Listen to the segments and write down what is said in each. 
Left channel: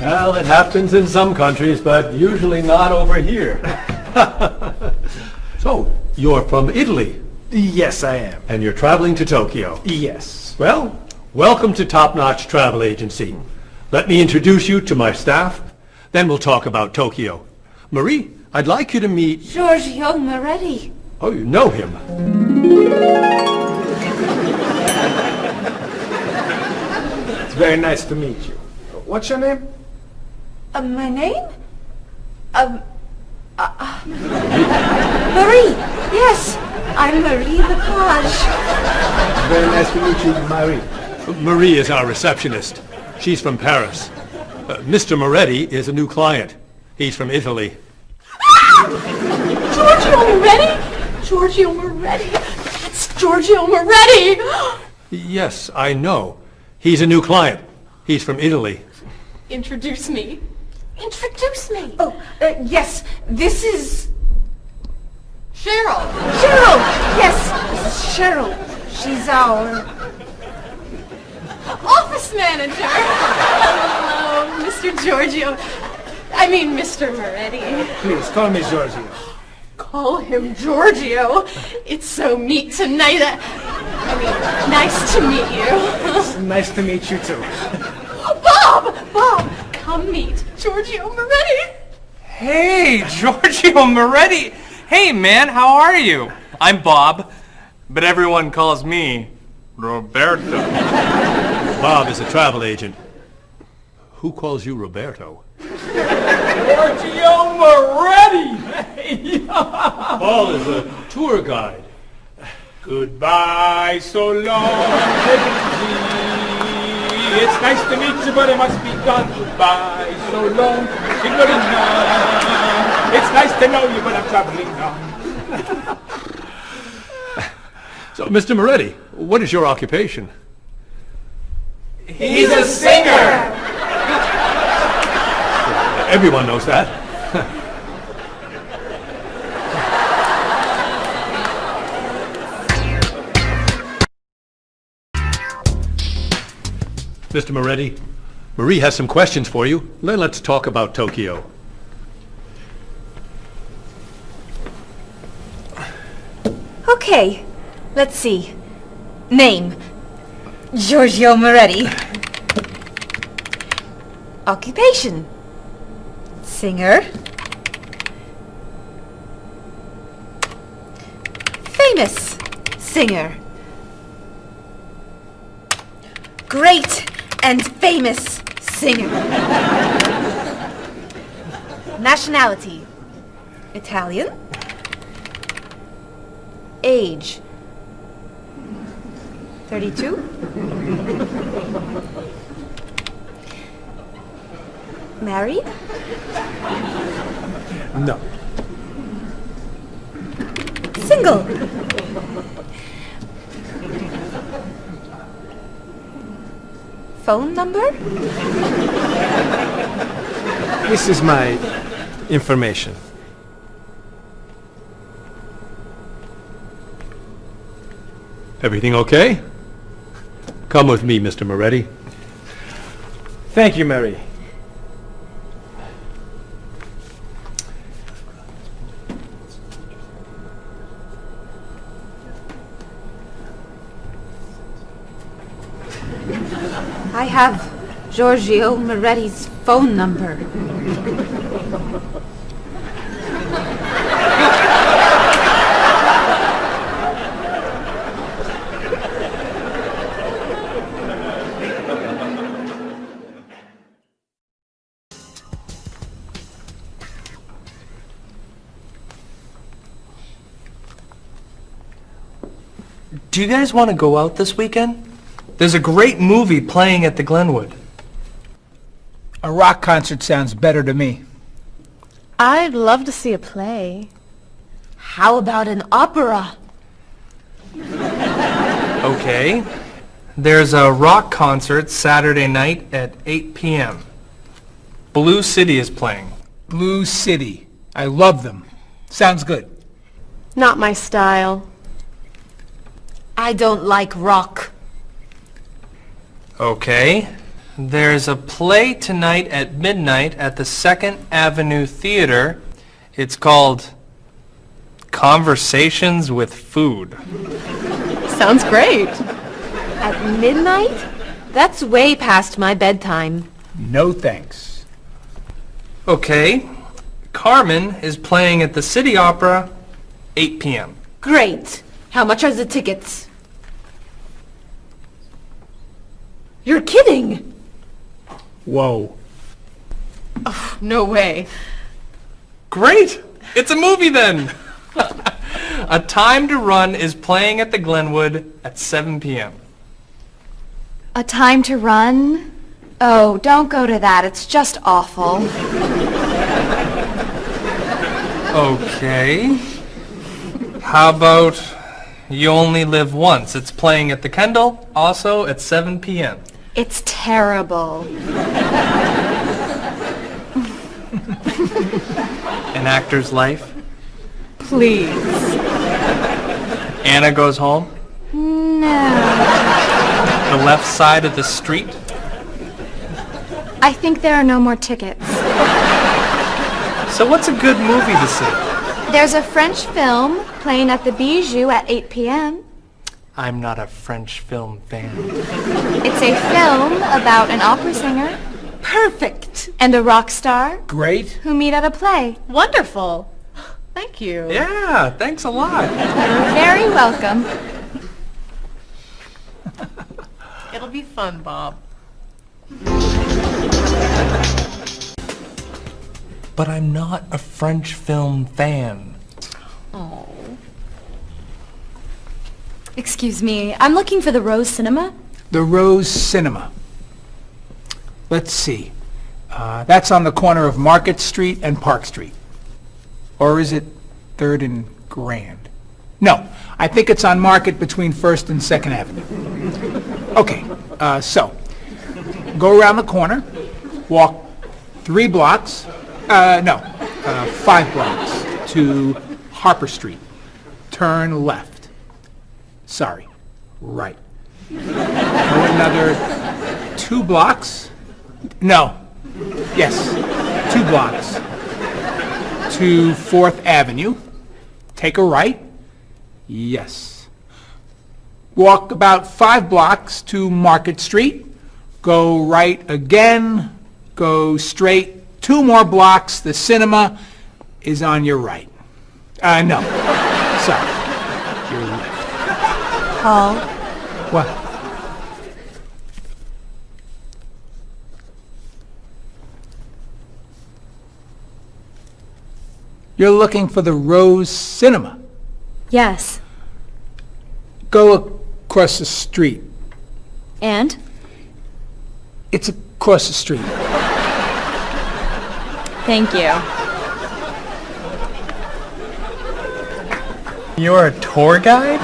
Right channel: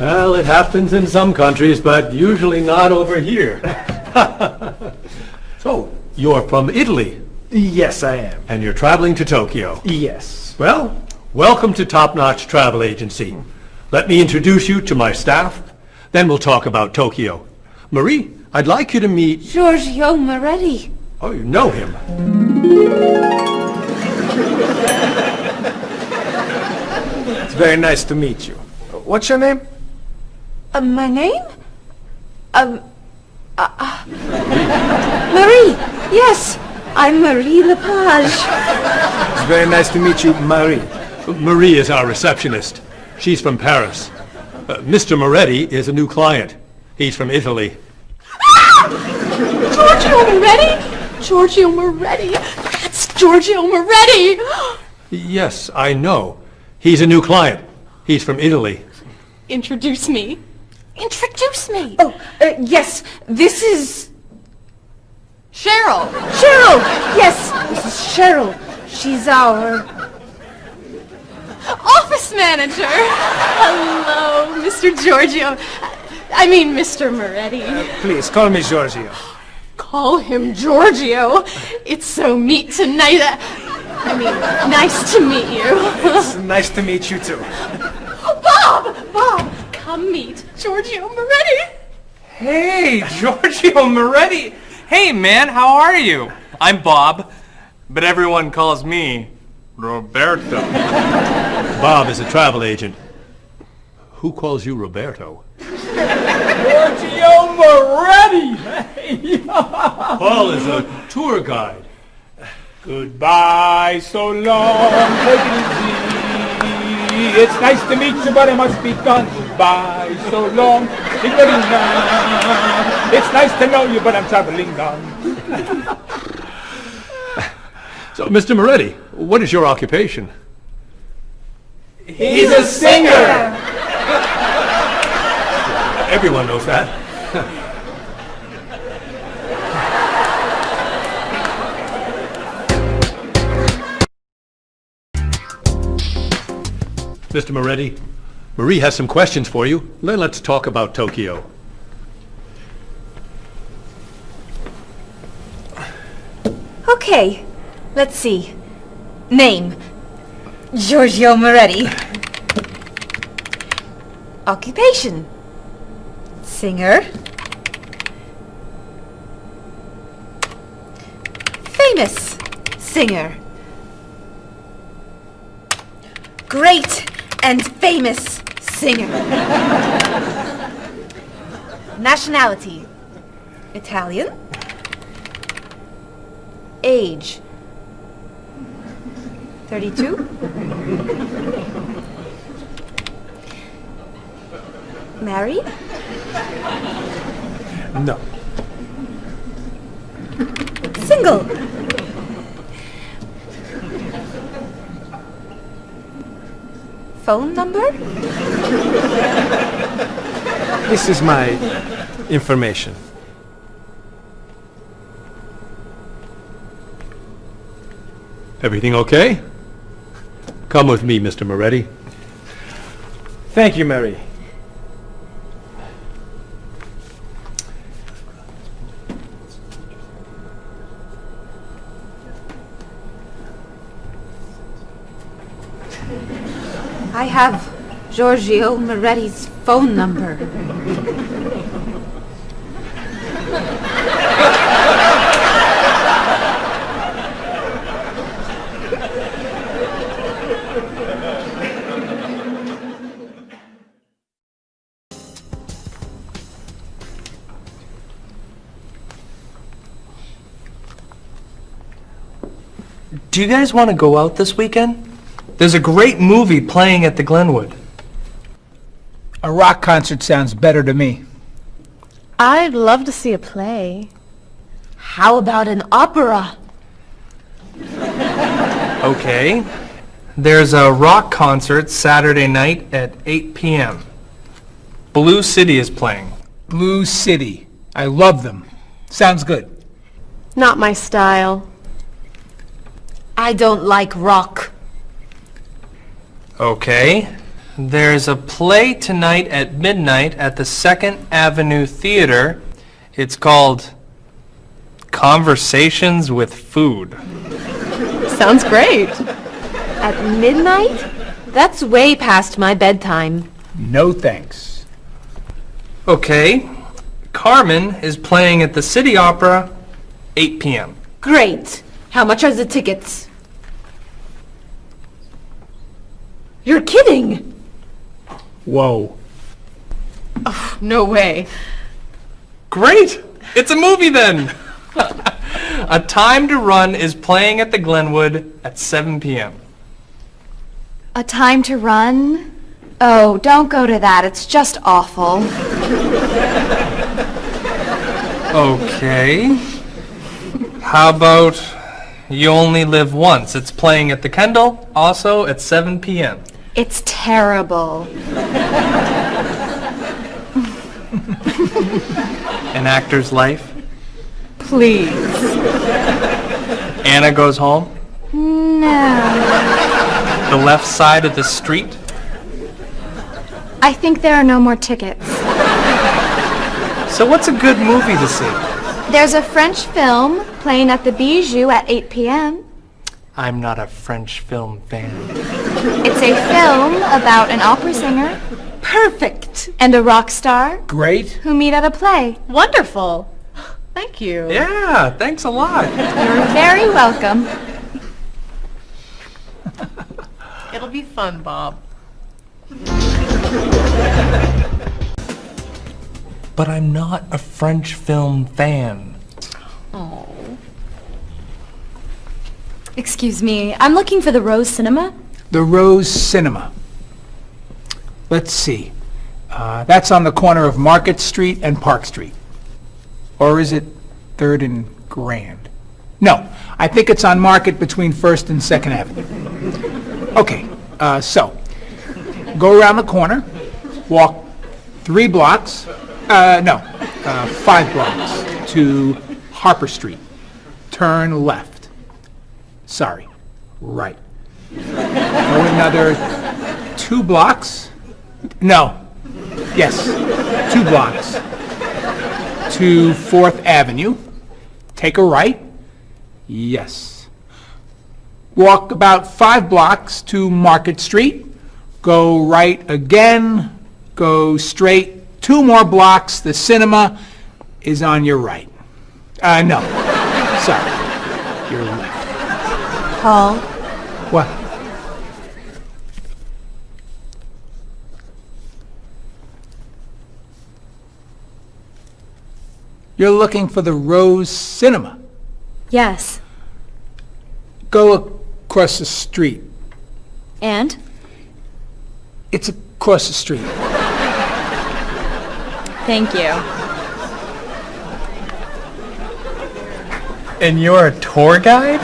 Well, it happens in some countries, but usually not over here. So, you're from Italy, Yes, I am. and you're traveling to Tokyo. Yes. Well, welcome to Top Notch Travel Agency. Let me introduce you to my staff, then we'll talk about Tokyo. Marie, I'd like you to meet... Giorgio Moretti. Oh, you know him. It's very nice to meet you. What's your name? My name? Marie. Yes, I'm Marie Lepage. It's very nice to meet you, Marie. Marie is our receptionist. She's from Paris. Mr. Moretti is a new client. He's from Italy. Giorgio Moretti? Giorgio Moretti. That's Giorgio Moretti. Yes, I know. He's a new client. He's from Italy. Introduce me. Introduce me. Oh, yes, this is Cheryl. Cheryl. Yes, this is Cheryl. She's our... Office manager. Hello, Mr. Giorgio. I mean, Mr. Moretti. Please, call me Giorgio. Call him Giorgio. It's so neat tonight. Nice to meet you. It's nice to meet you, too. Bob! Come meet Giorgio Moretti. Hey, Giorgio Moretti. Hey, man, how are you? I'm Bob, but everyone calls me Roberto. Bob is a travel agent. Who calls you Roberto? Giorgio Moretti! Paul is a tour guide. Goodbye, so long, take it easy. It's nice to meet you, but it must be done. Goodbye, so long, take it easy. It's nice to know you, but I'm traveling now. So, Mr. Moretti, what is your occupation? He's a singer! Everyone knows that. Mr. Moretti, Marie has some questions for you. Then let's talk about Tokyo. Okay, let's see. Name, Giorgio Moretti. Occupation, singer. Famous singer. Great and famous singer. Nationality, Italian. Age, 32. Married? No. Single? Phone number? This is my information. Everything okay? Come with me, Mr. Moretti. Thank you, Mary. I have Giorgio Moretti's phone number. Do you guys want to go out this weekend? There's a great movie playing at the Glenwood. A rock concert sounds better to me. I'd love to see a play. How about an opera? Okay. There's a rock concert Saturday night at 8 p.m. Blue City is playing. Blue City. I love them. Sounds good. Not my style. I don't like rock. Okay. There's a play tonight at midnight at the 2nd Avenue Theater. It's called Conversations with Food. Sounds great. At midnight? That's way past my bedtime. No thanks. Okay. Carmen is playing at the City Opera, 8 p.m. Great. How much are the tickets? You're kidding! Whoa. No way. Great! It's a movie then! A Time to Run is playing at the Glenwood at 7 p.m. A Time to Run? Oh, don't go to that. It's just awful. Okay. How about You Only Live Once? It's playing at the Kendall, also at 7 p.m. It's terrible. An Actor's Life. Please. Anna Goes Home. No. The Left Side of the Street. I think there are no more tickets. So what's a good movie to see? There's a French film playing at the Bijou at 8 p.m. I'm not a French film fan. It's a film about an opera singer Perfect! and a rock star Great. who meet at a play. Wonderful. Thank you. Yeah, thanks a lot. You're very welcome. It'll be fun, Bob. But I'm not a French film fan. Excuse me, I'm looking for the Rose Cinema. The Rose Cinema. Let's see. That's on the corner of Market Street and Park Street. Or is it 3rd and Grand? No, I think it's on Market between 1st and 2nd Avenue. Okay, so go around the corner, walk 3 blocks, 5 blocks to Harper Street. Turn left. Sorry, right. Go another 2 blocks. No, yes, 2 blocks to 4th Avenue. Take a right. Yes. Walk about 5 blocks to Market Street. Go right again. Go straight 2 more blocks. The cinema is on your right. No. Sorry. Your left. Paul, What? You're looking for the Rose Cinema. yes. Go across the street. And? It's across the street. Thank you. And you're a tour guide?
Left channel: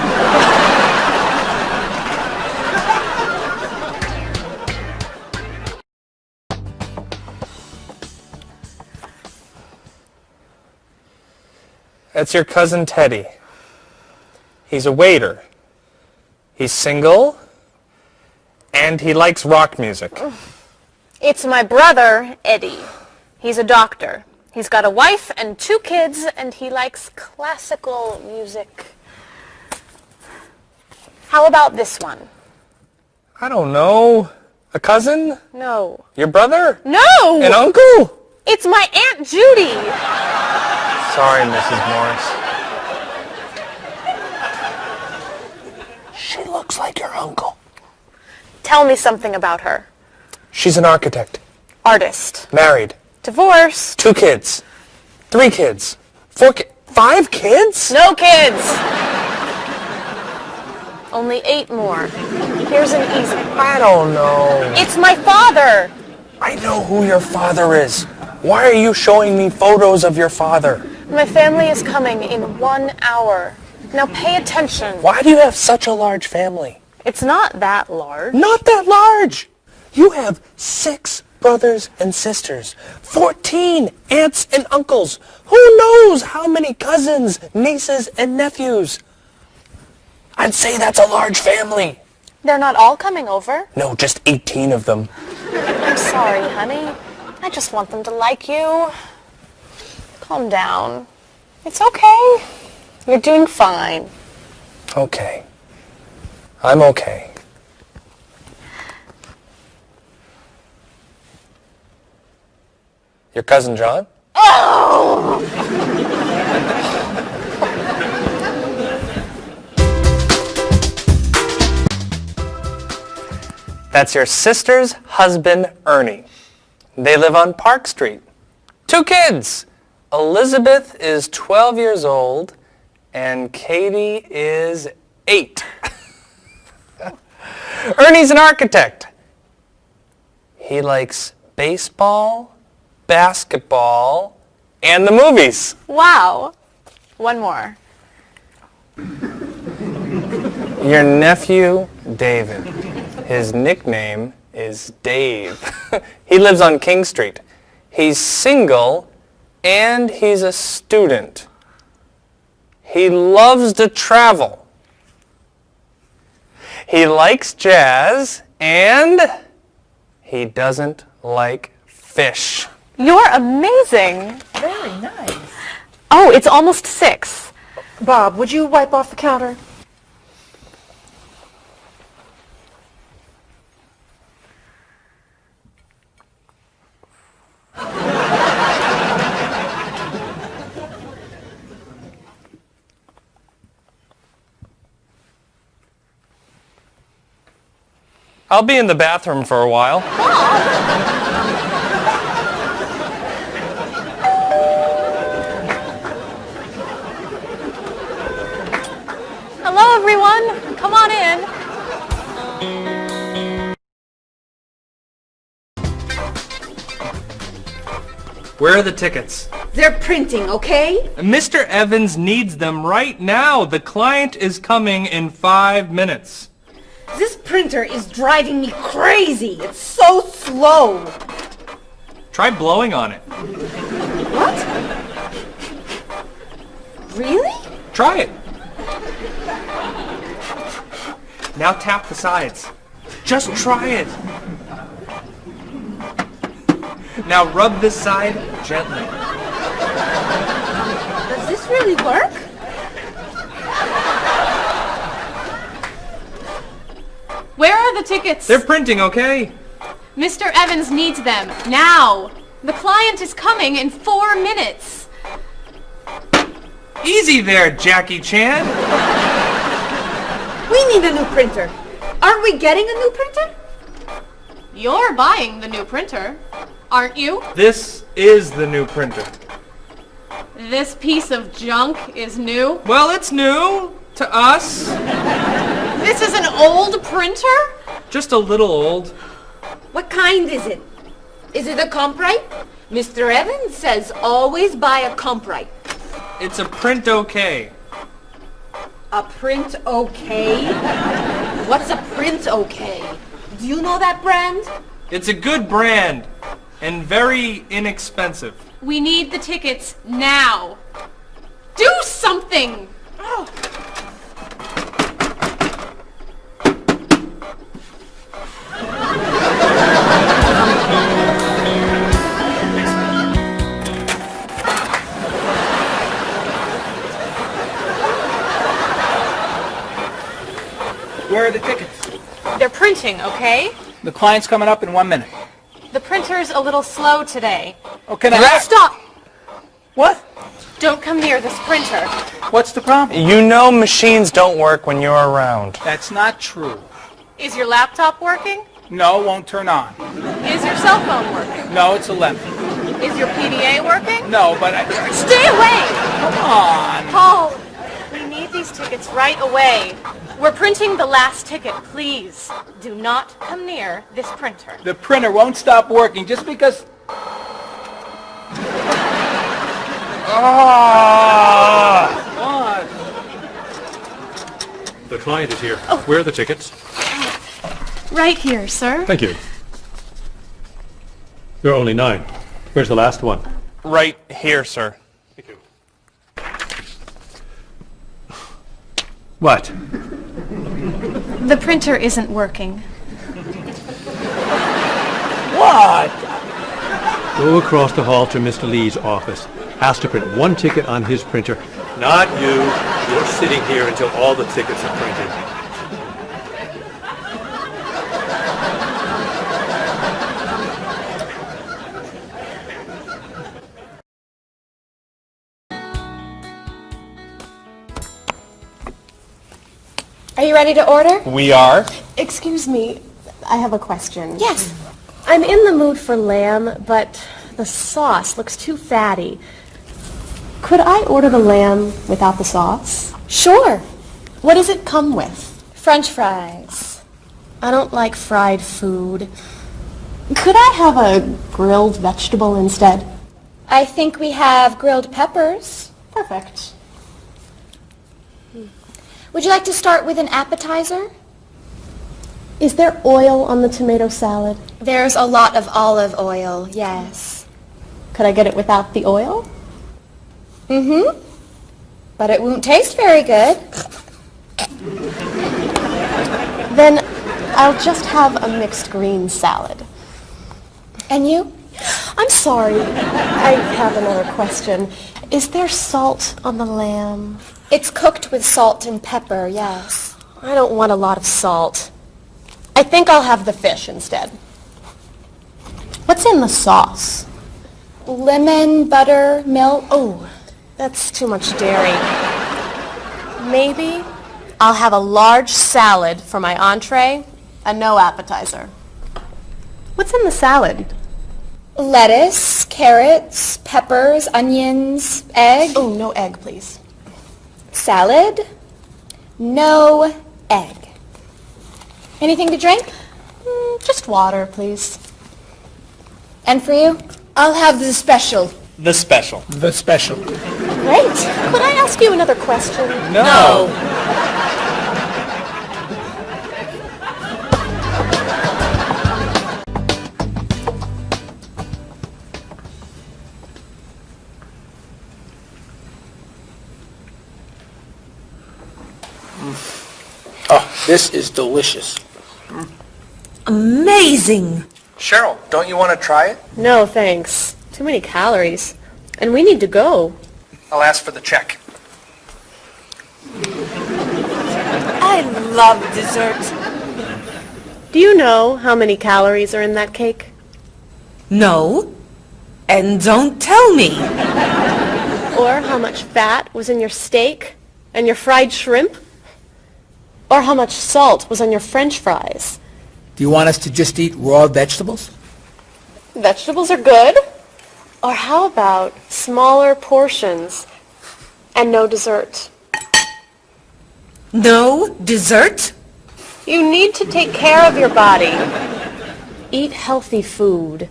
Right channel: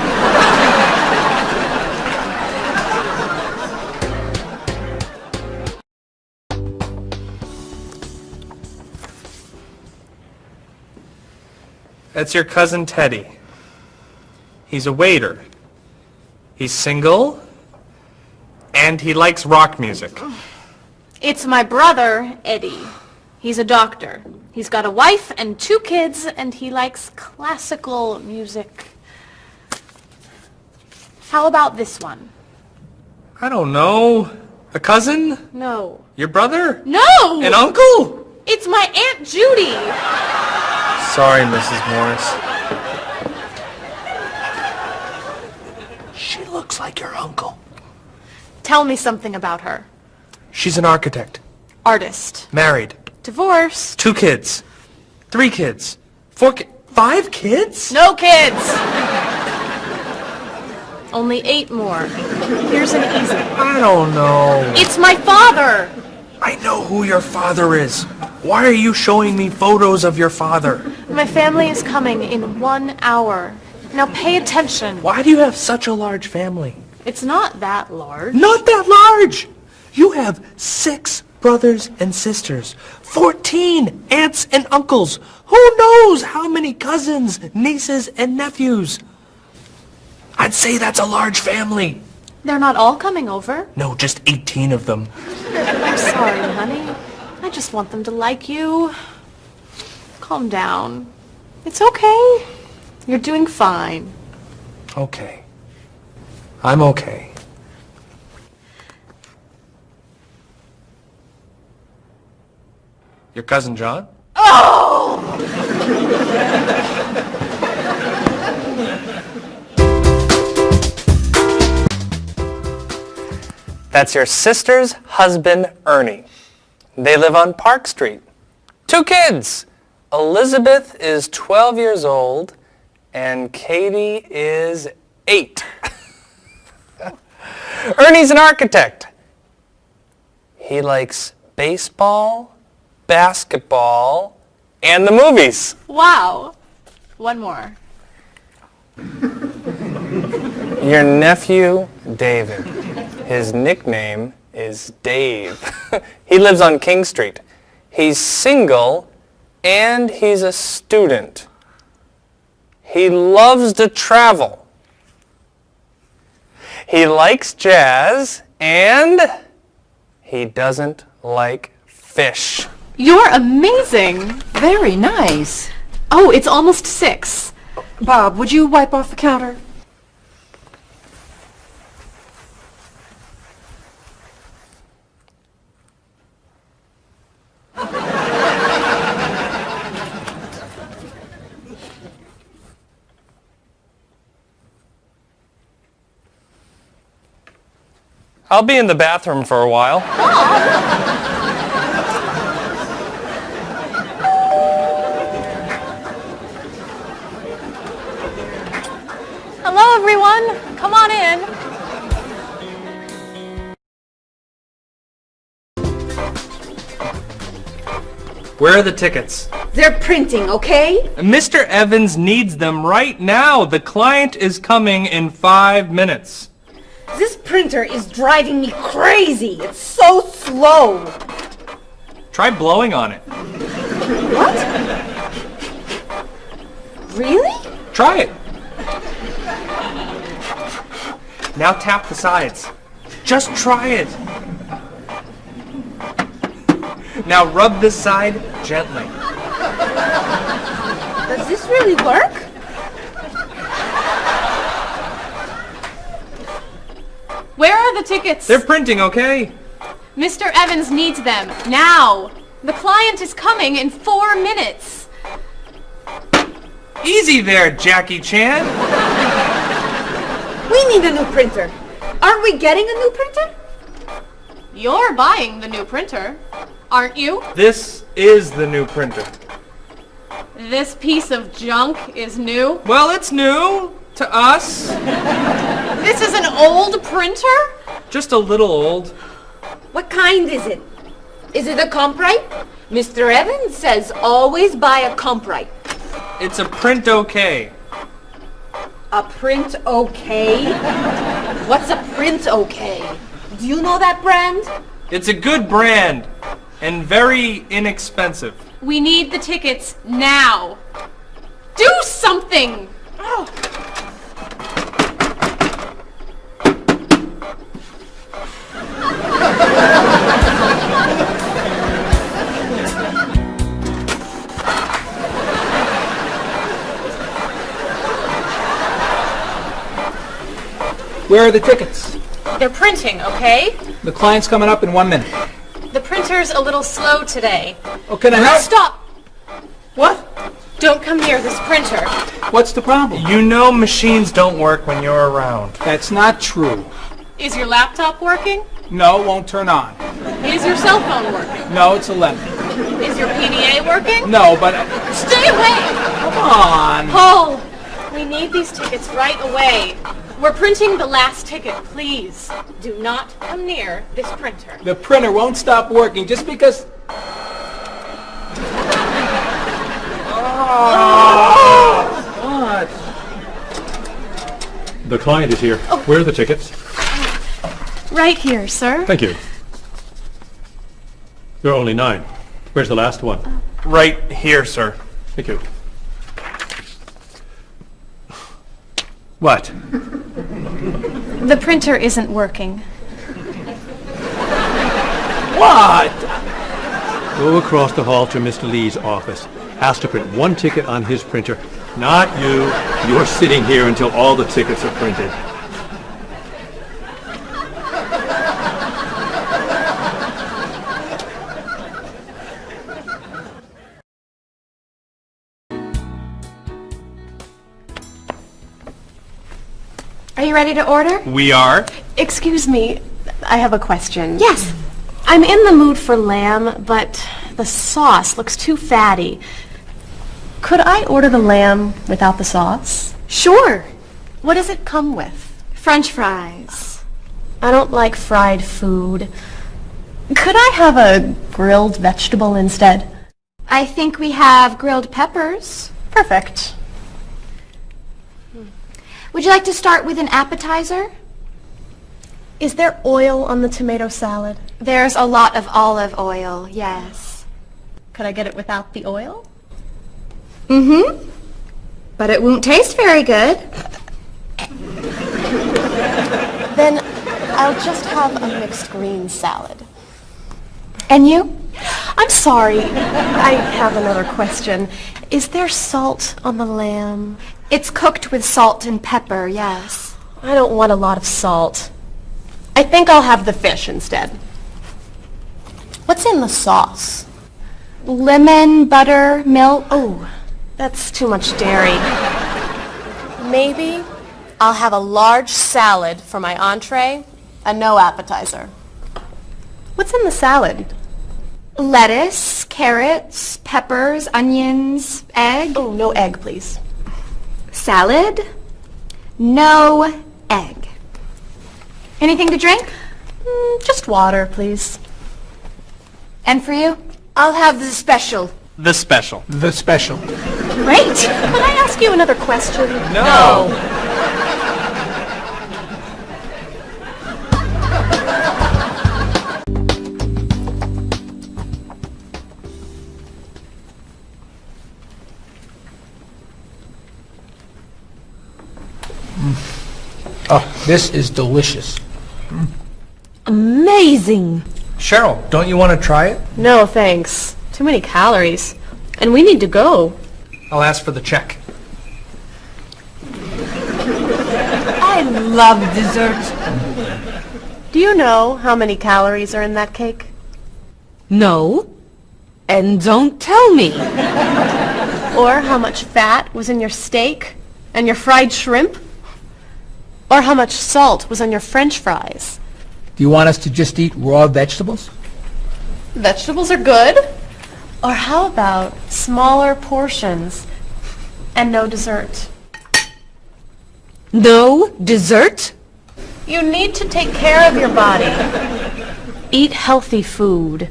That's your cousin Teddy. He's a waiter. He's single, and he likes rock music. It's my brother, Eddie. He's a doctor. He's got a wife and 2 kids, and he likes classical music. How about this one? I don't know. A cousin? No. Your brother? No! An uncle? It's my Aunt Judy. Sorry, Mrs. Morris. She looks like your uncle. Tell me something about her. She's an architect. Artist. Married. Divorced. 2 kids. 3 kids. 5 kids? No kids. Only 8 more. Here's an easy. I don't know. It's my father. I know who your father is. Why are you showing me photos of your father? My family is coming in 1 hour. Now pay attention. Why do you have such a large family? It's not that large. Not that large. You have 6 brothers and sisters, 14 aunts and uncles. Who knows how many cousins, nieces, and nephews? I'd say that's a large family. They're not all coming over. No, just 18 of them. I'm sorry, honey. I just want them to like you. Calm down. It's okay. You're doing fine. Okay. I'm okay. Your cousin John? That's your sister's husband, Ernie. They live on Park Street. 2 kids. Elizabeth is 12 years old, and Katie is 8. Ernie's an architect. He likes baseball, basketball, and the movies. Wow. One more. Your nephew, David. His nickname is Dave. He lives on King Street. He's single, and he's a student. He loves to travel. He likes jazz, and he doesn't like fish. You're amazing. Very nice. Oh, it's almost 6. Bob, would you wipe off the counter? I'll be in the bathroom for a while. Hello, everyone. Come on in. Where are the tickets? They're printing, okay? Mr. Evans needs them right now. The client is coming in 5 minutes. This printer is driving me crazy. It's so slow. Try blowing on it. What? Really? Try it. Now tap the sides. Just try it. Now rub this side gently. Does this really work? Where are the tickets? They're printing, okay? Mr. Evans needs them now. The client is coming in 4 minutes. Easy there, Jackie Chan. We need a new printer. Aren't we getting a new printer? You're buying the new printer, aren't you? This is the new printer. This piece of junk is new. Well, it's new to us. This is an old printer? Just a little old. What kind is it? Is it a Comprite? Mr. Evans says always buy a Comprite. It's a print okay. A print okay? What's a print okay? Do you know that brand? It's a good brand and very inexpensive. We need the tickets now. Do something! Oh. Where are the tickets? They're printing, okay? The client's coming up in 1 minute. The printer's a little slow today. Okay, then Stop! What? Don't come near this printer. What's the problem? You know machines don't work when you're around. That's not true. Is your laptop working? No, it won't turn on. Is your cell phone working? No, it's 11. Is your PDA working? No, but... Stay away! Come on. Paul, we need these tickets right away. We're printing the last ticket, please. Do not come near this printer. The printer won't stop working just because... What? The client is here. Where are the tickets? Right here, sir. Thank you. There are only 9. Where's the last one? Right here, sir. Thank you. What? The printer isn't working. What? Go across the hall to Mr. Lee's office. Ask to print one ticket on his printer. Not you. You're sitting here until all the tickets are printed. Are you ready to order? We are. Excuse me, I have a question. Yes. I'm in the mood for lamb, but the sauce looks too fatty. Could I order the lamb without the sauce? Sure. What does it come with? French fries. I don't like fried food. Could I have a grilled vegetable instead? I think we have grilled peppers. Perfect. Would you like to start with an appetizer? Is there oil on the tomato salad? There's a lot of olive oil, yes. Could I get it without the oil? Mm-hmm. But it won't taste very good. Then I'll just have a mixed green salad. And you? I'm sorry, I have another question. Is there salt on the lamb? It's cooked with salt and pepper, yes. I don't want a lot of salt. I think I'll have the fish instead. What's in the sauce? Lemon, butter, milk. Oh, that's too much dairy. Maybe I'll have a large salad for my entree and no appetizer. What's in the salad? Lettuce, carrots, peppers, onions, egg. Oh, no egg, please. Salad, no egg. Anything to drink? Just water, please. And for you? I'll have the special. The special. The special. Great. Could I ask you another question? No. Oh, this is delicious. Amazing. Cheryl, don't you want to try it? No, thanks. Too many calories. And we need to go. I'll ask for the check. I love dessert. Do you know how many calories are in that cake? No. And don't tell me. Or how much fat was in your steak and your fried shrimp? Or how much salt was on your French fries? Do you want us to just eat raw vegetables? Vegetables are good. Or how about smaller portions and no dessert? No dessert? You need to take care of your body. Eat healthy food.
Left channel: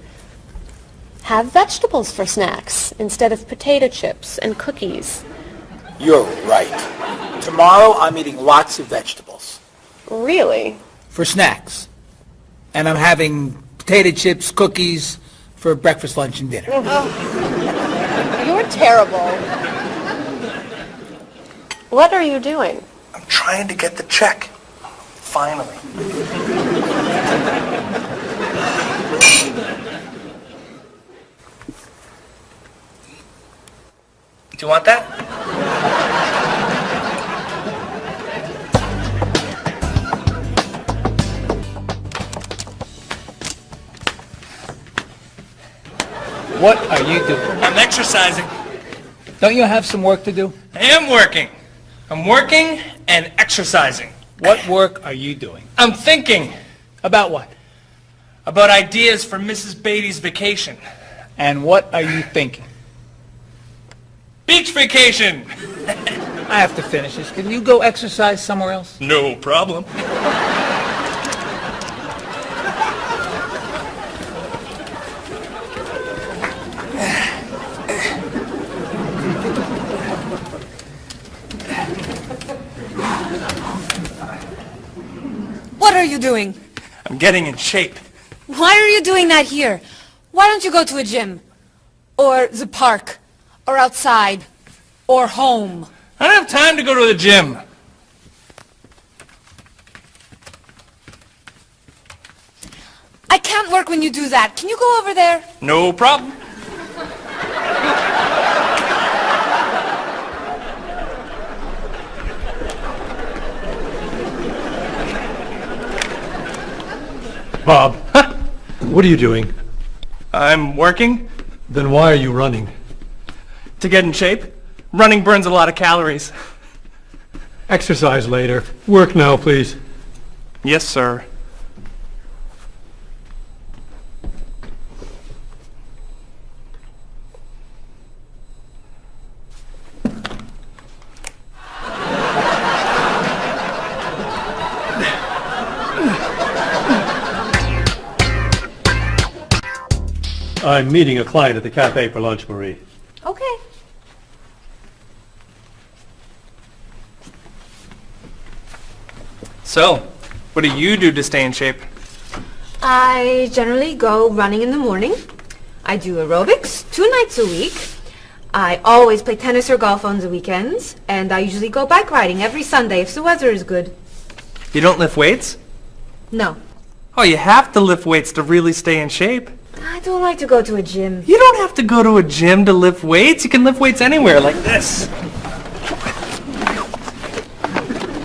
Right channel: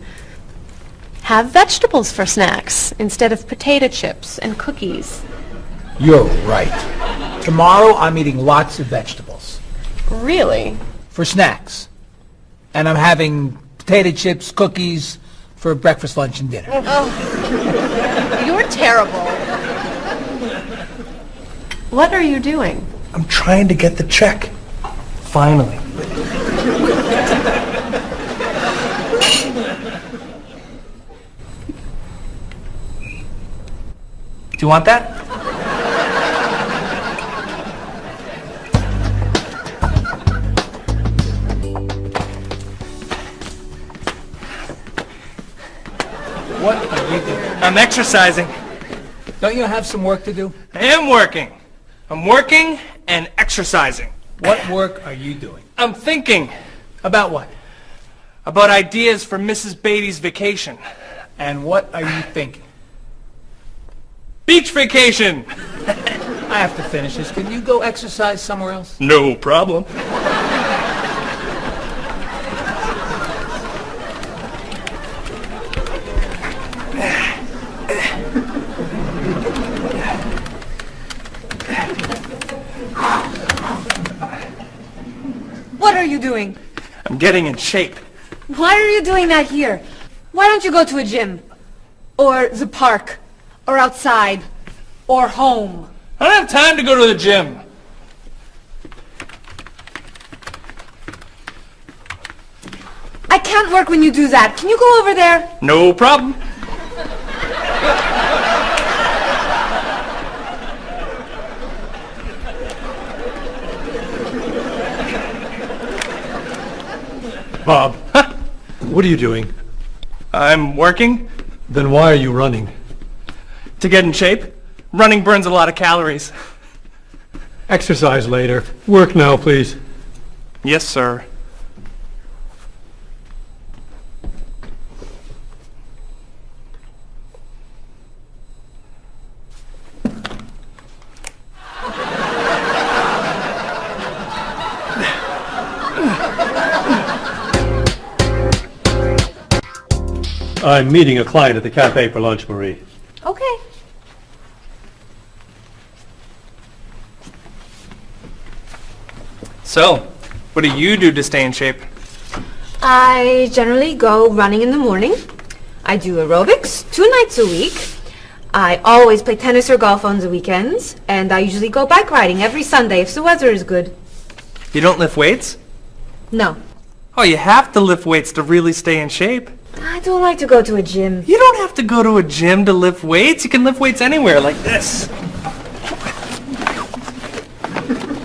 Have vegetables for snacks instead of potato chips and cookies. You're right. Tomorrow I'm eating lots of vegetables. Really? For snacks. And I'm having potato chips, cookies for breakfast, lunch, and dinner. You're terrible. What are you doing? I'm trying to get the check. Finally. Do you want that? What are you doing? I'm exercising. Don't you have some work to do? I am working. I'm working and exercising. What work are you doing? I'm thinking About what? about ideas for Mrs. Beatty's vacation. And what are you thinking? Beach vacation! I have to finish this. Can you go exercise somewhere else? No problem. What are you doing? I'm getting in shape. Why are you doing that here? Why don't you go to a gym? Or the park? Or outside? Or home? I don't have time to go to the gym. can't work when you do that. Can you go over there? No problem. Bob, what are you doing? I'm working Then why are you running? to get in shape. Running burns a lot of calories. Exercise later. Work now, please. Yes, sir. I'm meeting a client at the cafe for lunch, Marie. Okay. So, what do you do to stay in shape? I generally go running in the morning. I do aerobics 2 nights a week. I always play tennis or golf on the weekends. And I usually go bike riding every Sunday if the weather is good. You don't lift weights? No. Oh, you have to lift weights to really stay in shape. I don't like to go to a gym. You don't have to go to a gym to lift weights. You can lift weights anywhere, like this.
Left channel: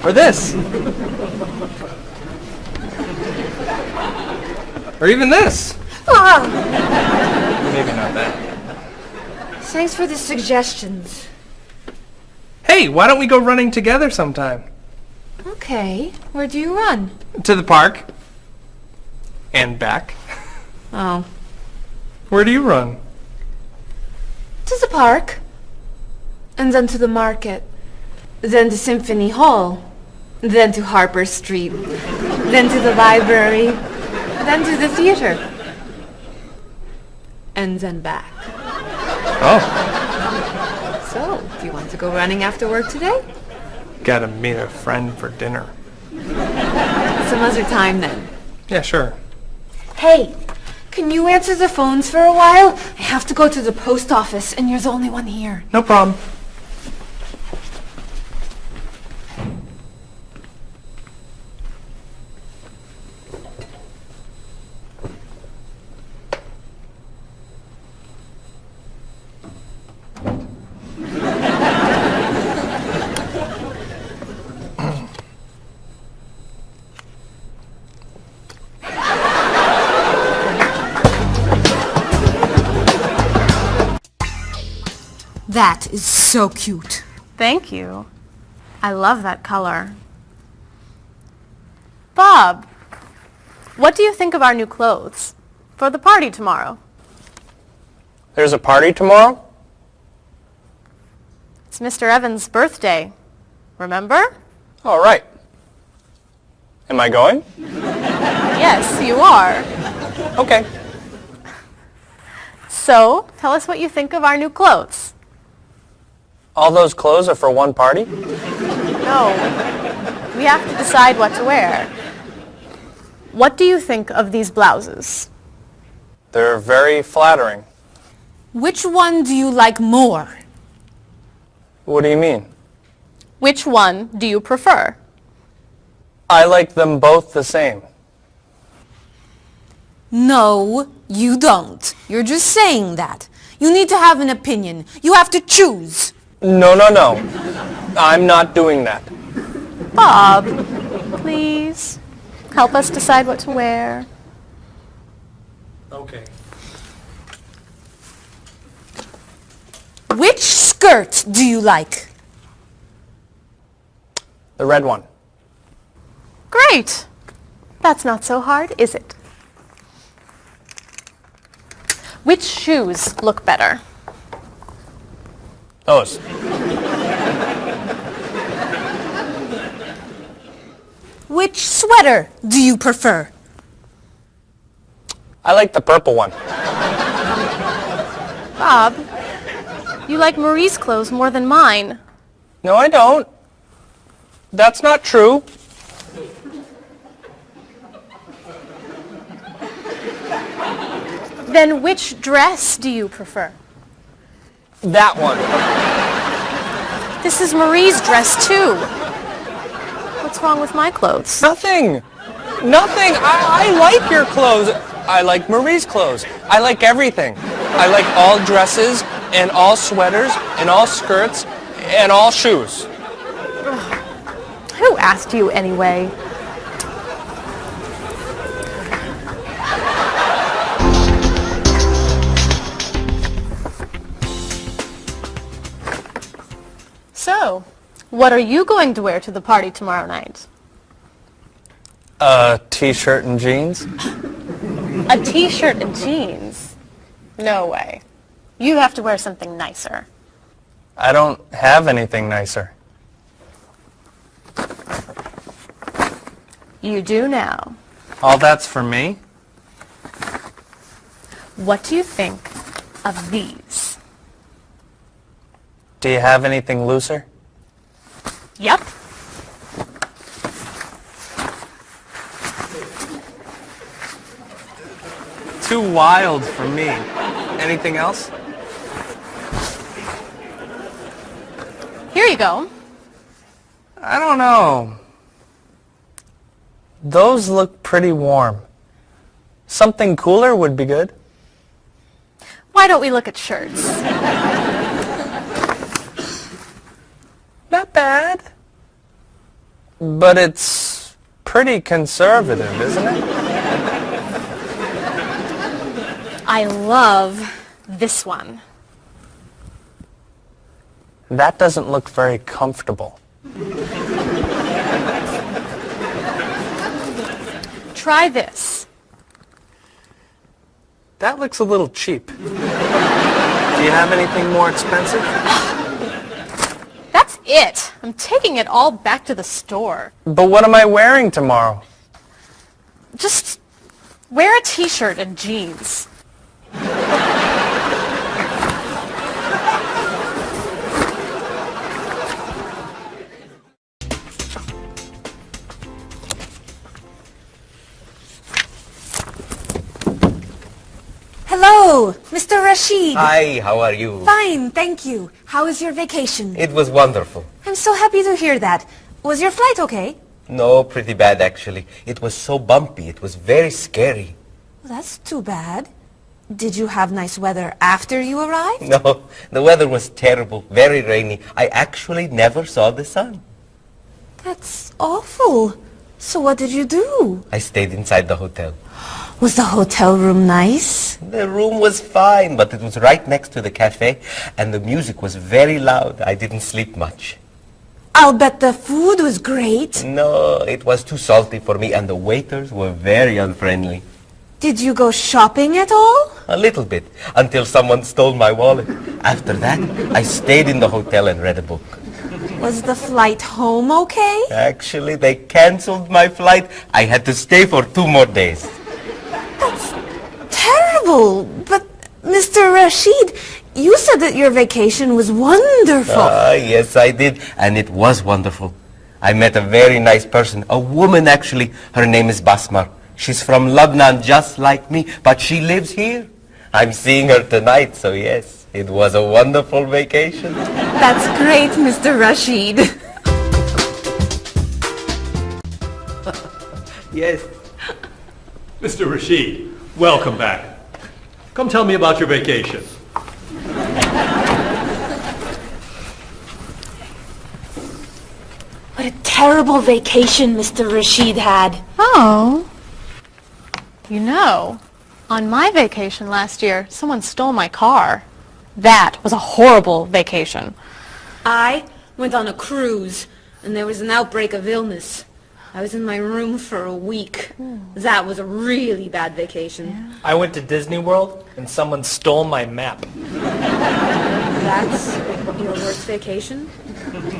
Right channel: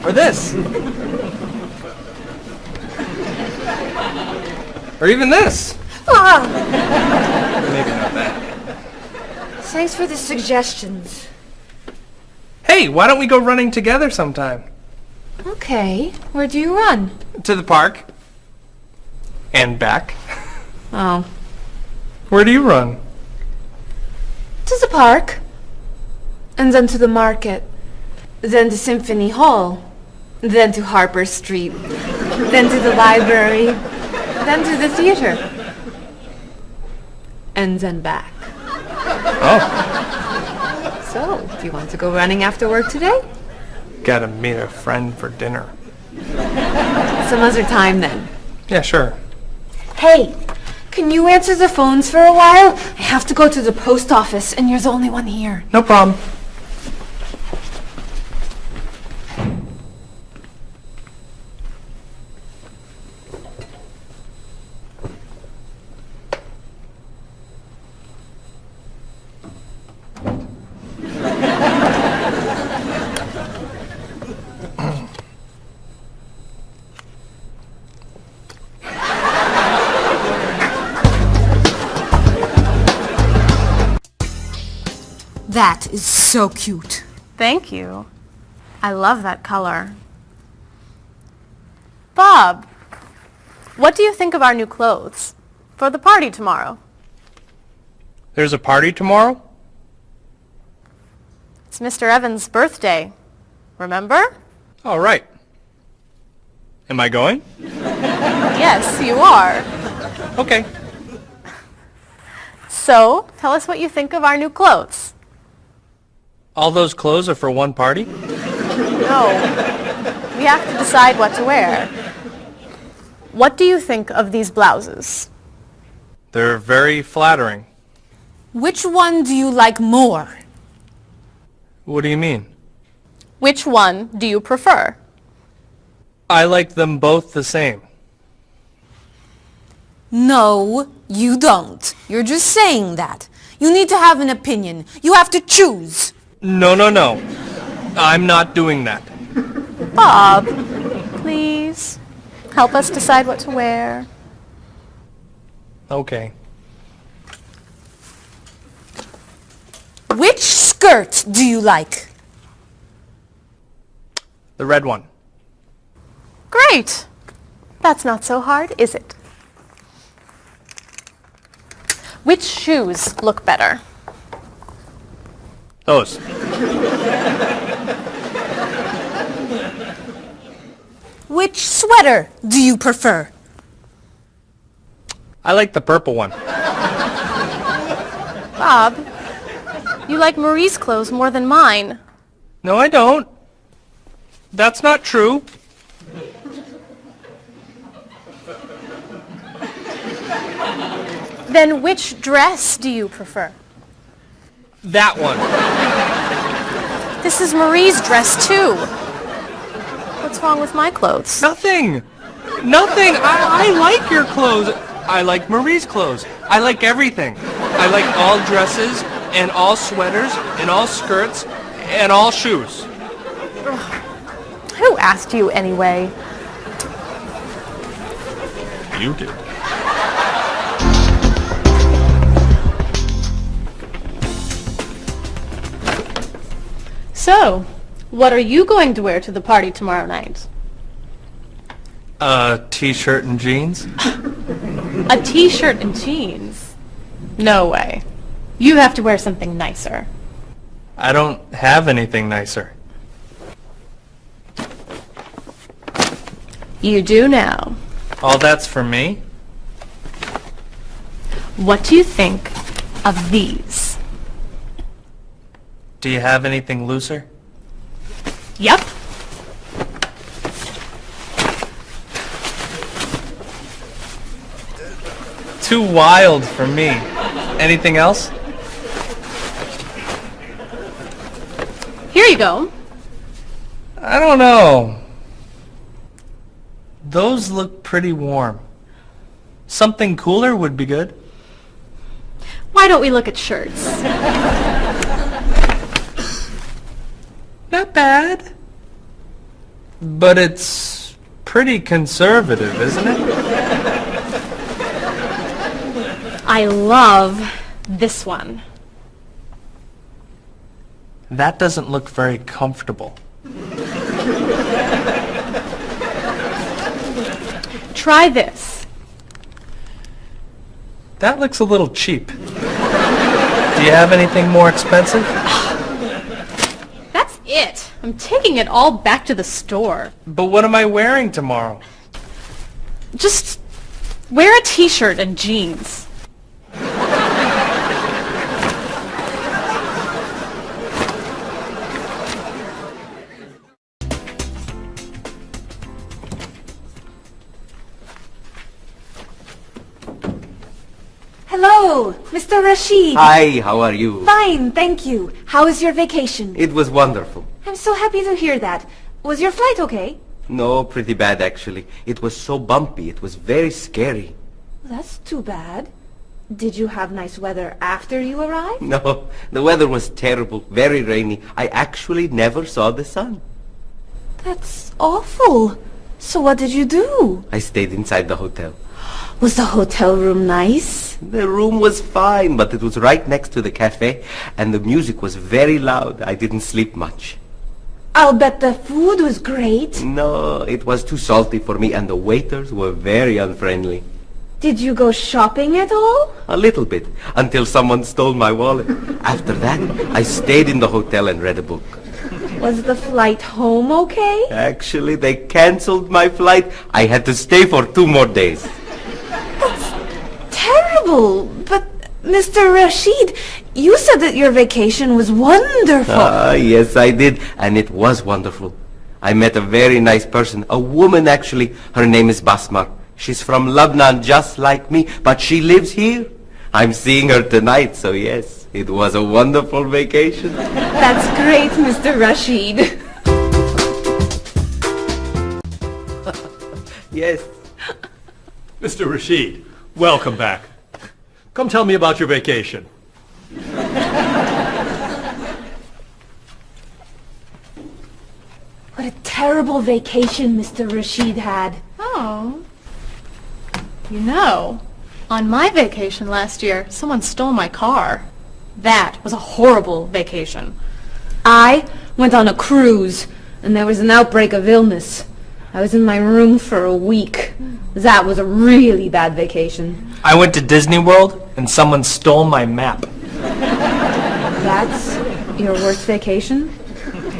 Or this. Or even this. Ah, Maybe not that. thanks for the suggestions. Hey, why don't we go running together sometime? Okay, where do you run? To the park. And back. Oh, Where do you run? to the park. And then to the market. Then to Symphony Hall. Then to Harper Street. Then to the library. Then to the theater. And then back. Oh, So, do you want to go running after work today? gotta meet a friend for dinner. Some other time then. Yeah, sure. Hey, can you answer the phones for a while? I have to go to the post office and you're the only one here. No problem. That is so cute. Thank you. I love that color. Bob, what do you think of our new clothes for the party tomorrow? There's a party tomorrow? It's Mr. Evans' birthday. Remember? All right. Am I going? Yes, you are. Okay. So, tell us what you think of our new clothes. All those clothes are for one party? No, we have to decide what to wear. What do you think of these blouses? They're very flattering. Which one do you like more? What do you mean? Which one do you prefer? I like them both the same. No, you don't. You're just saying that. You need to have an opinion. You have to choose. No. I'm not doing that. Bob, please help us decide what to wear. Okay. Which skirt do you like? The red one. Great. That's not so hard, is it? Which shoes look better? Those. Which sweater do you prefer? I like the purple one. Bob, you like Marie's clothes more than mine. No, I don't. That's not true. Then which dress do you prefer? That one. This is Marie's dress too. What's wrong with my clothes? Nothing. I like your clothes. I like Marie's clothes. I like everything. I like all dresses and all sweaters and all skirts and all shoes. Who asked you anyway? You do. So, what are you going to wear to the party tomorrow night? A t-shirt and jeans? A t-shirt and jeans? No way. You have to wear something nicer. I don't have anything nicer. You do now. All that's for me? What do you think of these? Do you have anything looser? Yep. Too wild for me. Anything else? Here you go. I don't know. Those look pretty warm. Something cooler would be good. Why don't we look at shirts? Not bad. But it's pretty conservative, isn't it? I love this one. That doesn't look very comfortable. Try this. That looks a little cheap. Do you have anything more expensive? That's it. I'm taking it all back to the store. But what am I wearing tomorrow? Just wear a t-shirt and jeans. Hello, Mr. Rashid. Hi, how are you? Fine, thank you. How was your vacation? It was wonderful. I'm so happy to hear that. Was your flight okay? No, pretty bad actually. It was so bumpy. It was very scary. That's too bad. Did you have nice weather after you arrived? No, the weather was terrible, very rainy. I actually never saw the sun. That's awful. So what did you do? I stayed inside the hotel. Was the hotel room nice? The room was fine, but it was right next to the cafe, and the music was very loud. I didn't sleep much. I'll bet the food was great. No, it was too salty for me, and the waiters were very unfriendly. Did you go shopping at all? A little bit, until someone stole my wallet. After that, I stayed in the hotel and read a book. Was the flight home okay? Actually, they canceled my flight. I had to stay for 2 more days. That's terrible. But, Mr. Rashid, you said that your vacation was wonderful. Yes, I did. And it was wonderful. I met a very nice person. A woman, actually. Her name is Basmar. She's from Lebanon, just like me. But she lives here. I'm seeing her tonight, so yes. It was a wonderful vacation. That's great, Mr. Rashid. Yes. Mr. Rashid, welcome back. Come tell me about your vacation. What a terrible vacation Mr. Rashid had. Oh. You know, on my vacation last year, someone stole my car. That was a horrible vacation. I went on a cruise, and there was an outbreak of illness. I was in my room for a week. That was a really bad vacation. I went to Disney World and someone stole my map. That's your worst vacation?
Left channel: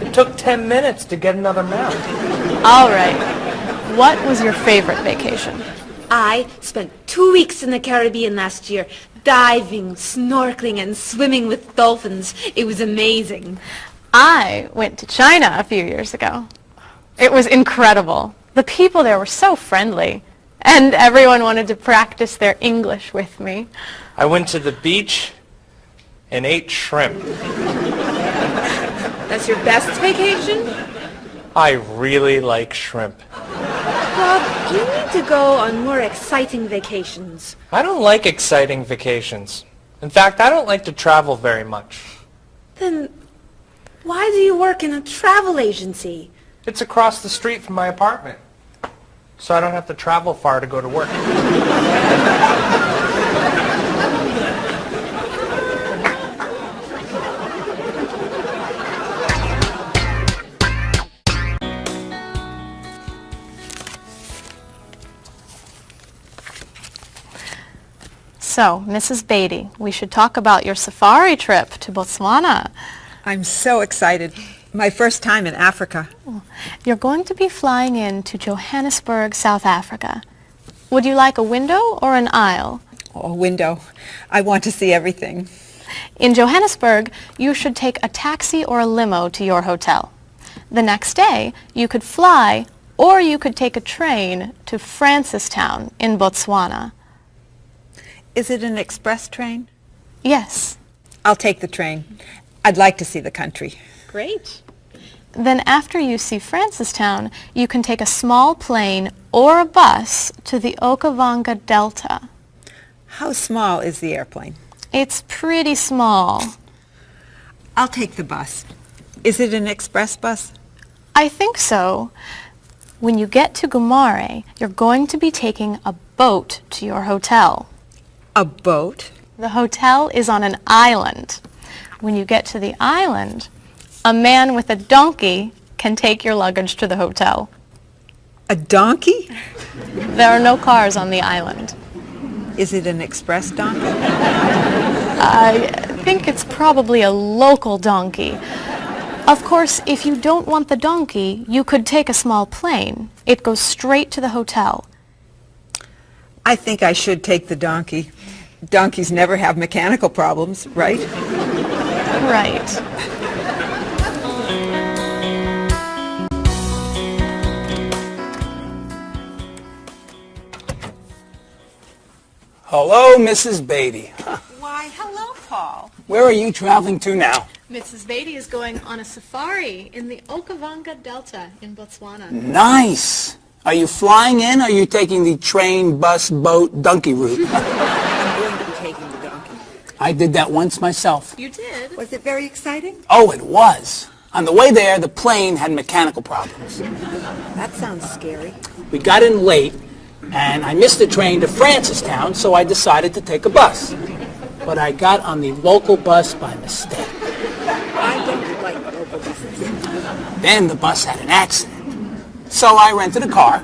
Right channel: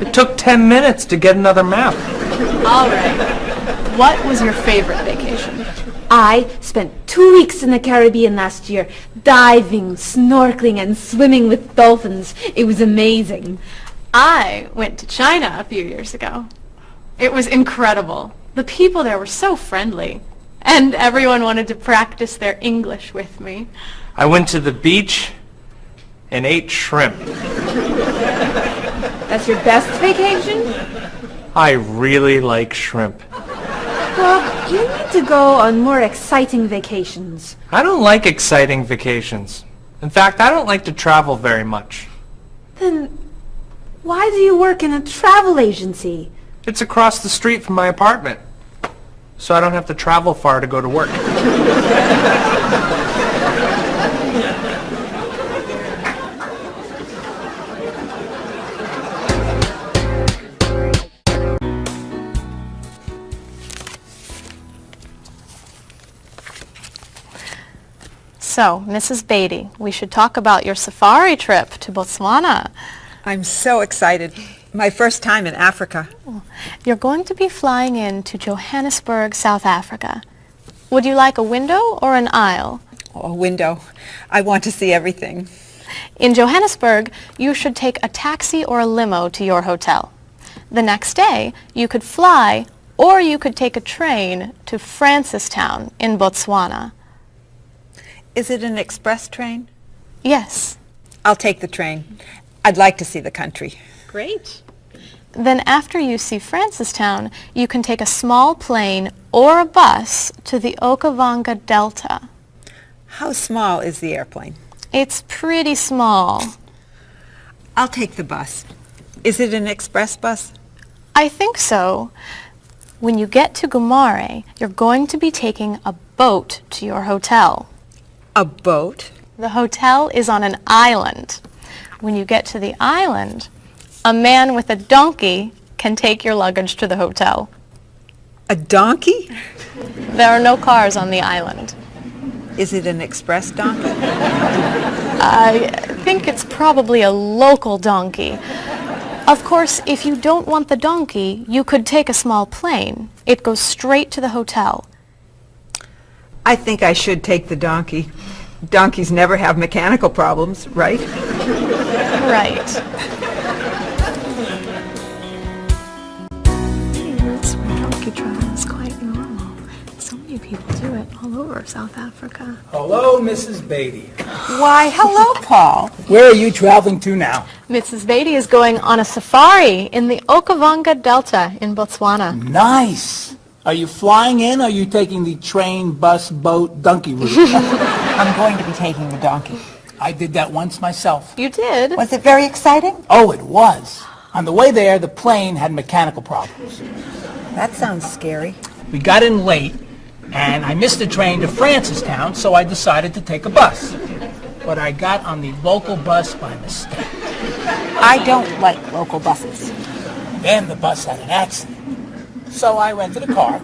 It took 10 minutes to get another map. All right. What was your favorite vacation? I spent 2 weeks in the Caribbean last year, diving, snorkeling, and swimming with dolphins. It was amazing. I went to China a few years ago. It was incredible. The people there were so friendly, and everyone wanted to practice their English with me. I went to the beach and ate shrimp. That's your best vacation? I really like shrimp. You need to go on more exciting vacations. I don't like exciting vacations. In fact, I don't like to travel very much. Then why do you work in a travel agency? It's across the street from my apartment, so I don't have to travel far to go to work. So, Mrs. Beatty, we should talk about your safari trip to Botswana. I'm so excited. My first time in Africa. You're going to be flying in to Johannesburg, South Africa. Would you like a window or an aisle? Oh, a window. I want to see everything. In Johannesburg, you should take a taxi or a limo to your hotel. The next day, you could fly or you could take a train to Francistown in Botswana. Is it an express train? Yes. I'll take the train. I'd like to see the country. Great. Then after you see Francistown, you can take a small plane or a bus to the Okavango Delta. How small is the airplane? It's pretty small. I'll take the bus. Is it an express bus? I think so. When you get to Gumare, you're going to be taking a boat to your hotel. A boat? The hotel is on an island. When you get to the island, a man with a donkey can take your luggage to the hotel. A donkey? There are no cars on the island. Is it an express donkey? I think it's probably a local donkey. Of course, if you don't want the donkey, you could take a small plane. It goes straight to the hotel. I think I should take the donkey. Donkeys never have mechanical problems, right? Right. So many people do it all over South Africa. Hello, Mrs. Beatty. Why, hello, Paul. Where are you traveling to now? Mrs. Beatty is going on a safari in the Okavango Delta in Botswana. Nice. Are you flying in, or are you taking the train, bus, boat, donkey route? I'm going to be taking the donkey. I did that once myself. You did? Was it very exciting? Oh, it was. On the way there, the plane had mechanical problems. That sounds scary. We got in late, and I missed the train to Francistown, so I decided to take a bus. But I got on the local bus by mistake. I don't like local buses. Then the bus had an accident. So I rented a car,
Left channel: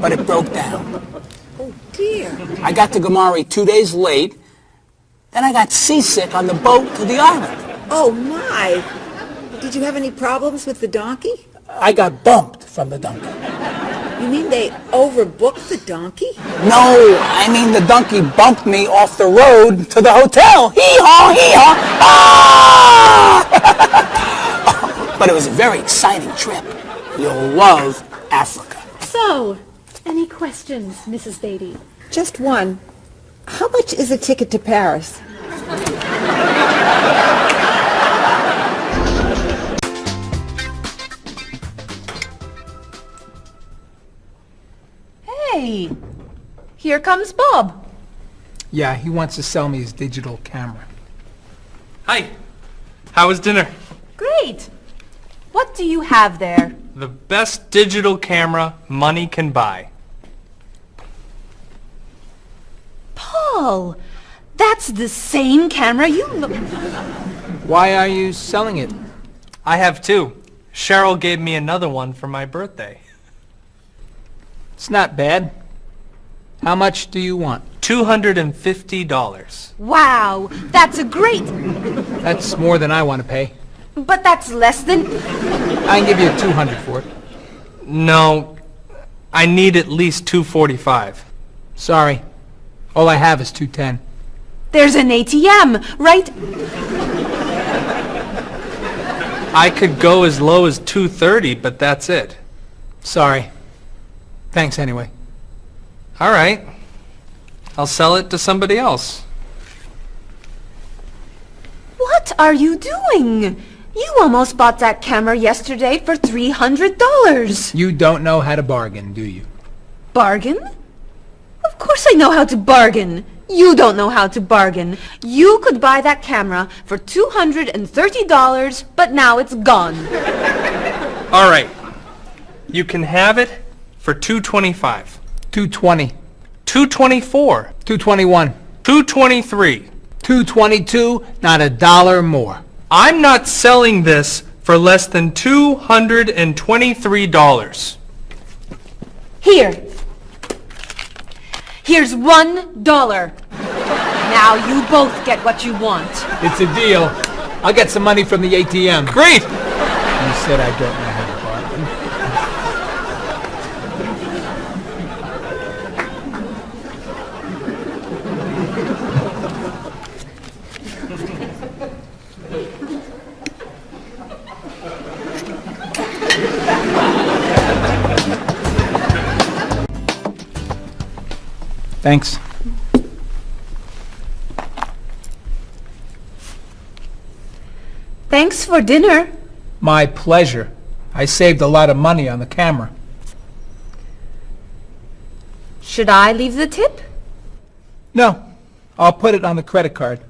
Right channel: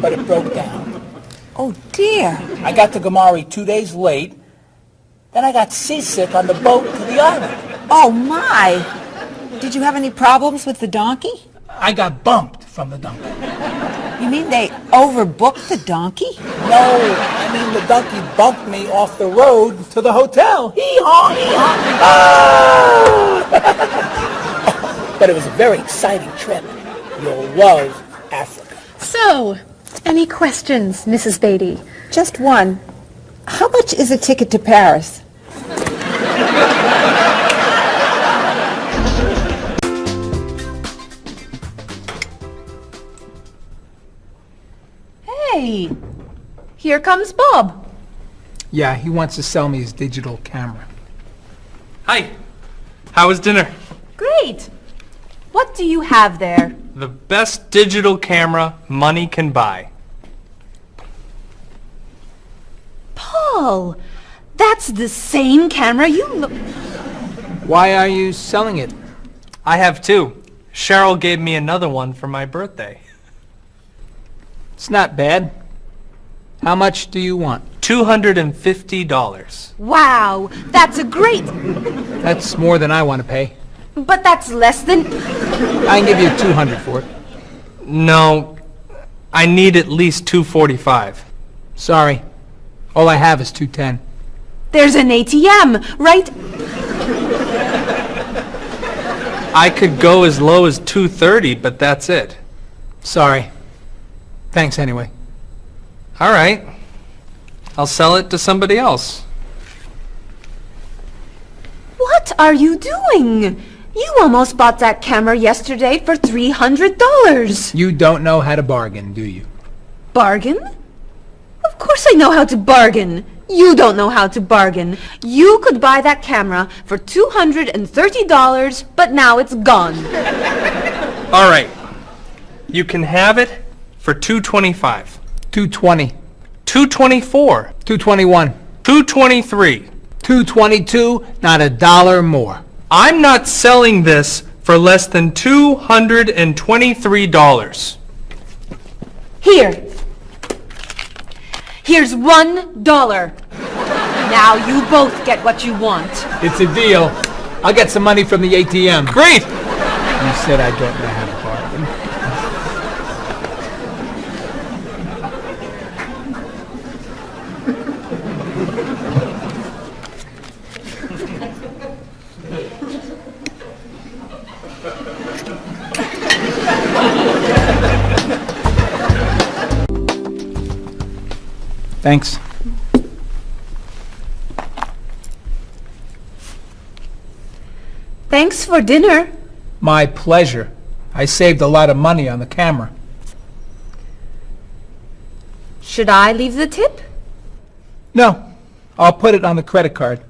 but it broke down. Oh, dear. I got to Gumare 2 days late. Then I got seasick on the boat to the island. Oh, my. Did you have any problems with the donkey? I got bumped from the donkey. You mean they overbooked the donkey? No, I mean the donkey bumped me off the road to the hotel. Hee-haw, hee-haw. Ah! But it was a very exciting trip. You'll love Africa. So, any questions, Mrs. Beatty? Just one. How much is a ticket to Paris? Hey, here comes Bob. Yeah, he wants to sell me his digital camera. Hi. How was dinner? Great. What do you have there? The best digital camera money can buy. Paul, that's the same camera you... Why are you selling it? I have two. Cheryl gave me another one for my birthday. It's not bad. How much do you want? $250. Wow, that's a great... That's more than I want to pay. But that's less than... I can give you $200 for it. No, I need at least $245. Sorry. All I have is $210. There's an ATM, right? I could go as low as $230, but that's it. Sorry. Thanks anyway. All right. I'll sell it to somebody else. What are you doing? You almost bought that camera yesterday for $300. You don't know how to bargain, do you? Bargain? Of course I know how to bargain. You don't know how to bargain. You could buy that camera for $230, but now it's gone. All right. You can have it for $225. $220. $224. $221. $223. $222, not a dollar more. I'm not selling this for less than $223. Here. Here's $1. Now you both get what you want. It's a deal. I'll get some money from the ATM. Great! You said I don't know how to bargain. Thanks. Thanks for dinner. My pleasure. I saved a lot of money on the camera. Should I leave the tip? No, I'll put it on the credit card.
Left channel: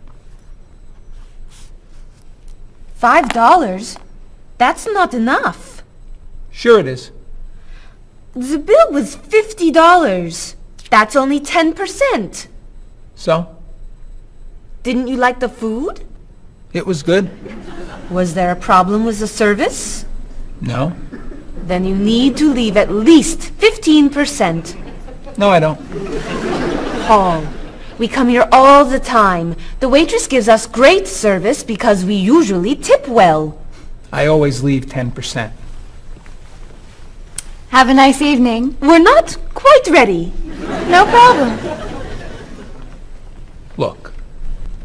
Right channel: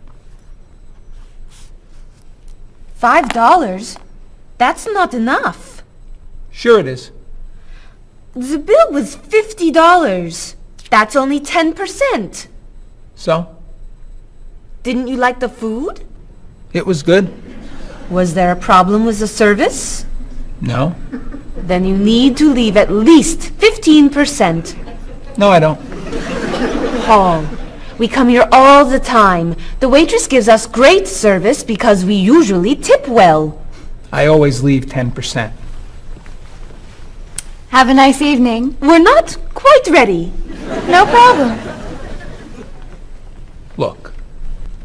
$5? That's not enough. Sure it is. The bill was $50. That's only 10%. So? Didn't you like the food? It was good? Was there a problem with the service? No. Then you need to leave at least 15%. No, I don't. Paul, we come here all the time. The waitress gives us great service because we usually tip well. I always leave 10%. Have a nice evening. We're not quite ready. No problem. Look,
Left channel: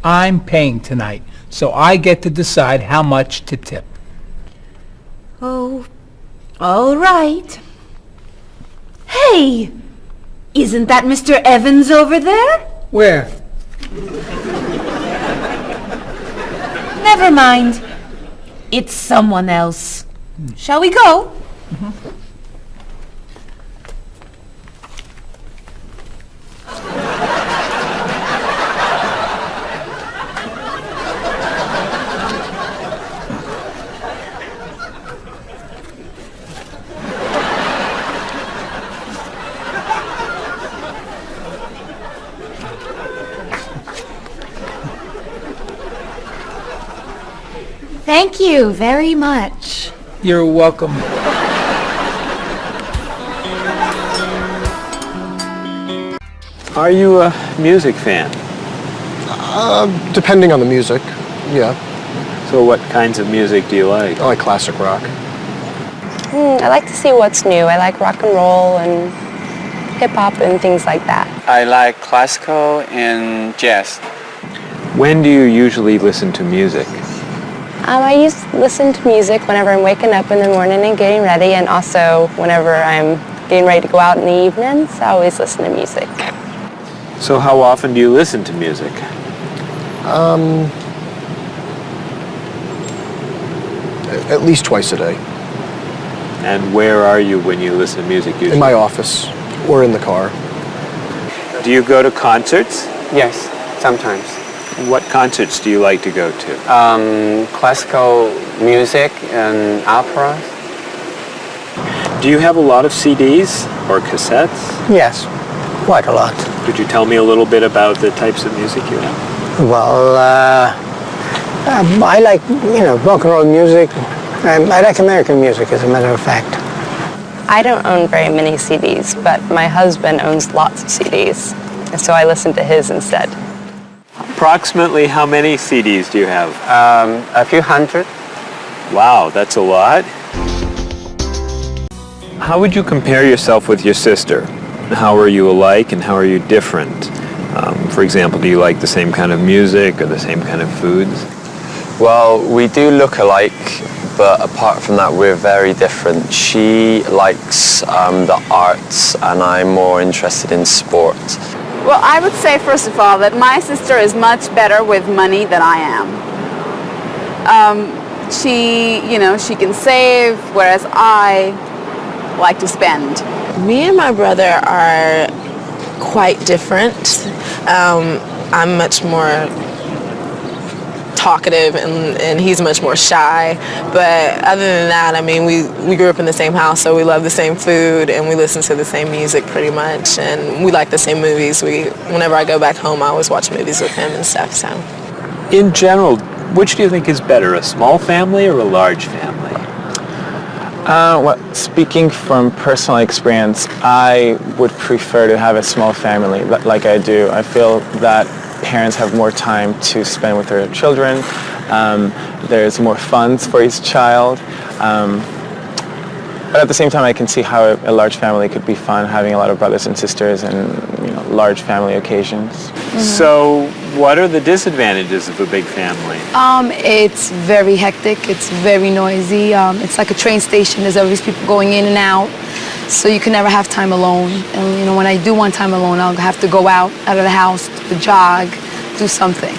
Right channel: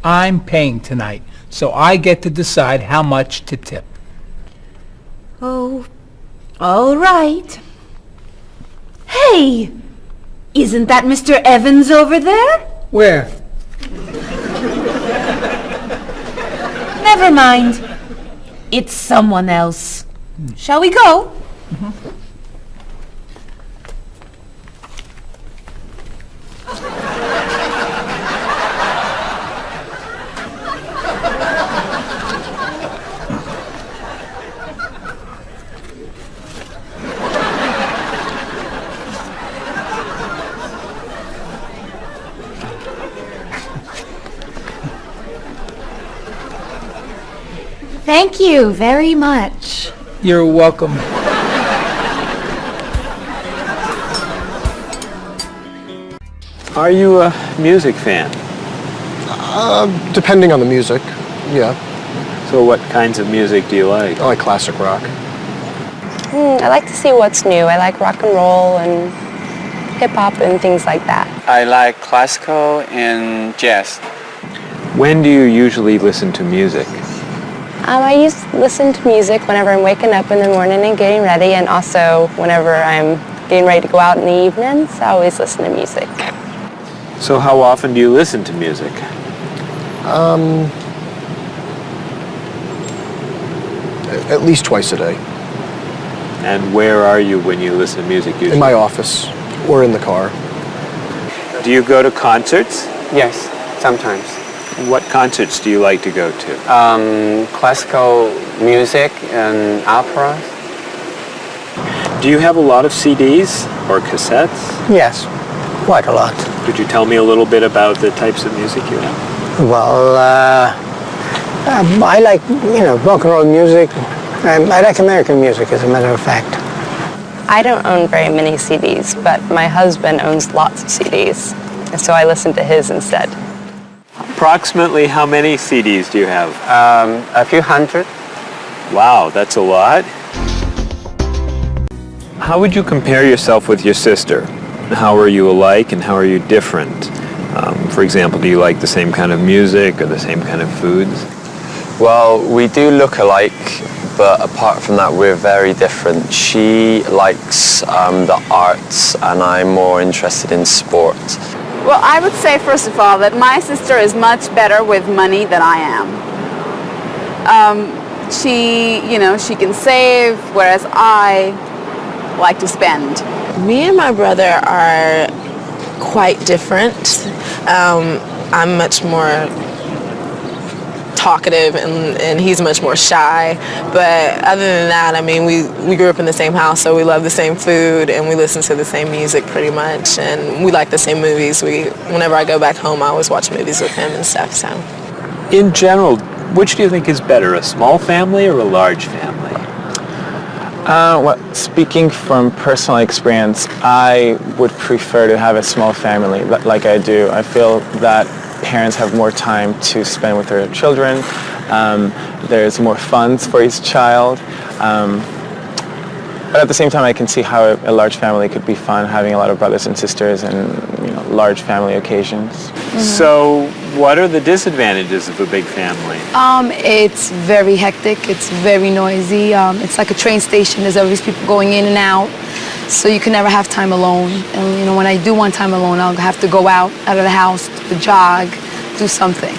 I'm paying tonight, so I get to decide how much to tip. Oh, all right. Hey! Isn't that Mr. Evans over there? Where? Never mind. It's someone else. Shall we go? Thank you very much. You're welcome. Are you a music fan? Depending on the music, yeah. So what kinds of music do you like? I like classic rock. I like to see what's new. I like rock and roll and hip-hop and things like that. I like classical and jazz. When do you usually listen to music? I used to listen to music whenever I'm waking up in the morning and getting ready, and also whenever I'm getting ready to go out in the evenings. I always listen to music. So how often do you listen to music? At least twice a day. And where are you when you listen to music usually? In my office or in the car. Do you go to concerts? Yes, sometimes. What concerts do you like to go to? Classical music and operas. Do you have a lot of CDs or cassettes? Yes, quite a lot. Could you tell me a little bit about the types of music you have? Well, I like, rock and roll music. I like American music, as a matter of fact. I don't own very many CDs, but my husband owns lots of CDs, and so I listen to his instead. Approximately how many CDs do you have? A few hundred. Wow, that's a lot. How would you compare yourself with your sister? How are you alike and how are you different? For example, do you like the same kind of music or the same kind of foods? Well, we do look alike, but apart from that, we're very different. She likes the arts and I'm more interested in sport. Well, I would say, first of all, that my sister is much better with money than I am. She can save, whereas I like to spend. Me and my brother are quite different. I'm much more talkative and he's much more shy. But other than that, I mean, we grew up in the same house, so we love the same food and we listen to the same music pretty much, and we like the same movies. Whenever I go back home, I always watch movies with him and stuff, so. In general, which do you think is better, a small family or a large family? Well, speaking from personal experience, I would prefer to have a small family like I do. I feel that parents have more time to spend with their children. There's more funds for each child. But at the same time, I can see how a large family could be fun, having a lot of brothers and sisters and large family occasions. So what are the disadvantages of a big family? It's very hectic. It's very noisy. It's like a train station. There's always people going in and out. So you can never have time alone. And when I do want time alone, I'll have to go out of the house, to jog, do something.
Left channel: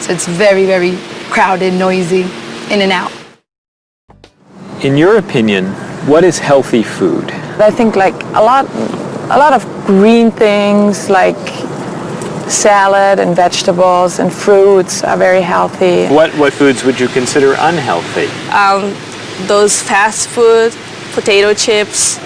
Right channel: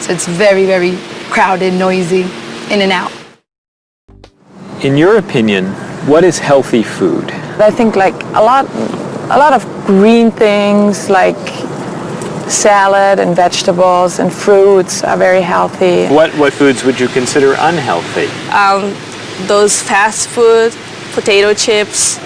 So it's very, very crowded, noisy, in and out. In your opinion, what is healthy food? I think like a lot of green things like salad and vegetables and fruits are very healthy. What foods would you consider unhealthy? Those fast food, potato chips,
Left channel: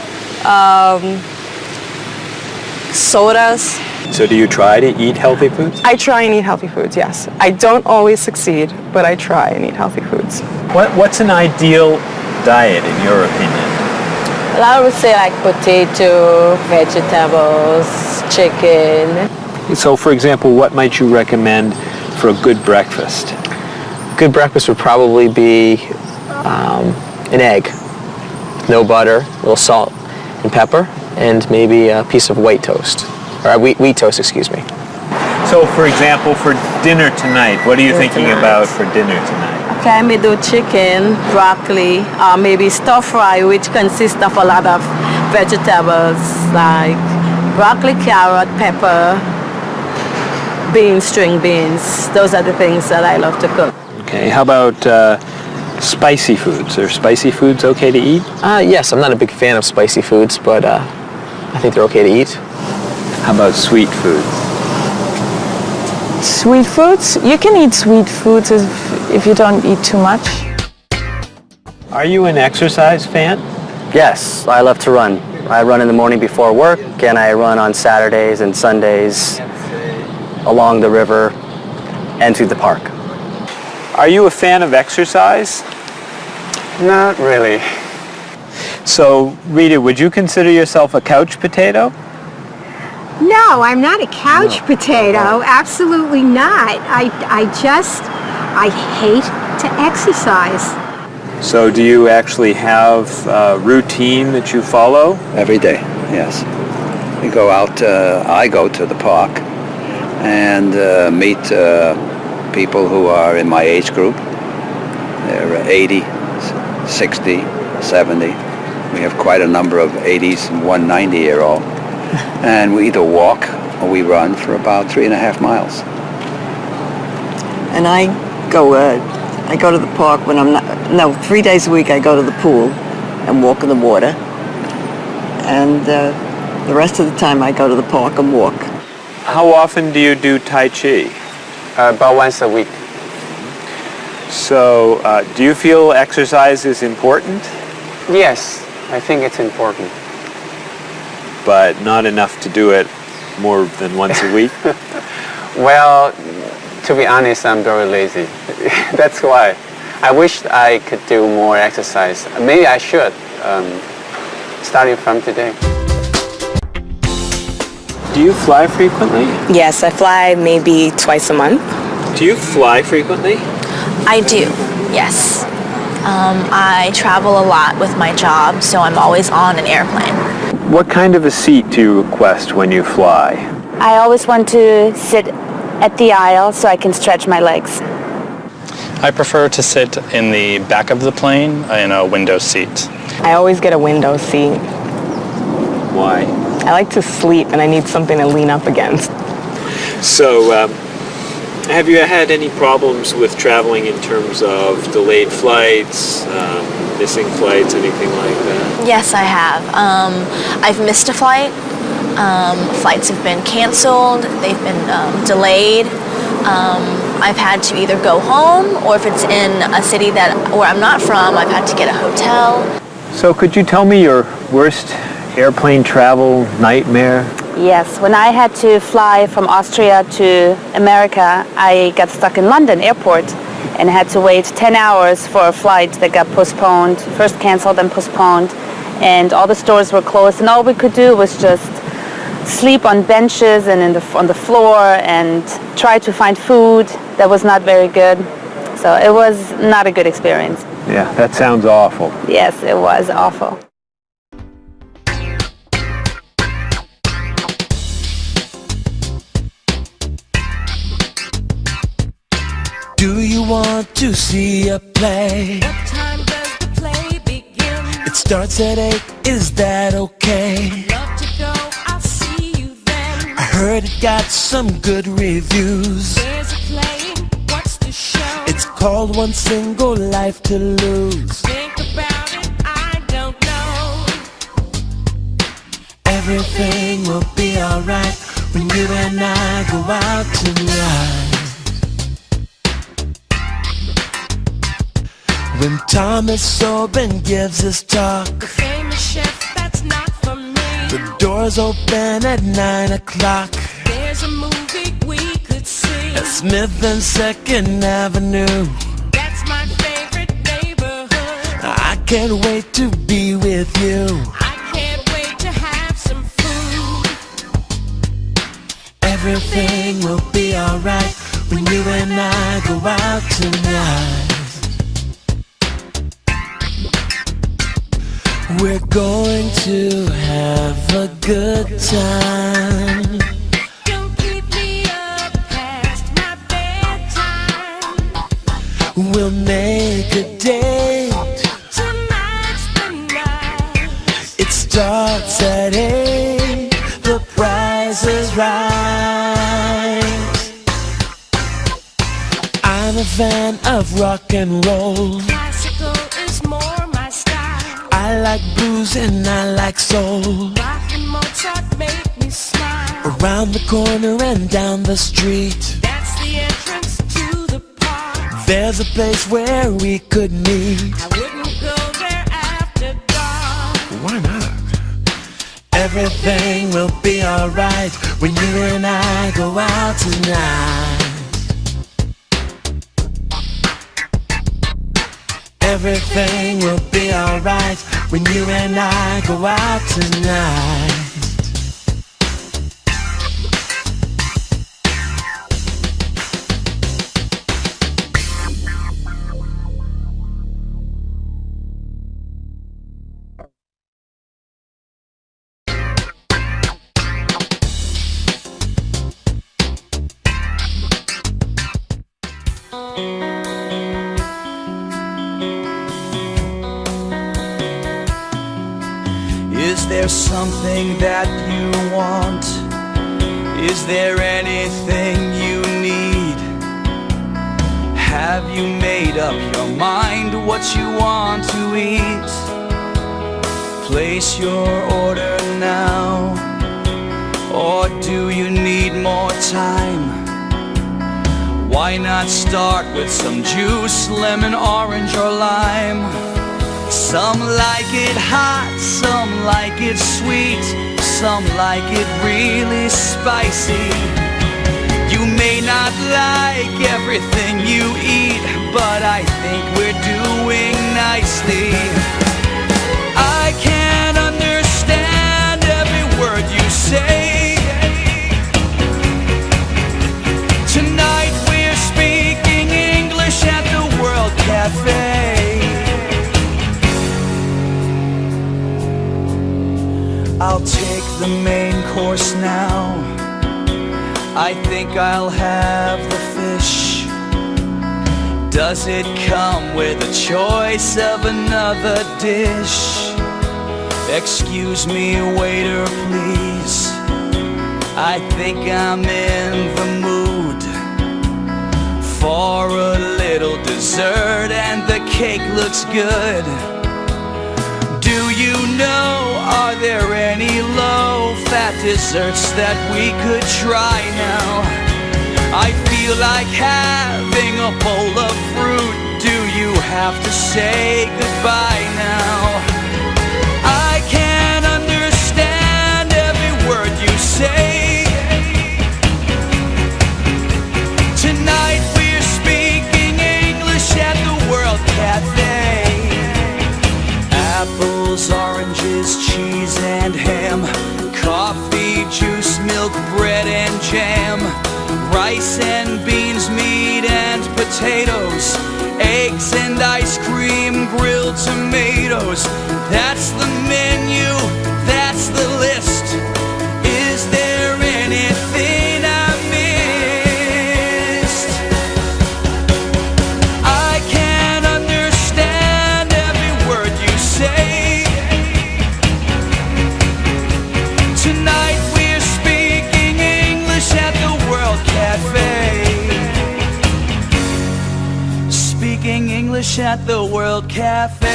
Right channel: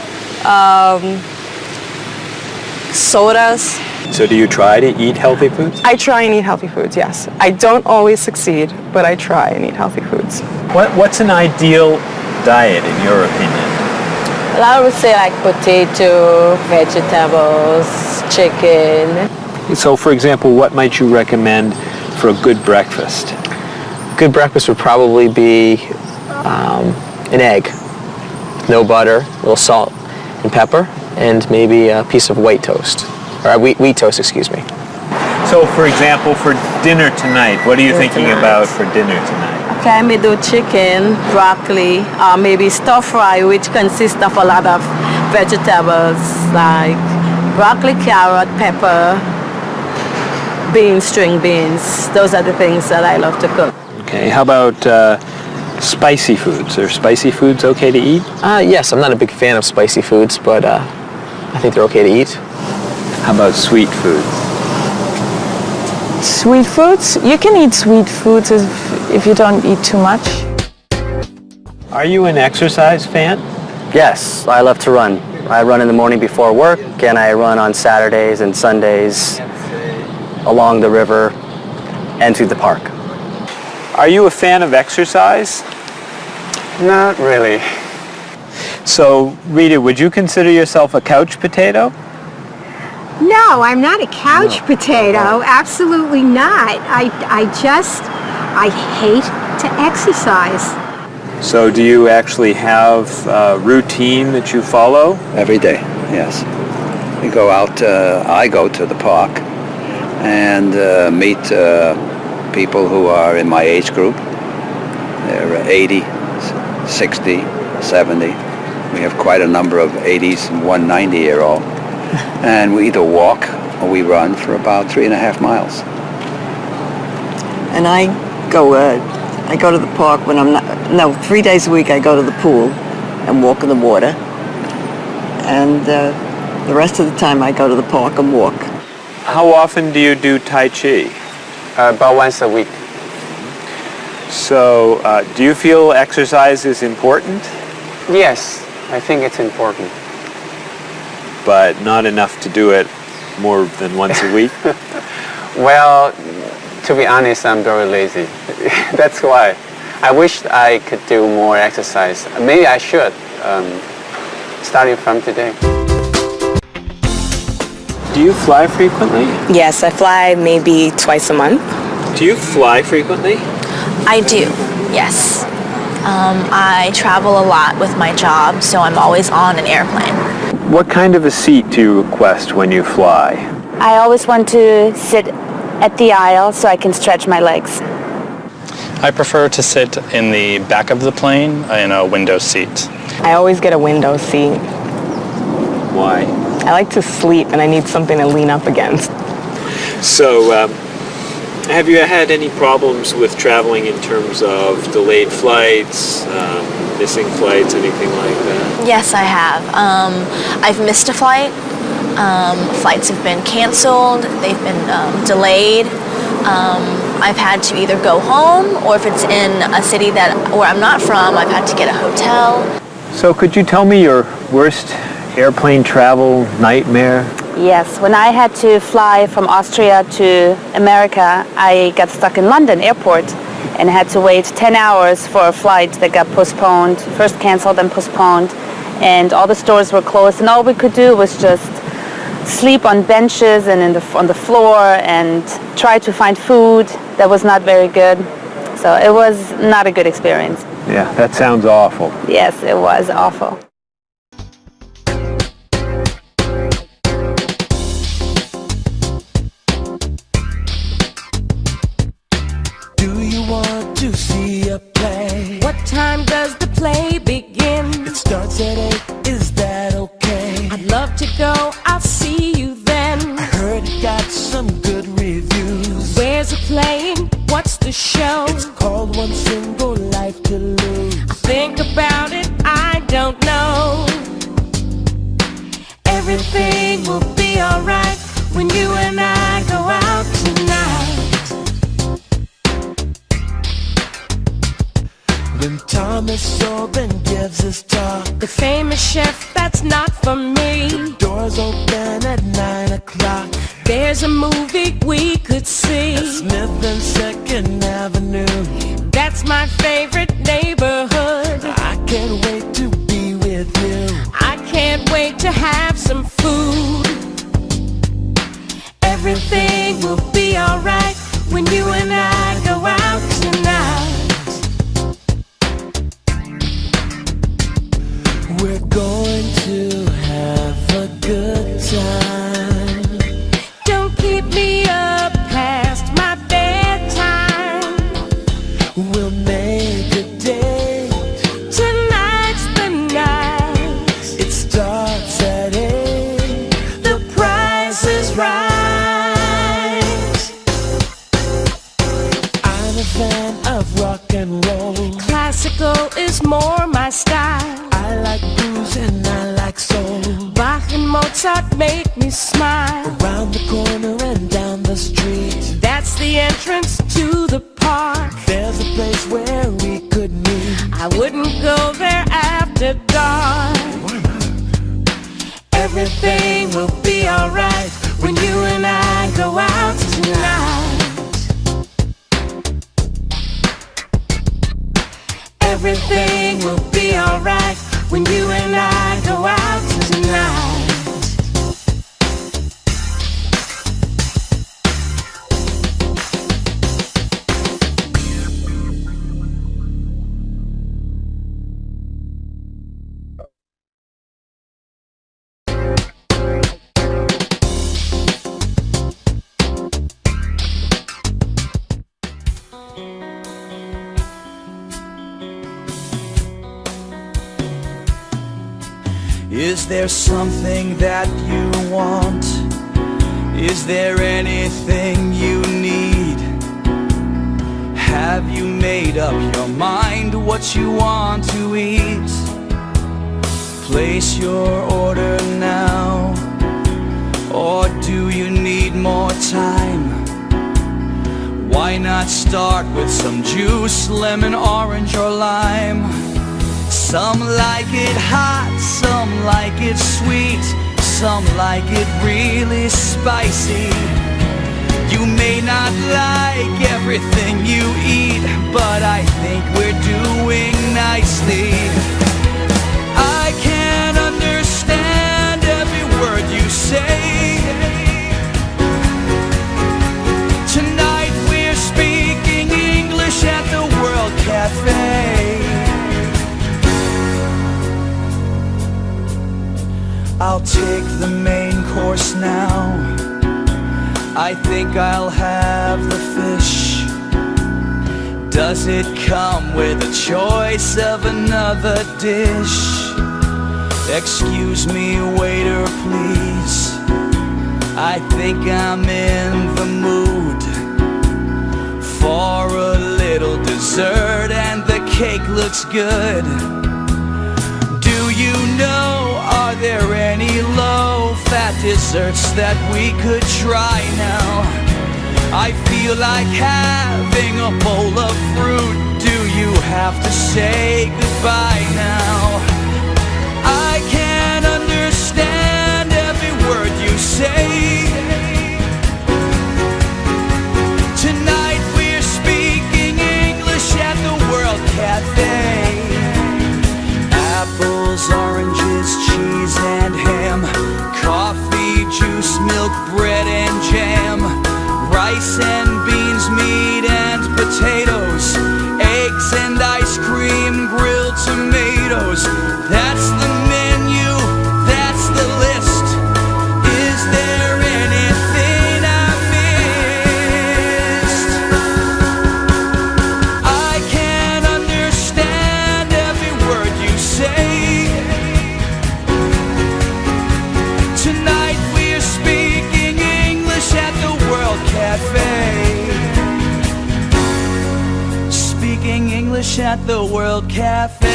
sodas. So do you try to eat healthy foods? I try and eat healthy foods, yes. I don't always succeed, but I try and eat healthy foods. What's an ideal diet in your opinion? Well, I would say like potato, vegetables, chicken. So for example, what might you recommend for a good breakfast? Good breakfast would probably be an egg, no butter, a little salt and pepper, and maybe a piece of white toast, or wheat toast, excuse me. So for example, for dinner tonight, what are you thinking about for dinner tonight? Okay, I may do chicken, broccoli, maybe stir fry, which consists of a lot of vegetables like broccoli, carrot, pepper, beans, string beans. Those are the things that I love to cook. Okay, how about spicy foods? Are spicy foods okay to eat? Yes, I'm not a big fan of spicy foods, but I think they're okay to eat. How about sweet foods? Sweet foods? You can eat sweet foods if you don't eat too much. Are you an exercise fan? Yes, I love to run. I run in the morning before work, and I run on Saturdays and Sundays along the river and through the park. Are you a fan of exercise? Not really. So, Rita, would you consider yourself a couch potato? No, I'm not a couch potato. Absolutely not. I hate to exercise. So do you actually have a routine that you follow? Every day, yes. We go out, I go to the park and meet people who are in my age group. They're 80, 60, 70. We have quite a number of 80s and one 90-year-old. And we either walk or we run for about 3.5 miles. And I go to the park when 3 days a week I go to the pool and walk in the water. And the rest of the time I go to the park and walk. How often do you do Tai Chi? About once a week. So, do you feel exercise is important? Yes, I think it's important. But not enough to do it more than once a week? Well, to be honest, I'm very lazy. That's why. I wish I could do more exercise. Maybe I should, starting from today. Do you fly frequently? Yes, I fly maybe twice a month. Do you fly frequently? I do, yes. I travel a lot with my job, so I'm always on an airplane. What kind of a seat do you request when you fly? I always want to sit at the aisle so I can stretch my legs. I prefer to sit in the back of the plane in a window seat. I always get a window seat. Why? I like to sleep and I need something to lean up against. So, Have you had any problems with traveling in terms of delayed flights, missing flights, anything like that? Yes, I have. I've missed a flight. Flights have been canceled. They've been delayed. I've had to either go home, or if it's in a city where I'm not from, I've had to get a hotel. So could you tell me your worst airplane travel nightmare? Yes, when I had to fly from Austria to America, I got stuck in London airport and had to wait 10 hours for a flight that got postponed, first canceled and postponed, and all the stores were closed, and all we could do was just sleep on benches and on the floor and try to find food that was not very good. So it was not a good experience. Yeah, that sounds awful. Yes, it was awful. Do you want to see a play? What time does the play begin? It starts at 8, is that okay? I'd love to go, I'll see you then. I heard it got some good reviews. Where's it playing? What's the show? It's called One Single Life to Lose. Think about it, I don't know. Everything will be alright when you and I go out tonight. When Thomas Sobin gives his talk, the famous chef, that's not for me. The doors open at 9 o'clock. There's a movie we could see at Smith and 2nd Avenue. That's my favorite neighborhood. I can't wait to be with you. I can't wait to have some food. Everything will be alright when you and I go out tonight. We're going to have a good time. Don't keep me up past my bedtime. We'll make a date. Tonight's the night. It starts at 8. The price is right. I'm a fan of rock and roll. Classical is more my style. I like blues and I like soul. Bach and Mozart make me smile. Around the corner and down the street, that's the entrance to the park. There's a place where we could meet. I wouldn't go there after dark. Why not? Everything will be alright when you and I go out tonight. Everything will be alright when you and I go out tonight. Is there something that you want? Is there anything you need? Have you made up your mind what you want to eat? Place your order now, or do you need more time? Why not start with some juice, lemon, orange, or lime? Some like it hot, some like it sweet, some like it really spicy. You may not like everything you eat, but I think we're doing nicely. I can't understand every word you say. Tonight we're speaking English at the World Cafe. I'll take the main course now. I think I'll have the fish. Does it come with a choice of another dish? Excuse me, waiter, please. I think I'm in the mood. for a little dessert, and the cake looks good. Do you know, are there any low-fat desserts that we could try now? I feel like having a bowl of fruit. Do you have to say goodbye now? I can't understand every word you say. Tonight we're speaking English at the World Cafe. Apples, oranges, cheese and ham, coffee, juice, milk, bread and jam, rice and beans, meat and potatoes, eggs and ice cream, grilled tomatoes. That's the menu, that's the list. Is there anything I missed? I can't understand every word you say. Tonight we're speaking English at the World Cafe. Speaking English at the World Cafe.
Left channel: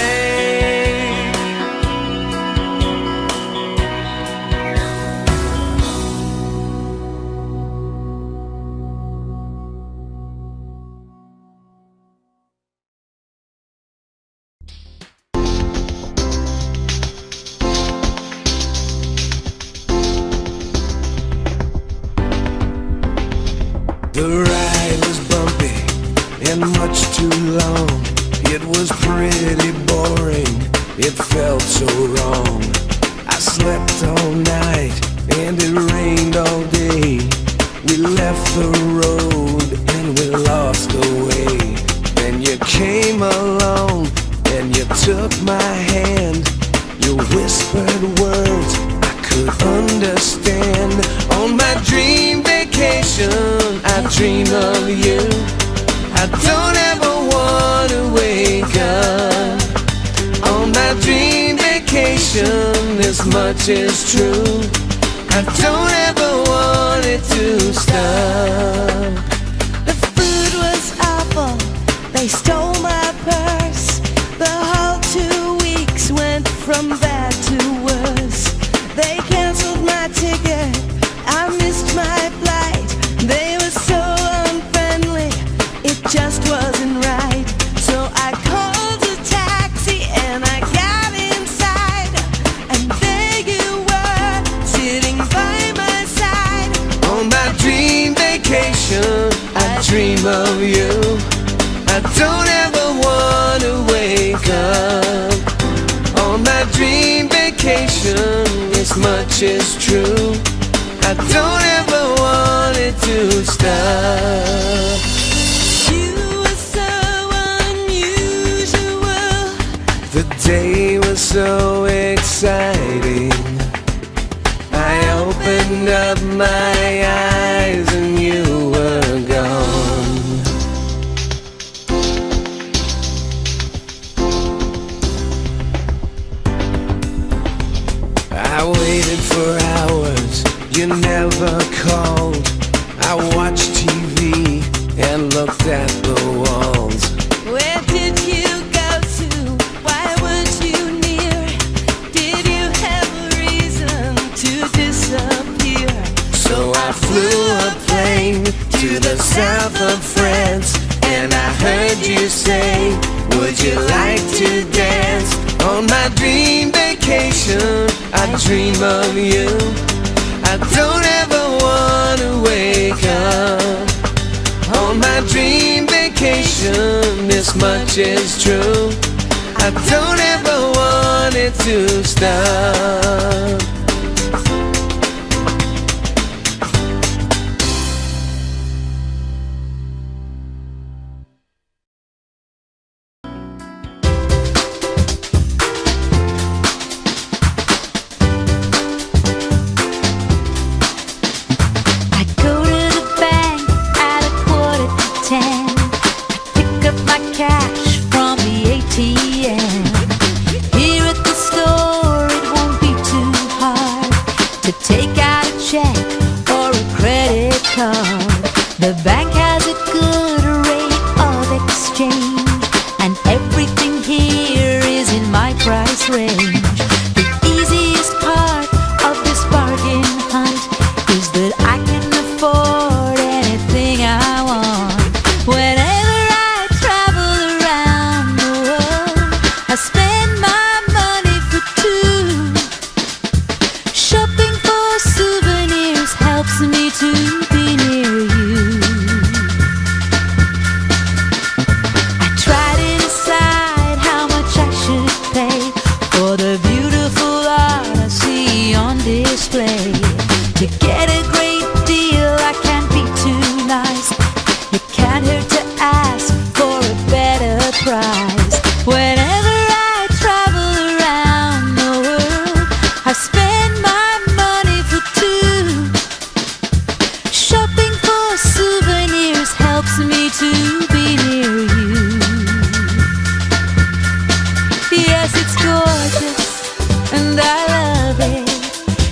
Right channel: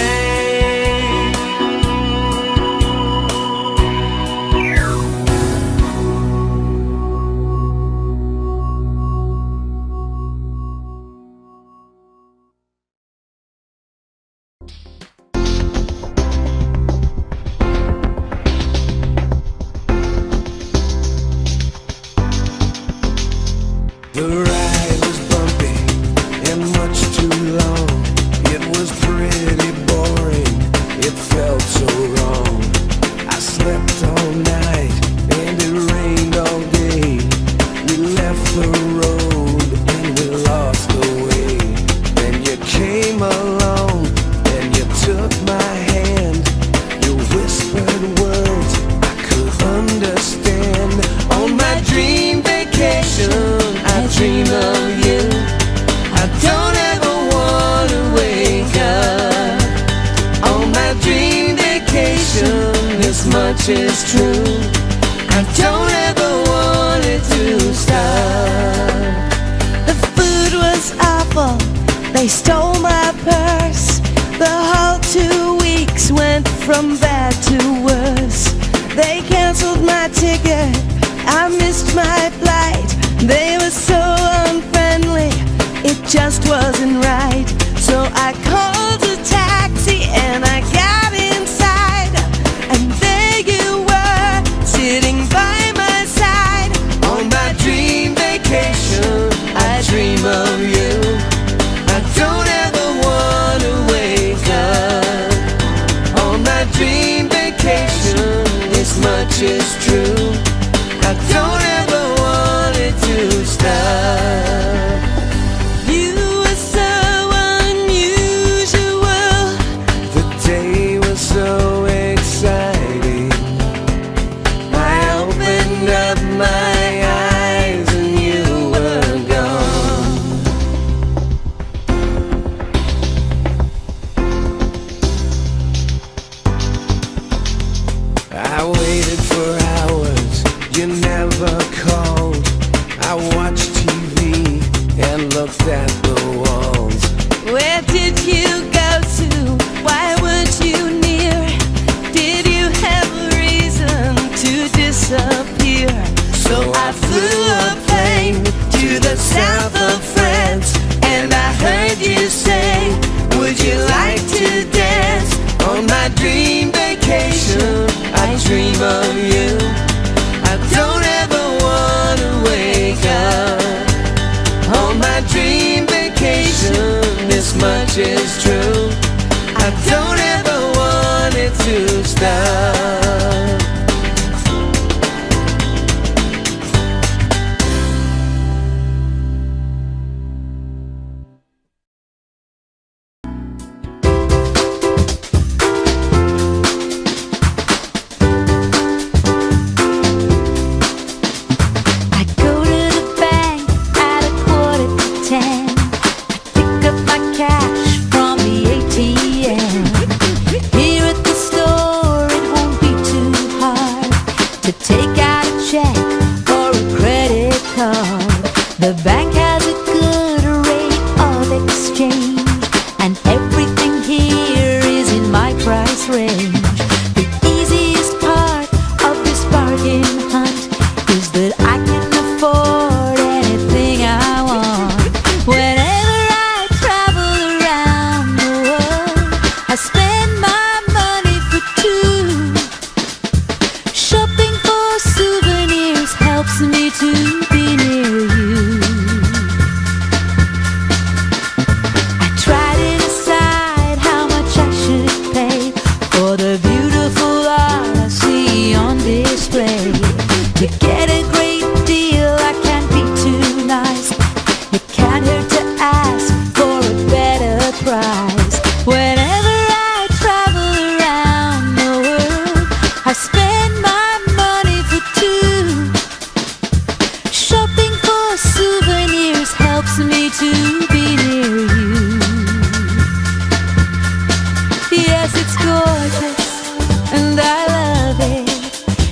The ride was bumpy and much too long. It was pretty boring, it felt so wrong. I slept all night and it rained all day. We left the road and we lost the way. Then you came along and you took my hand. You whispered words I could understand. On my dream vacation I dream of you. I don't ever want to wake up. On my dream vacation, this much is true. I don't ever want it to stop. The food was awful, they stole my purse. The whole 2 weeks went from bad to worse. They canceled my ticket, I missed my flight. They were so unfriendly, it just wasn't right. So I called a taxi and I got inside, and there you were, sitting by my side. On my dream vacation, I dream of you. I don't ever want to wake up. On my dream vacation, this much is true. I don't ever want it to stop. You were so unusual. The day was so exciting. I opened up my eyes and you were gone. I waited for hours, you never called. I watched TV and looked at the walls. Where did you go to? Why weren't you near? Did you have a reason to disappear? So I flew a plane to the south of France, and I heard you say, would you like to dance? On my dream vacation, I dream of you. I don't ever want to wake up. On my dream vacation, this much is true. I don't ever want it to stop. Cash from the ATM. Here at the store, it won't be too hard to take out a check or a credit card. The bank has a good rate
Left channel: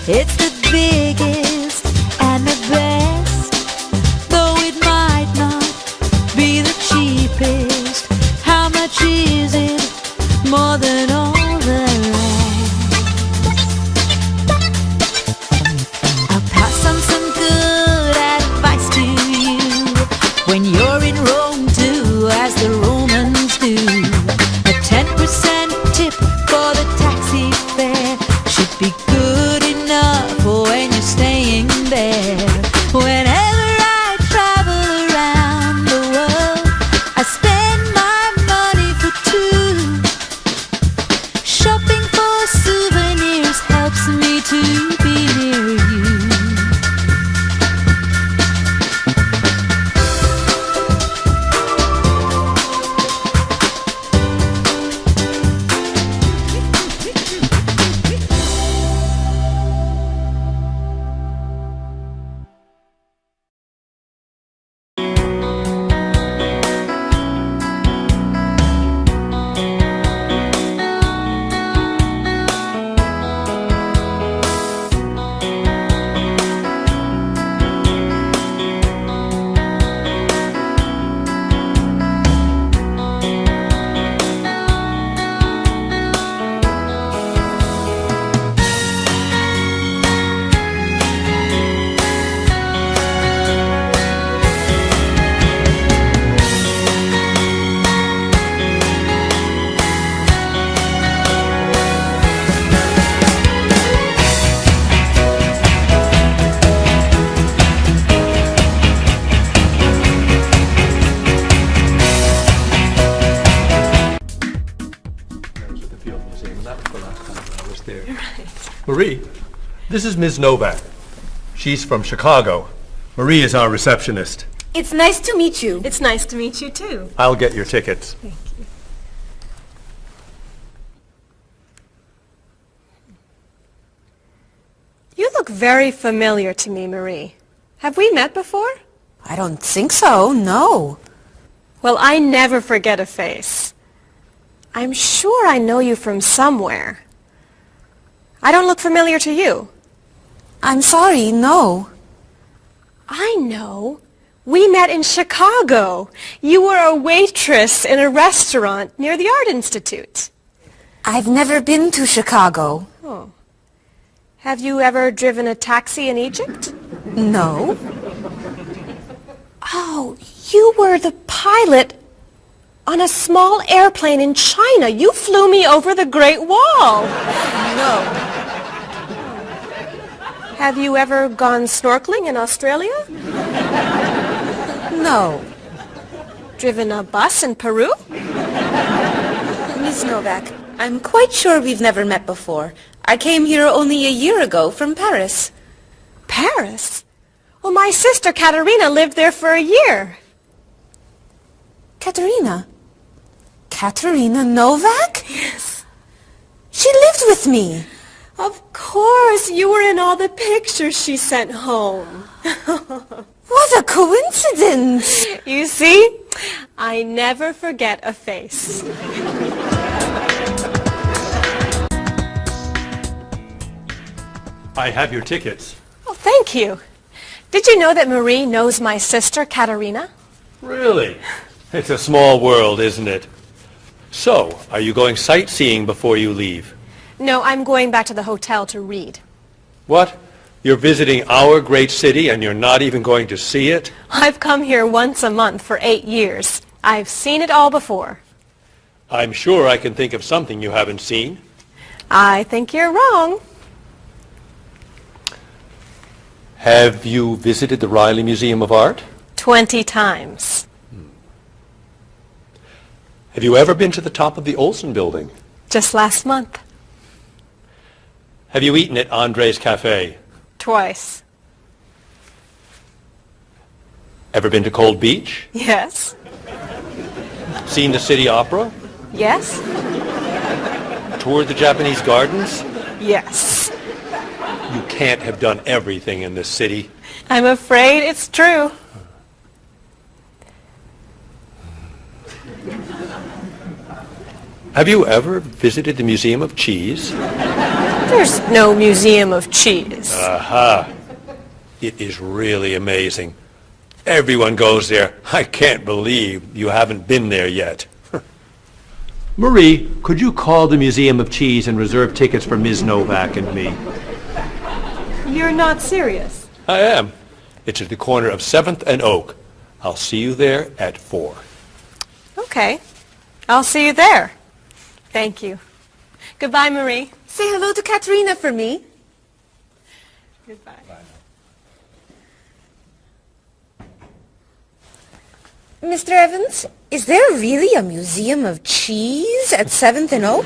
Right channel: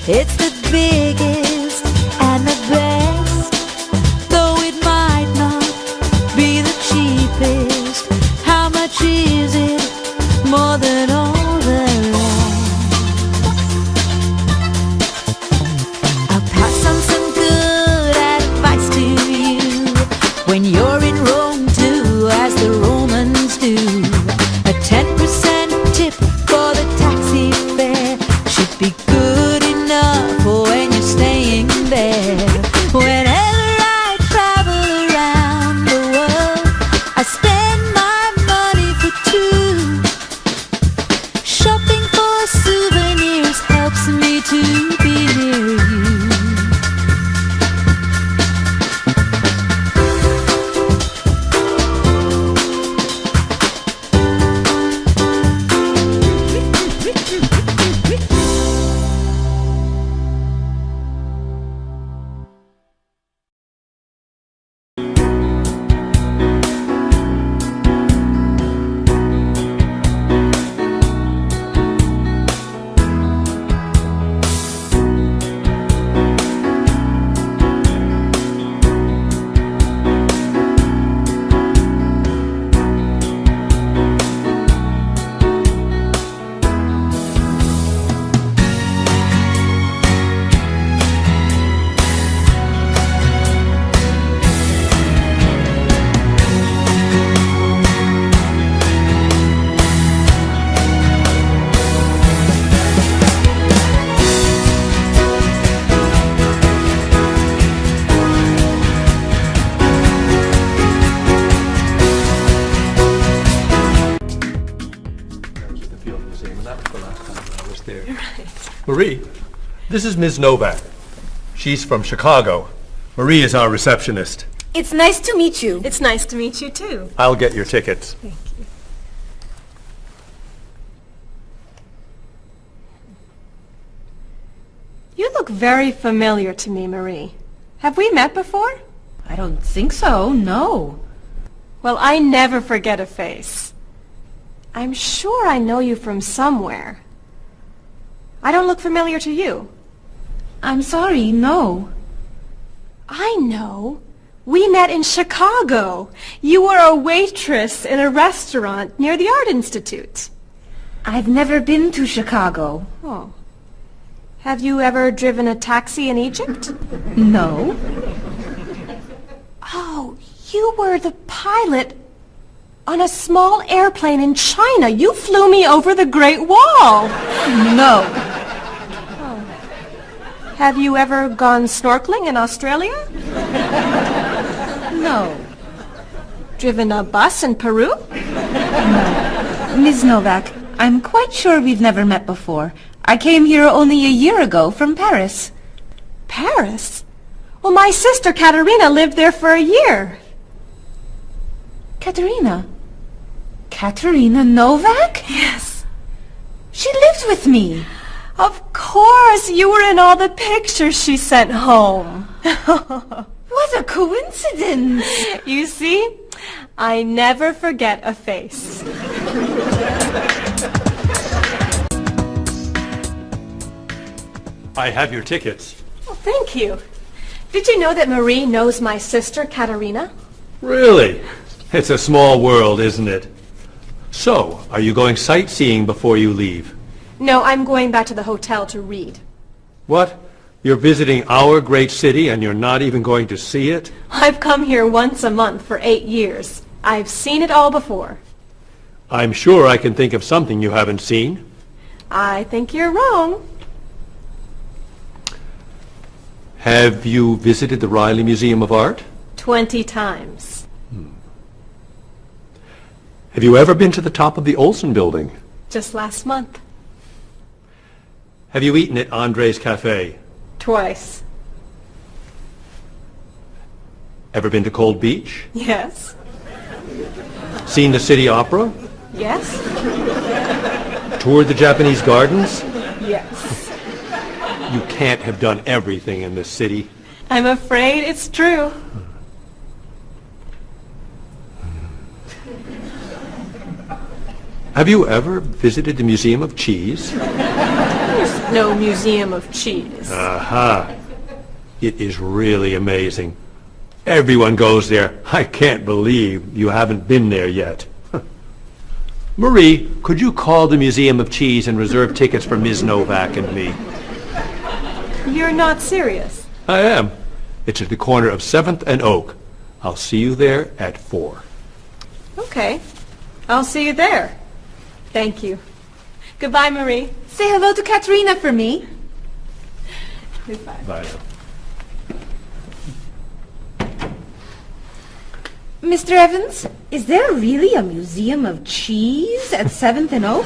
It's the biggest and the best, though it might not be the cheapest. How much is it? More than all the rest. I'll pass on some good advice to you. When you're in Rome, do as the Romans do. A 10% tip for the taxi fare should be good enough for when you're staying there. Whenever I travel around the world, I spend my money for two. Shopping for souvenirs helps me to be near you. Marie, this is Ms. Novak. She's from Chicago. Marie is our receptionist. It's nice to meet you. It's nice to meet you too. I'll get your tickets. Thank you. You look very familiar to me, Marie. Have we met before? I don't think so, no. Well, I never forget a face. I'm sure I know you from somewhere. I don't look familiar to you. I'm sorry, no. I know. We met in Chicago. You were a waitress in a restaurant near the Art Institute. I've never been to Chicago. Oh. Have you ever driven a taxi in Egypt? No. Oh, you were the pilot on a small airplane in China. You flew me over the Great Wall. No. Have you ever gone snorkeling in Australia? No. Driven a bus in Peru? Ms. Novak, I'm quite sure we've never met before. I came here only a year ago from Paris. Paris? Well, my sister Katerina lived there for a year. Katerina? Katerina Novak? Yes. She lived with me. Of course, you were in all the pictures she sent home. What a coincidence! You see, I never forget a face. I have your tickets. Oh, thank you. Did you know that Marie knows my sister Katerina? Really? It's a small world, isn't it? So, are you going sightseeing before you leave? No, I'm going back to the hotel to read. What? You're visiting our great city and you're not even going to see it? I've come here once a month for 8 years. I've seen it all before. I'm sure I can think of something you haven't seen. I think you're wrong. Have you visited the Riley Museum of Art? 20 times. Have you ever been to the top of the Olsen Building? Just last month. Have you eaten at Andre's Cafe? Twice. Ever been to Cold Beach? Yes. Seen the City Opera? Yes. Toured the Japanese gardens? Yes. You can't have done everything in this city. I'm afraid it's true. Have you ever visited the Museum of Cheese? There's no museum of cheese. Aha. It is really amazing. Everyone goes there. I can't believe you haven't been there yet. Marie, could you call the Museum of Cheese and reserve tickets for Ms. Novak and me? You're not serious. I am. It's at the corner of 7th and Oak. I'll see you there at 4. Okay. I'll see you there. Thank you. Goodbye, Marie. Say hello to Katerina for me. Goodbye. Bye. Mr. Evans, is there really a museum of cheese at 7th and Oak?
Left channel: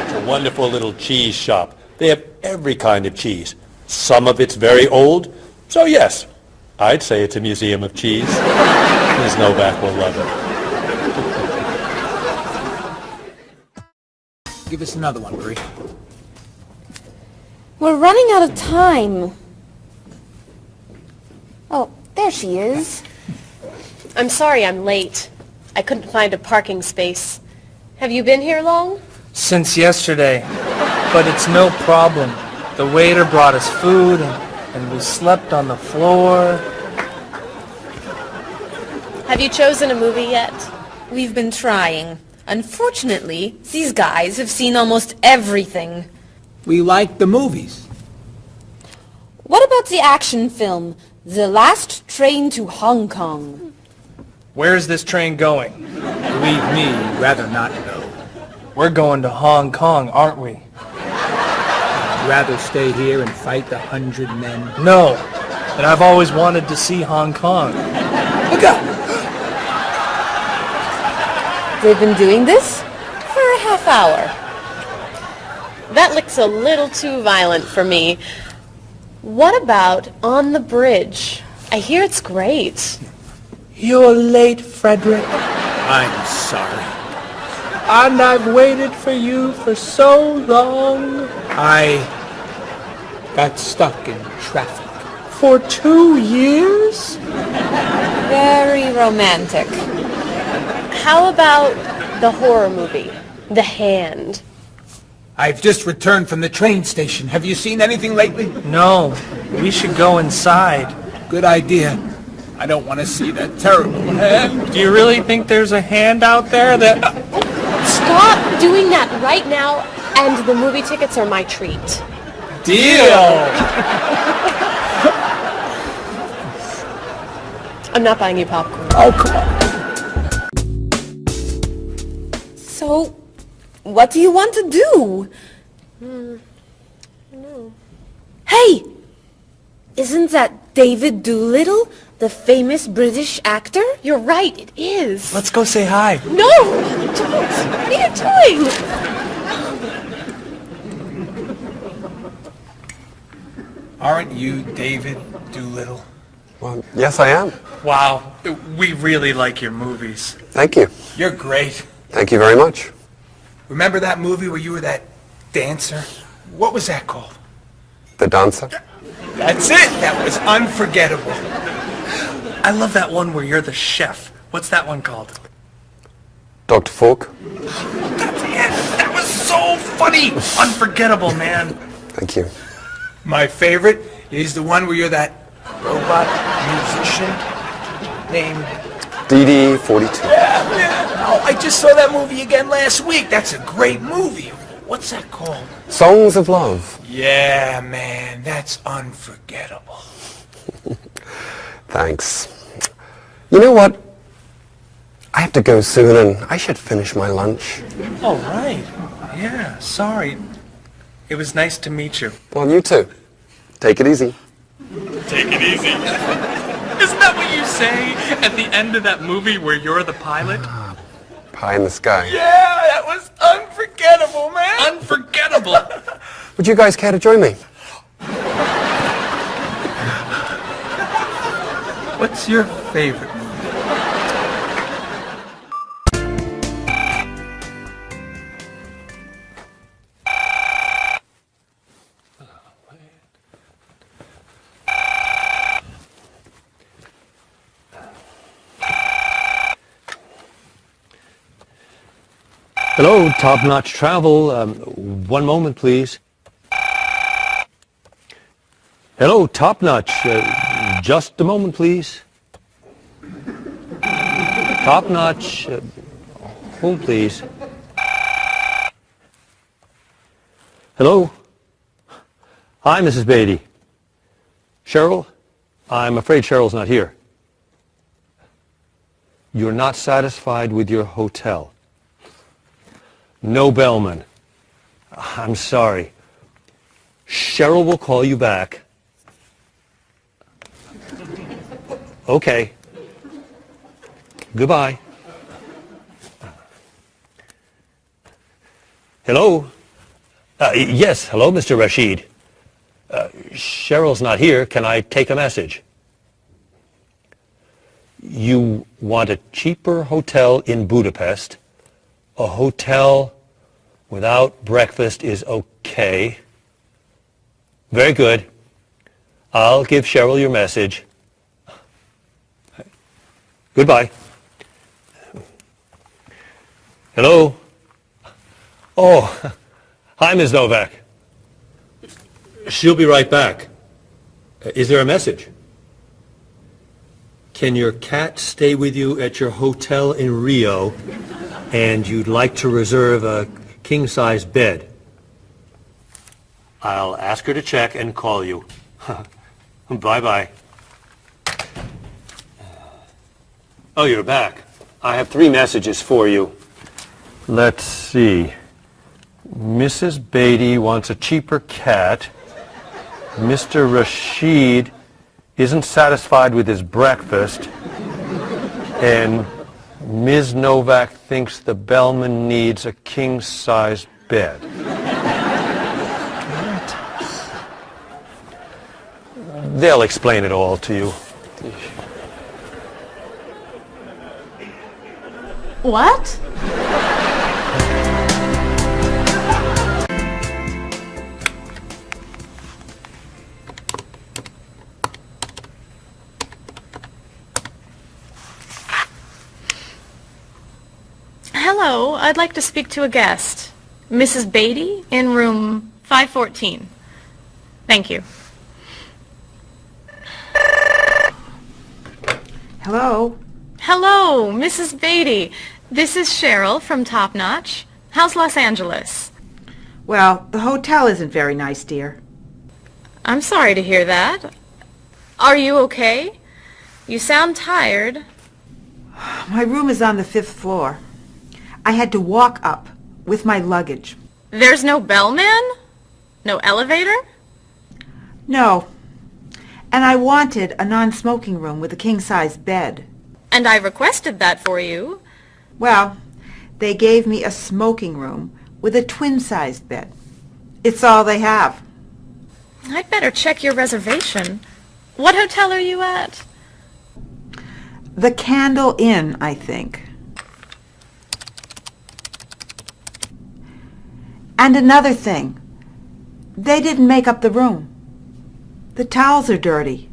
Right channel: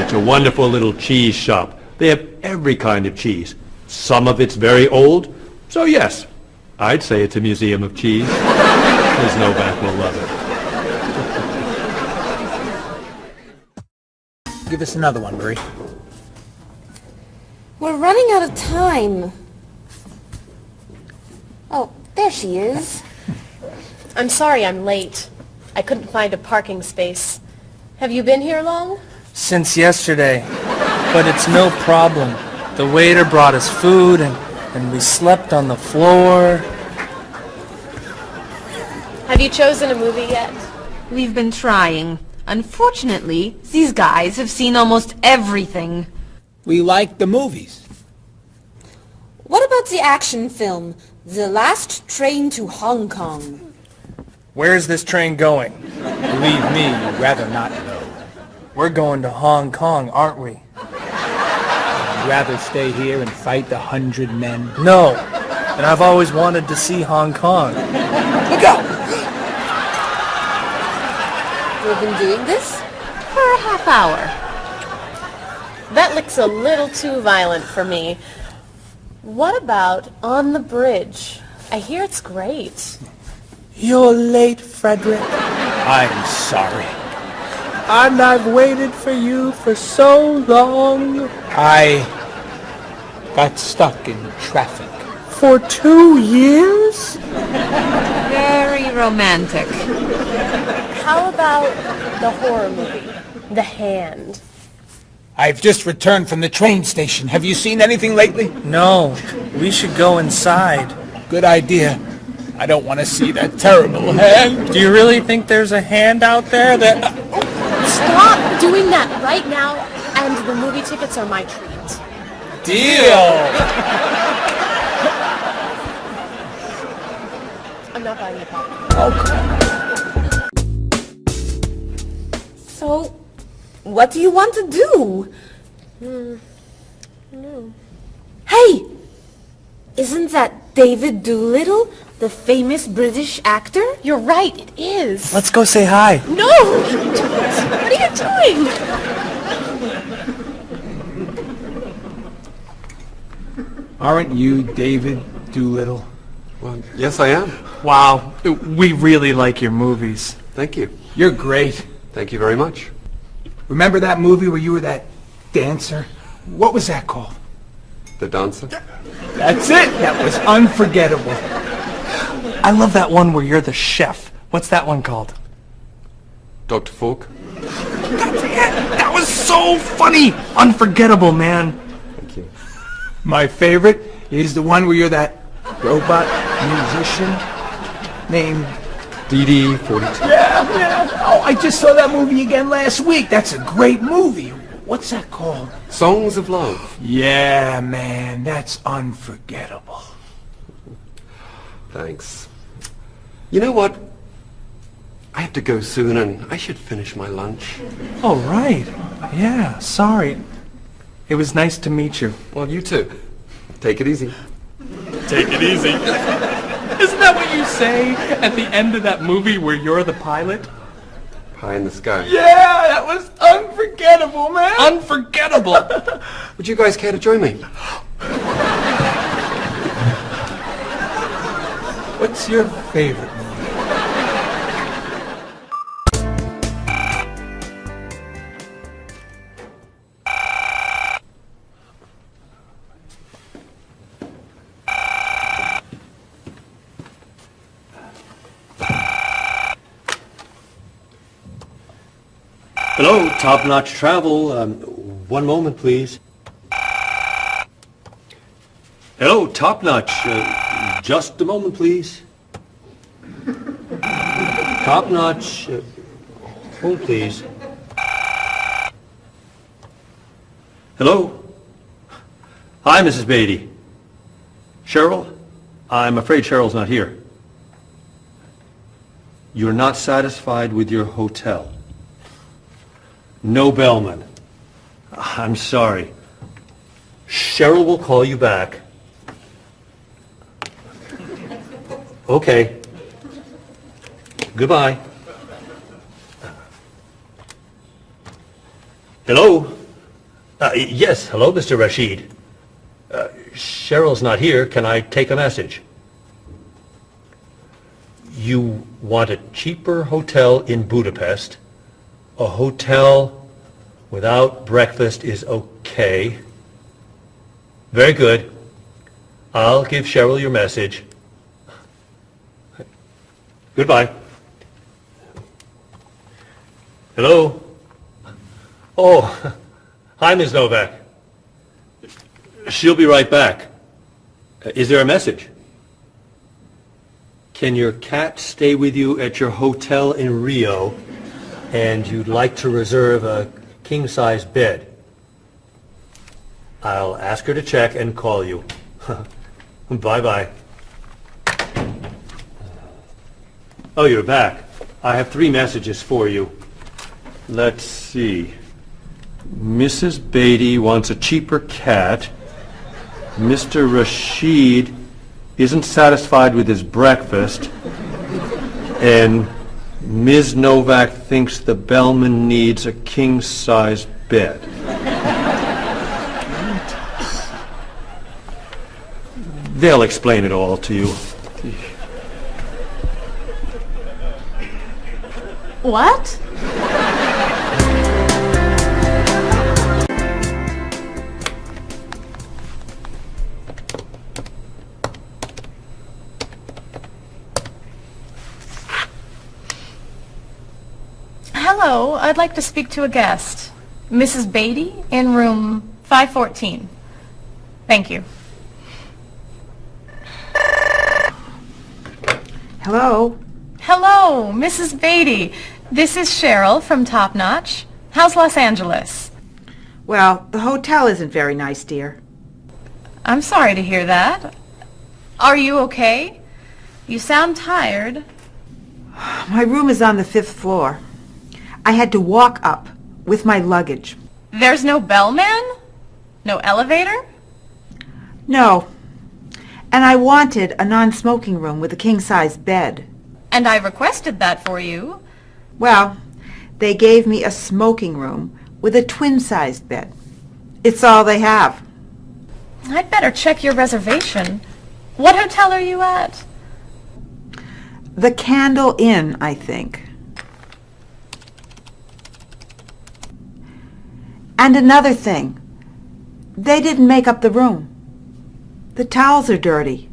It's a wonderful little cheese shop. They have every kind of cheese. Some of it's very old, so yes, I'd say it's a museum of cheese. Ms. Novak will love it. Give us another one, Marie. We're running out of time. Oh, there she is. I'm sorry I'm late. I couldn't find a parking space. Have you been here long? Since yesterday, but it's no problem. The waiter brought us food and we slept on the floor. Have you chosen a movie yet? We've been trying. Unfortunately, these guys have seen almost everything. We like the movies. What about the action film, The Last Train to Hong Kong? Where's this train going? Believe me, rather not know. We're going to Hong Kong, aren't we? Rather stay here and fight the 100 men. No, but I've always wanted to see Hong Kong. Look out! We've been doing this for a half hour. That looks a little too violent for me. What about On the Bridge? I hear it's great. You're late, Frederick. I'm sorry. And I've waited for you for so long. I got stuck in traffic for 2 years. Very romantic. How about the horror movie, The Hand? I've just returned from the train station. Have you seen anything lately? No, we should go inside. Good idea. I don't want to see that terrible hand. Do you really think there's a hand out there that... Stop doing that right now, and the movie tickets are my treat. Deal! I'm not buying you popcorn. Oh, come on. So, what do you want to do? Hey! Isn't that David Doolittle, the famous British actor? You're right, it is. Let's go say hi. No! What are you doing? Aren't you David Doolittle? Well, yes, I am. Wow, we really like your movies. Thank you. You're great. Thank you very much. Remember that movie where you were that dancer? What was that called? The Dancer? That's it! That was unforgettable. I love that one where you're the chef. What's that one called? Dr. Falk? That was so funny! Unforgettable, man. Thank you. My favorite is the one where you're that robot musician named... DD-42. Yeah, man. Oh, I just saw that movie again last week. That's a great movie. What's that called? Songs of Love. Yeah, man. That's unforgettable. Thanks. You know what? I have to go soon and I should finish my lunch. Oh, right. Yeah, sorry. It was nice to meet you. Well, you too. Take it easy. Take it easy. Isn't that what you say at the end of that movie where you're the pilot? Pie in the sky. Yeah, that was unforgettable, man. Unforgettable. Would you guys care to join me? What's your favorite? Hello, Top Notch Travel. One moment, please. Hello, Top Notch. Just a moment, please. Top Notch. Hold, please. Hello? Hi, Mrs. Beatty. Cheryl? I'm afraid Cheryl's not here. You're not satisfied with your hotel? No bellman. I'm sorry. Cheryl will call you back. Okay. Goodbye. Hello? Yes, hello, Mr. Rashid. Cheryl's not here. Can I take a message? You want a cheaper hotel in Budapest. A hotel without breakfast is okay. Very good. I'll give Cheryl your message. Goodbye. Hello? Oh, hi, Ms. Novak. She'll be right back. Is there a message? Can your cat stay with you at your hotel in Rio, and you'd like to reserve a king-size bed? I'll ask her to check and call you. Bye-bye. Oh, you're back. I have 3 messages for you. Let's see. Mrs. Beatty wants a cheaper cat. Mr. Rashid isn't satisfied with his breakfast. And Ms. Novak thinks the bellman needs a king-size bed. They'll explain it all to you. What? Hello, I'd like to speak to a guest. Mrs. Beatty in room 514. Thank you. Hello? Hello, Mrs. Beatty. This is Cheryl from Top Notch. How's Los Angeles? Well, the hotel isn't very nice, dear. I'm sorry to hear that. Are you okay? You sound tired. My room is on the 5th floor. I had to walk up with my luggage. There's no bellman? No elevator? No. And I wanted a non-smoking room with a king-size bed. And I requested that for you. Well, they gave me a smoking room with a twin-sized bed. It's all they have. I'd better check your reservation. What hotel are you at? The Candle Inn, I think. And another thing. They didn't make up the room. The towels are dirty.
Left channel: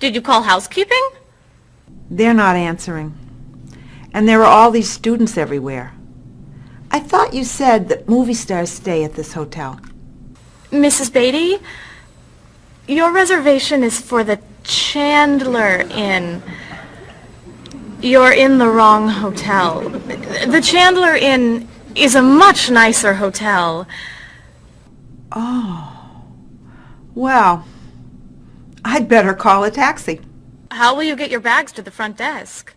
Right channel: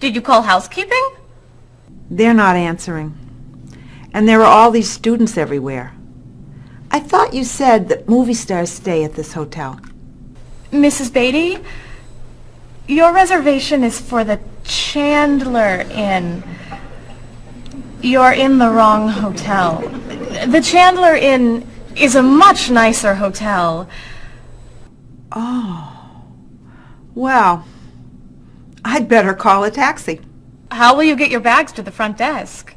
Did you call housekeeping? They're not answering. And there are all these students everywhere. I thought you said that movie stars stay at this hotel. Mrs. Beatty, your reservation is for the Chandler Inn. You're in the wrong hotel. The Chandler Inn is a much nicer hotel. Oh. Well, I'd better call a taxi. How will you get your bags to the front desk?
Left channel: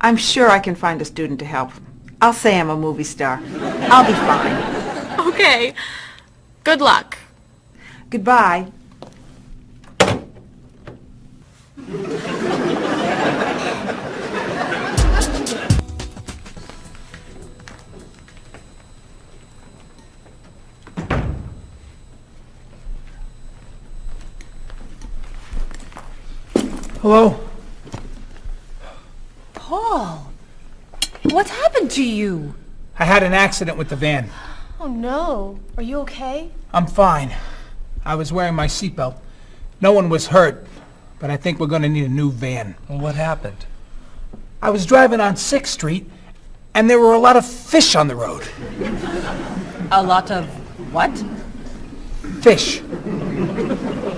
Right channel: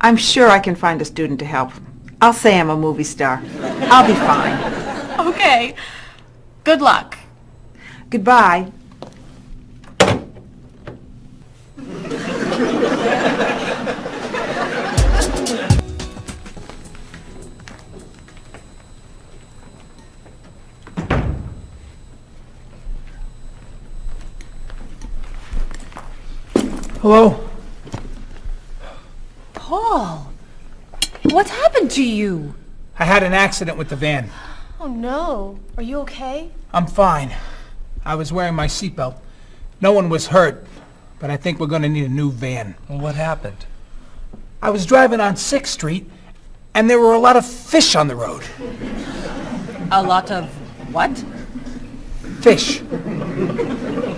I'm sure I can find a student to help. I'll say I'm a movie star. I'll be fine. Okay. Good luck. Goodbye. Hello? Paul, what's happened to you? I had an accident with the van. Oh no. Are you okay? I'm fine. I was wearing my seatbelt. No one was hurt, but I think we're going to need a new van. What happened? I was driving on 6th Street, And there were a lot of fish on the road. A lot of what? Fish.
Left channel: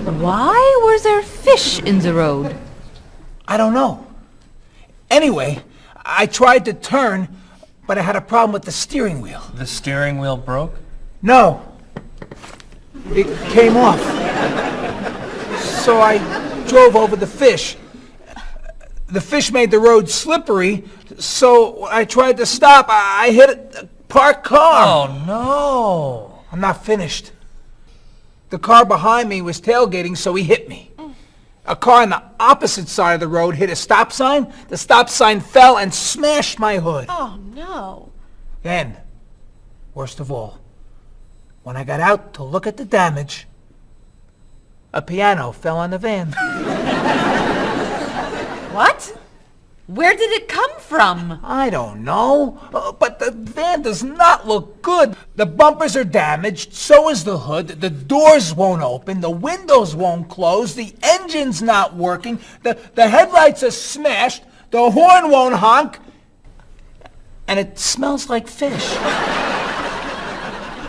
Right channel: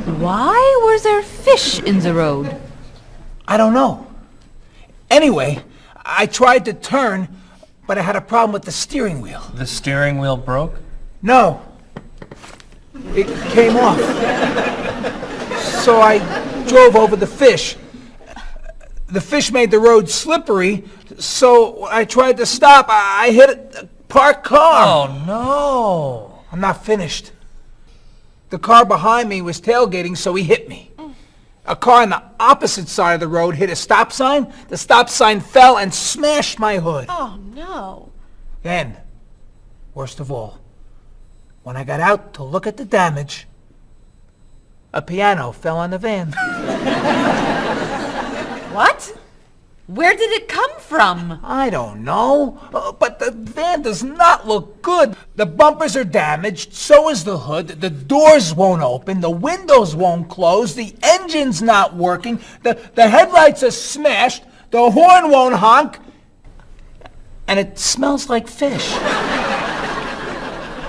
Why were there fish in the road? I don't know. Anyway, I tried to turn, but I had a problem with the steering wheel. The steering wheel broke? No. It came off. So I drove over the fish. The fish made the road slippery, so I tried to stop. I hit a parked car. Oh, no. I'm not finished. The car behind me was tailgating, so he hit me. A car on the opposite side of the road hit a stop sign. The stop sign fell and smashed my hood. Oh, no. Then, worst of all, when I got out to look at the damage, a piano fell on the van. What? Where did it come from? I don't know, but the van does not look good. The bumpers are damaged, so is the hood, the doors won't open, the windows won't close, the engine's not working, the headlights are smashed, the horn won't honk, and it smells like fish.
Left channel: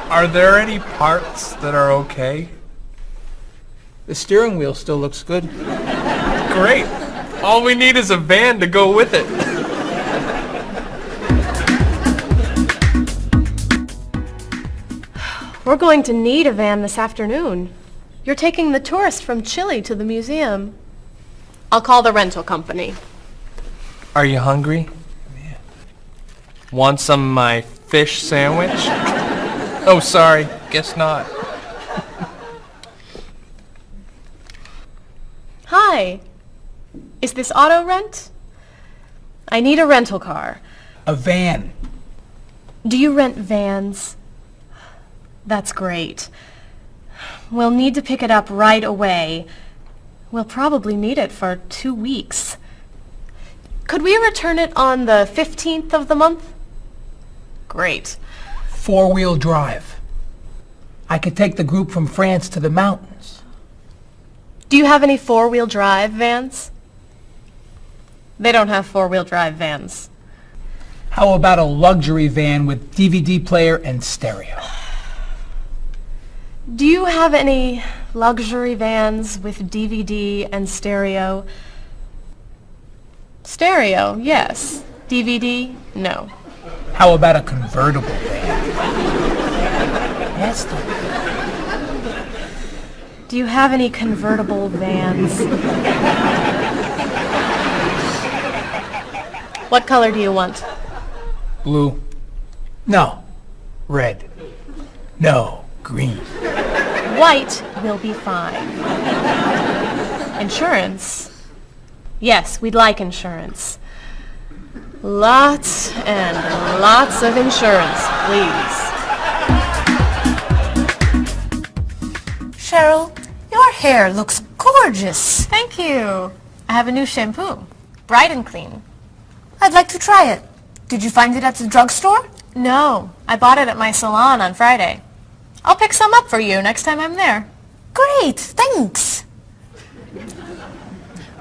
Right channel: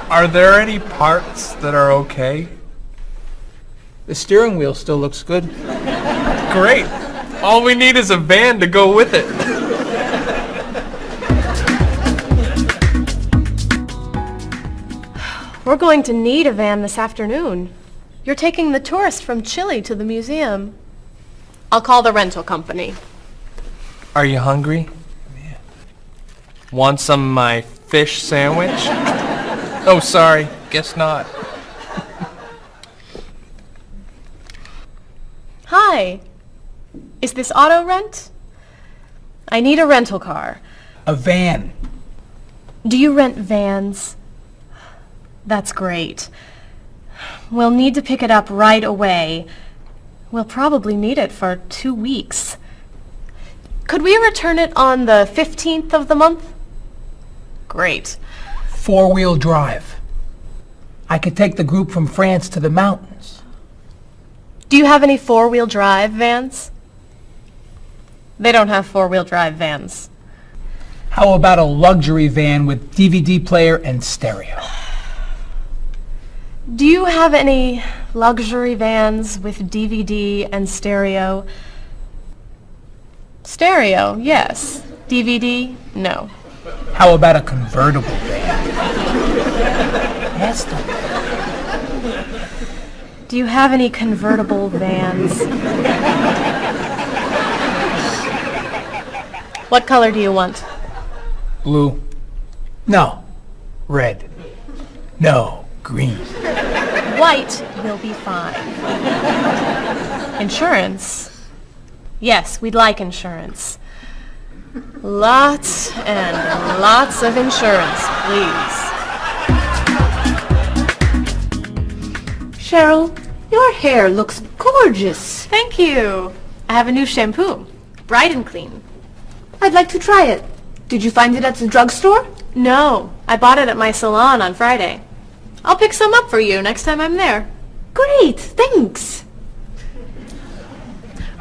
Are there any parts that are okay? The steering wheel still looks good. Great. All we need is a van to go with it. We're going to need a van this afternoon. You're taking the tourists from Chile to the museum. I'll call the rental company. Are you hungry? Yeah. Want some of my fish sandwich? Oh, sorry. Guess not. Hi. Is this auto rent? I need a rental car. A van. Do you rent vans? That's great. We'll need to pick it up right away. We'll probably need it for 2 weeks. Could we return it on the 15th of the month? Great. 4-wheel drive. I could take the group from France to the mountains. Do you have any 4-wheel drive vans? They don't have 4-wheel drive vans. How about a luxury van with DVD player and stereo? Do you have any luxury vans with DVD and stereo? Stereo, yes. DVD, no. How about a convertible van? Yes, Do you have any convertible vans? What color do you want? Blue. No. Red. No. Green. White will be fine. Insurance? Yes, we'd like insurance. Lots and lots of insurance, please. Cheryl, your hair looks gorgeous. Thank you. I have a new shampoo. Bright and clean. I'd like to try it. Did you find it at the drugstore? No, I bought it at my salon on Friday. I'll pick some up for you next time I'm there. Great, thanks.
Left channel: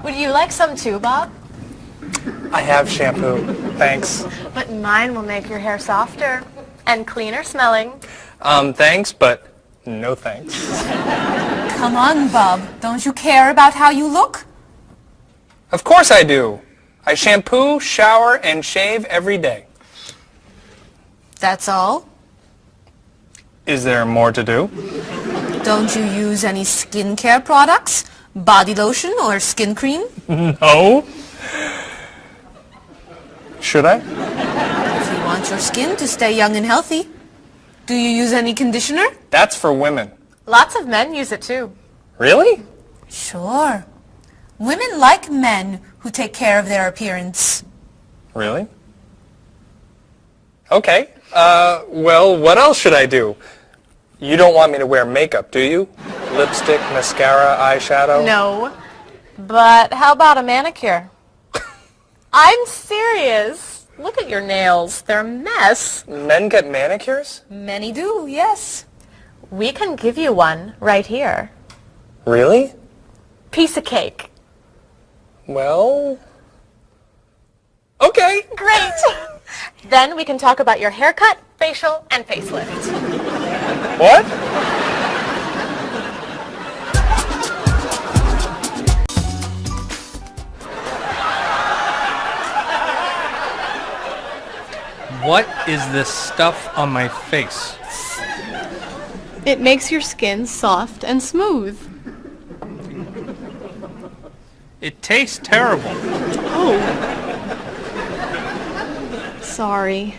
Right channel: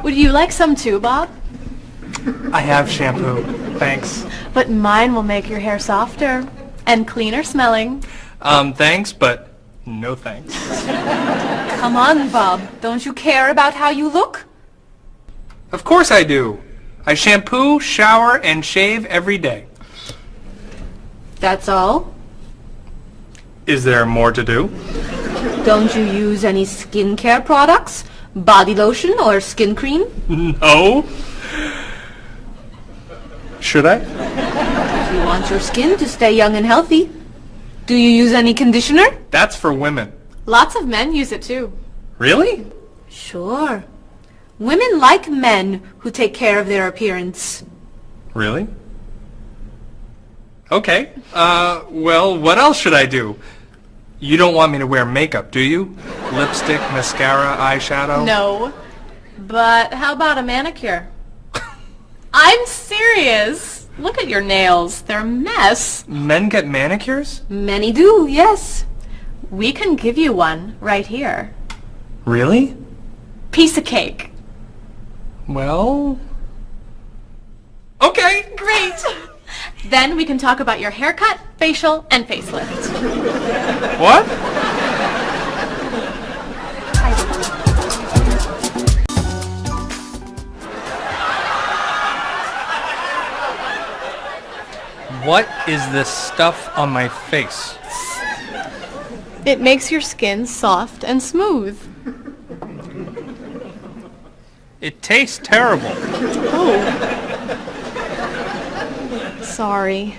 Would you like some too, Bob? I have shampoo. Thanks. But mine will make your hair softer and cleaner smelling. Thanks, but no thanks. Come on, Bob. Don't you care about how you look? Of course I do. I shampoo, shower, and shave every day. That's all? Is there more to do? Don't you use any skincare products? Body lotion or skin cream? No. Should I? If you want your skin to stay young and healthy. Do you use any conditioner? That's for women. Lots of men use it too. Really? Sure. Women like men who take care of their appearance. Really? Okay. Well, what else should I do? You don't want me to wear makeup, do you? Lipstick, mascara, eyeshadow? No. But how about a manicure? I'm serious. Look at your nails. They're a mess. Men get manicures? Many do, yes. We can give you one right here. Really? Piece of cake. Well... Okay. Great. Then we can talk about your haircut, facial, and facelift. What? What is this stuff on my face? It makes your skin soft and smooth. It tastes terrible. Oh. Sorry.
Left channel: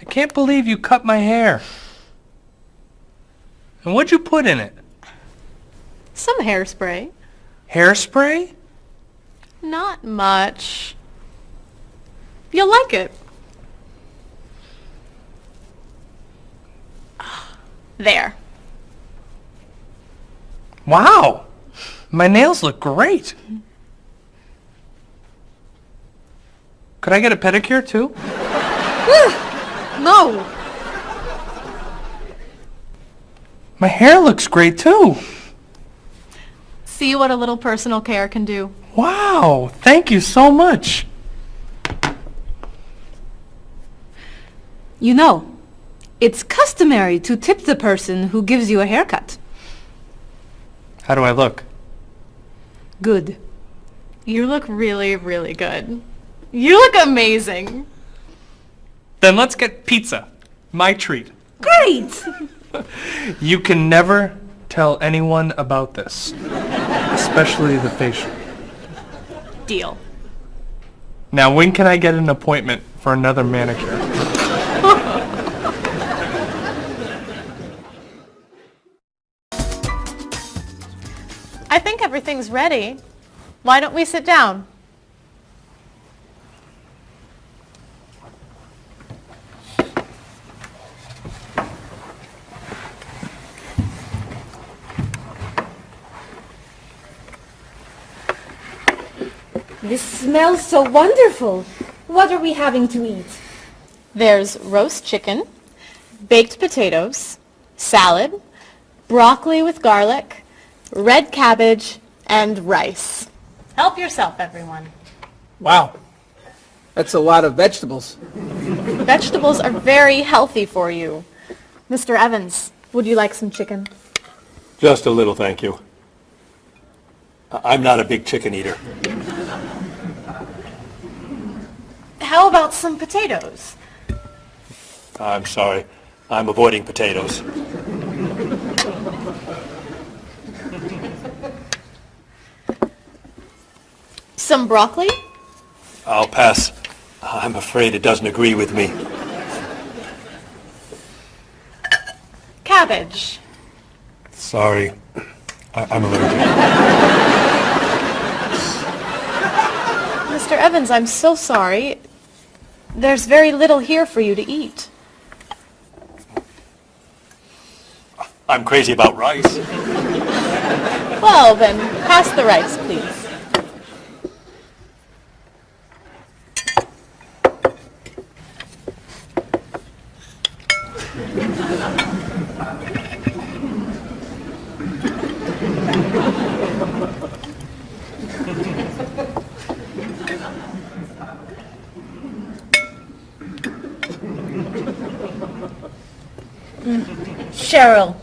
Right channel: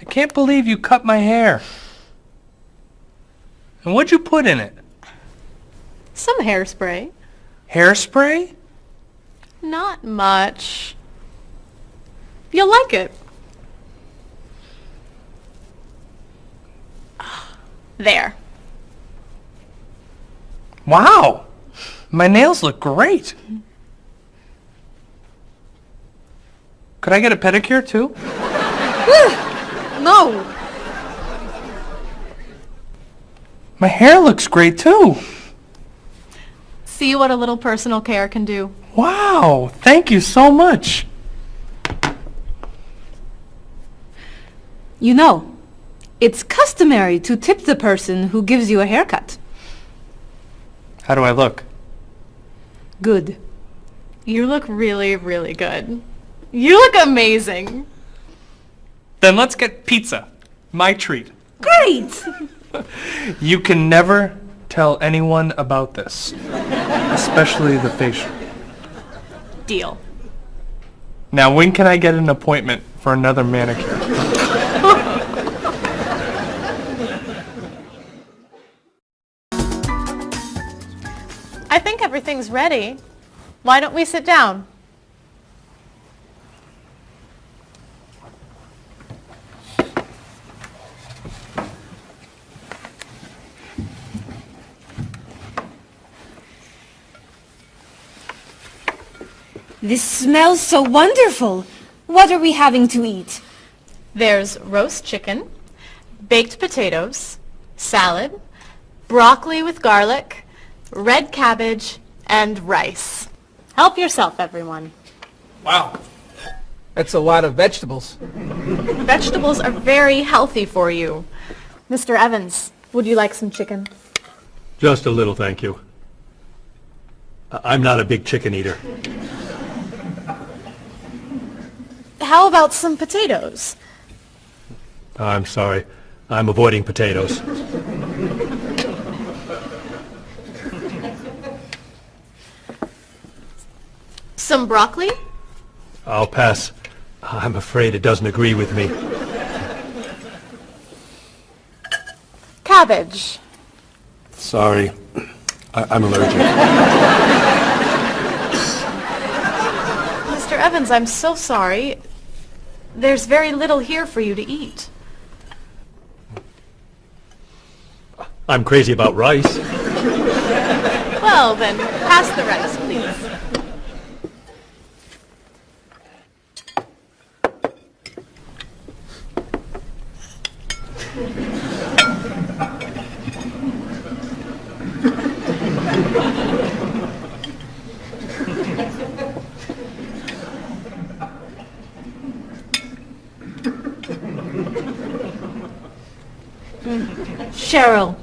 I can't believe you cut my hair. And what'd you put in it? Some hairspray. Hairspray? Not much. You'll like it. There. Wow! My nails look great. Could I get a pedicure too? No. My hair looks great too. See what a little personal care can do. Wow! Thank you so much. You know, it's customary to tip the person who gives you a haircut. How do I look? Good. You look really, really good. You look amazing. Then let's get pizza. My treat. Great! You can never tell anyone about this. Especially the facial. Deal. Now, when can I get an appointment for another manicure? I think everything's ready. Why don't we sit down? This smells so wonderful. What are we having to eat? There's roast chicken, baked potatoes, salad, broccoli with garlic, red cabbage, and rice. Help yourself, everyone. Wow. That's a lot of vegetables. Vegetables are very healthy for you. Mr. Evans, would you like some chicken? Just a little, thank you. I'm not a big chicken eater. How about some potatoes? I'm sorry. I'm avoiding potatoes. Some broccoli? I'll pass. I'm afraid it doesn't agree with me. Cabbage. Sorry. I'm allergic. Mr. Evans, I'm so sorry. There's very little here for you to eat. I'm crazy about rice. Well, then, pass the rice, please. Cheryl,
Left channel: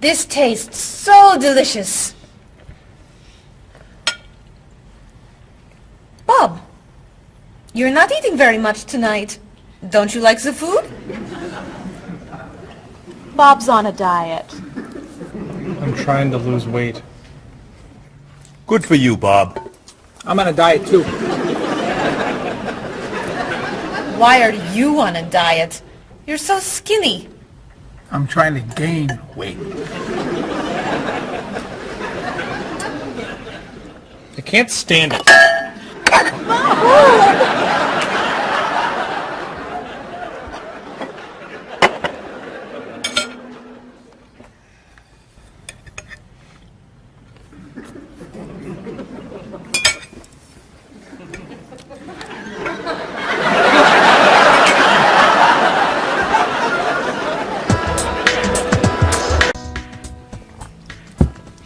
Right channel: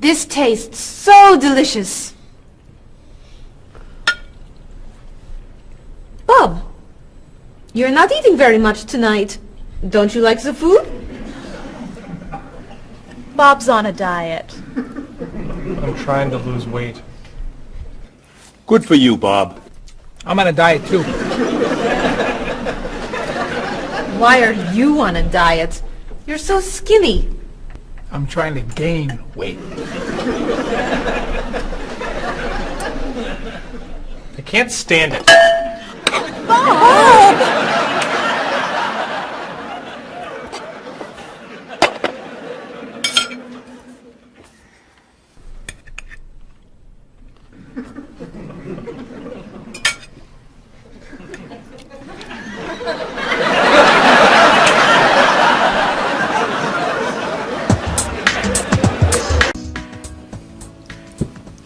this tastes so delicious. Bob, you're not eating very much tonight. Don't you like the food? Bob's on a diet. I'm trying to lose weight. Good for you, Bob. I'm on a diet too. Why are you on a diet? You're so skinny. I'm trying to gain weight. I can't stand it.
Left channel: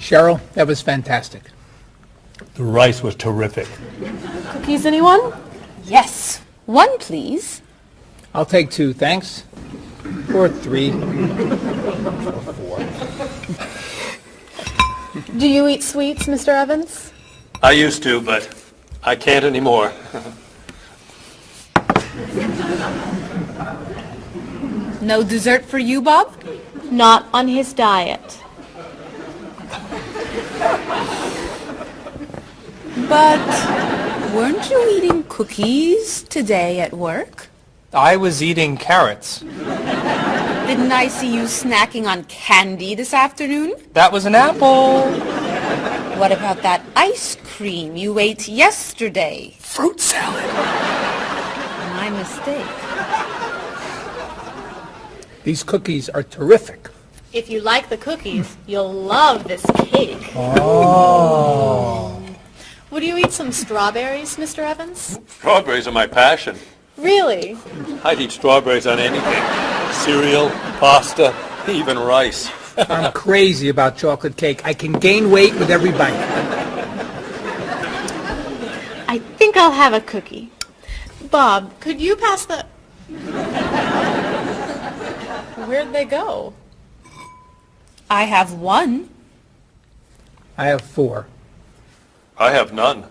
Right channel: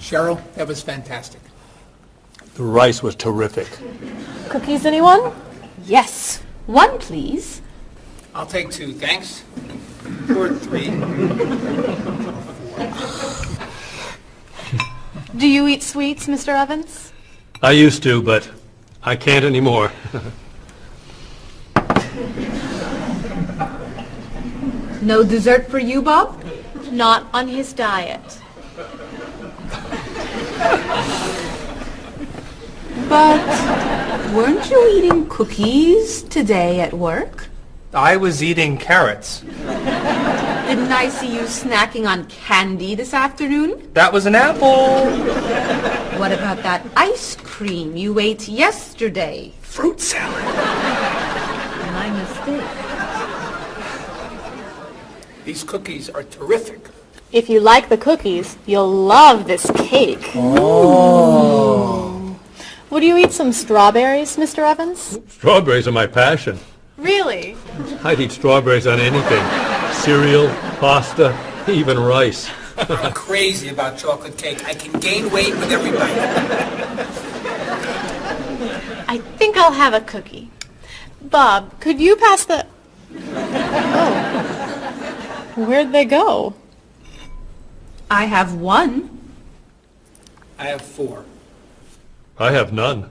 Cheryl, that was fantastic. The rice was terrific. Cookies, anyone? Yes. One, please. I'll take 2, thanks. Or 3. Do you eat sweets, Mr. Evans? I used to, but I can't anymore. No dessert for you, Bob? Not on his diet. But weren't you eating cookies today at work? I was eating carrots. Didn't I see you snacking on candy this afternoon? That was an apple. What about that ice cream you ate yesterday? Fruit salad. My mistake. These cookies are terrific. If you like the cookies, you'll love this cake. Oh. Would you eat some strawberries, Mr. Evans? Strawberries are my passion. Really? I'd eat strawberries on anything. Cereal, pasta, even rice. I'm crazy about chocolate cake. I can gain weight with every bite. I think I'll have a cookie. Bob, could you pass the... Oh. Where'd they go? I have 1. I have 4. I have none.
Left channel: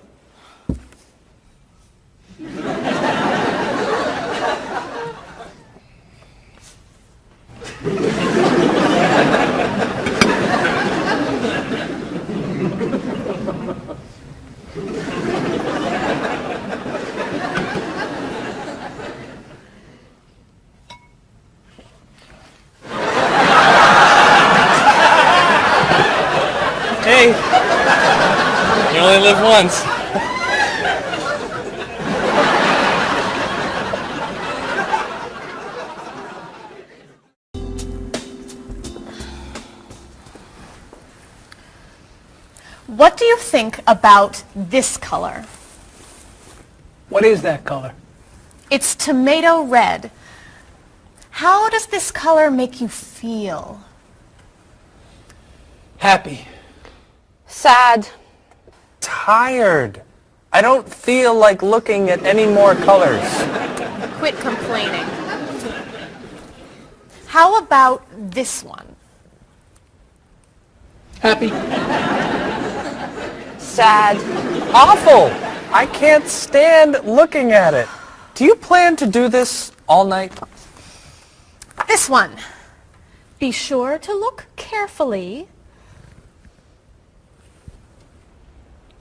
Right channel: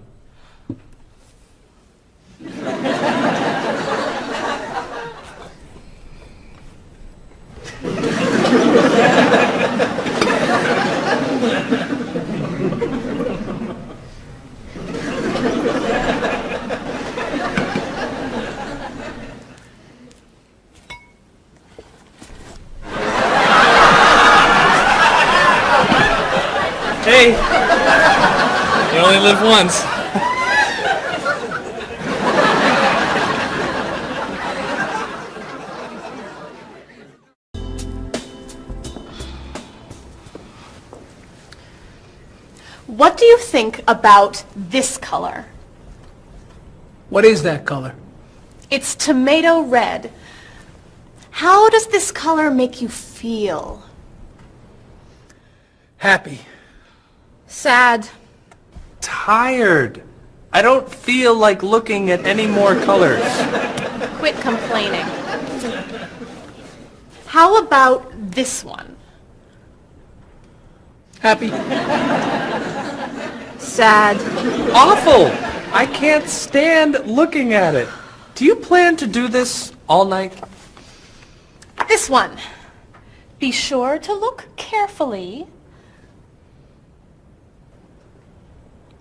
Hey, you only live once. What do you think about this color? What is that color? It's tomato red. How does this color make you feel? Happy. Sad. Tired. I don't feel like looking at any more colors. Quit complaining. How about this one? Happy. Sad. Awful. I can't stand looking at it. Do you plan to do this all night? This one. Be sure to look carefully.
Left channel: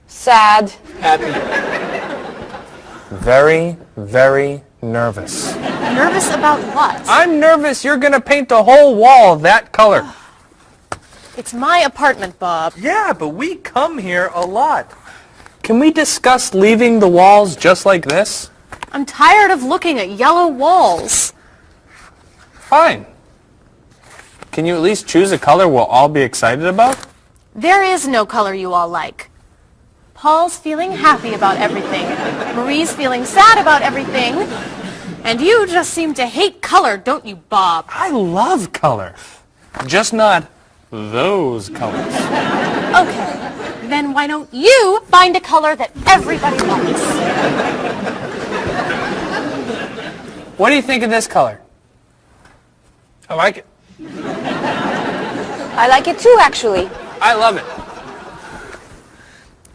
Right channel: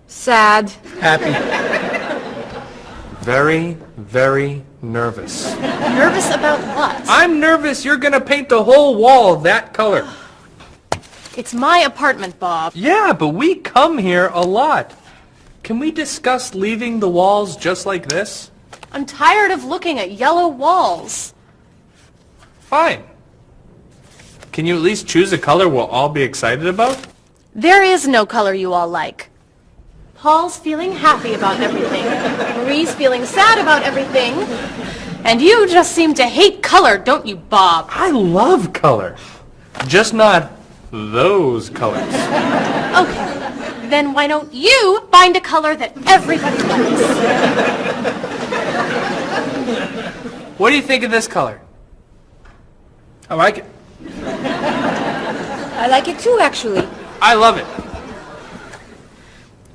Sad. Happy. Very, very nervous. Nervous about what? I'm nervous you're gonna paint the whole wall that color. It's my apartment, Bob. Yeah, but we come here a lot. Can we discuss leaving the walls just like this? I'm tired of looking at yellow walls. Fine. Can you at least choose a color we'll all be excited about? There is no color you all like. Paul's feeling happy about everything. Marie's feeling sad about everything. And you just seem to hate color, don't you, Bob? I love color. Just not those colors. Okay, then why don't you find a color that everybody likes? What do you think of this color? I like it. I like it too, actually. I love it.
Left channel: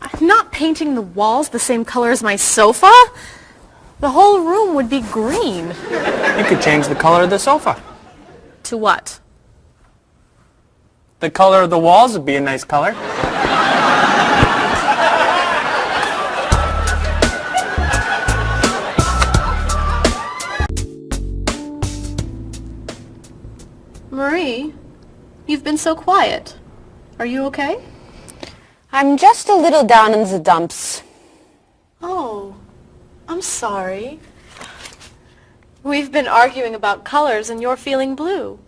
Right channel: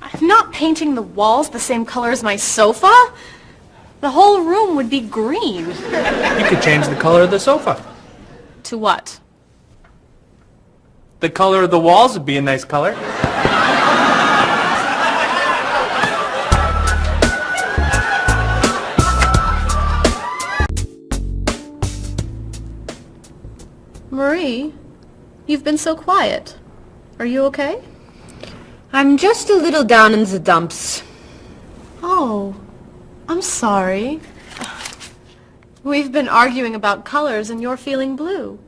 I'm not painting the walls the same color as my sofa. The whole room would be green. You could change the color of the sofa. To what? The color of the walls would be a nice color. Marie, you've been so quiet. Are you okay? I'm just a little down in the dumps. Oh, I'm sorry. We've been arguing about colors and you're feeling blue.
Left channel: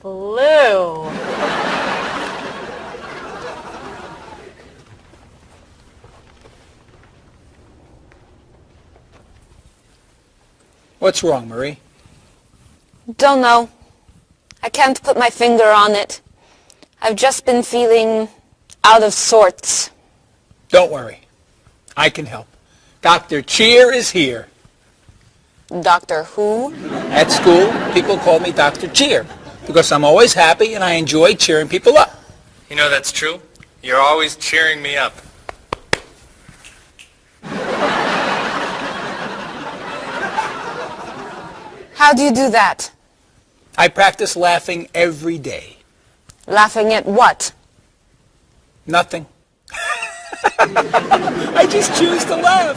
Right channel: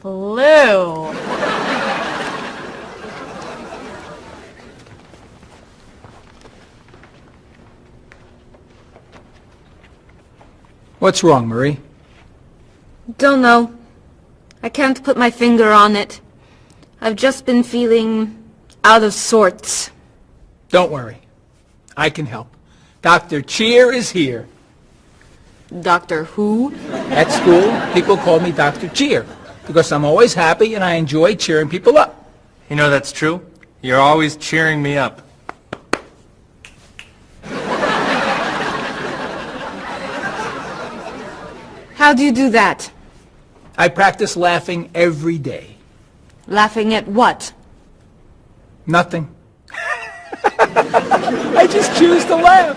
Blue. What's wrong, Marie? Don't know. I can't put my finger on it. I've just been feeling out of sorts. Don't worry. I can help. Dr. Cheer is here. Doctor who? At school, people call me Dr. Cheer because I'm always happy and I enjoy cheering people up. You know that's true. You're always cheering me up. How do you do that? I practice laughing every day. Laughing at what? Nothing. I just choose to laugh.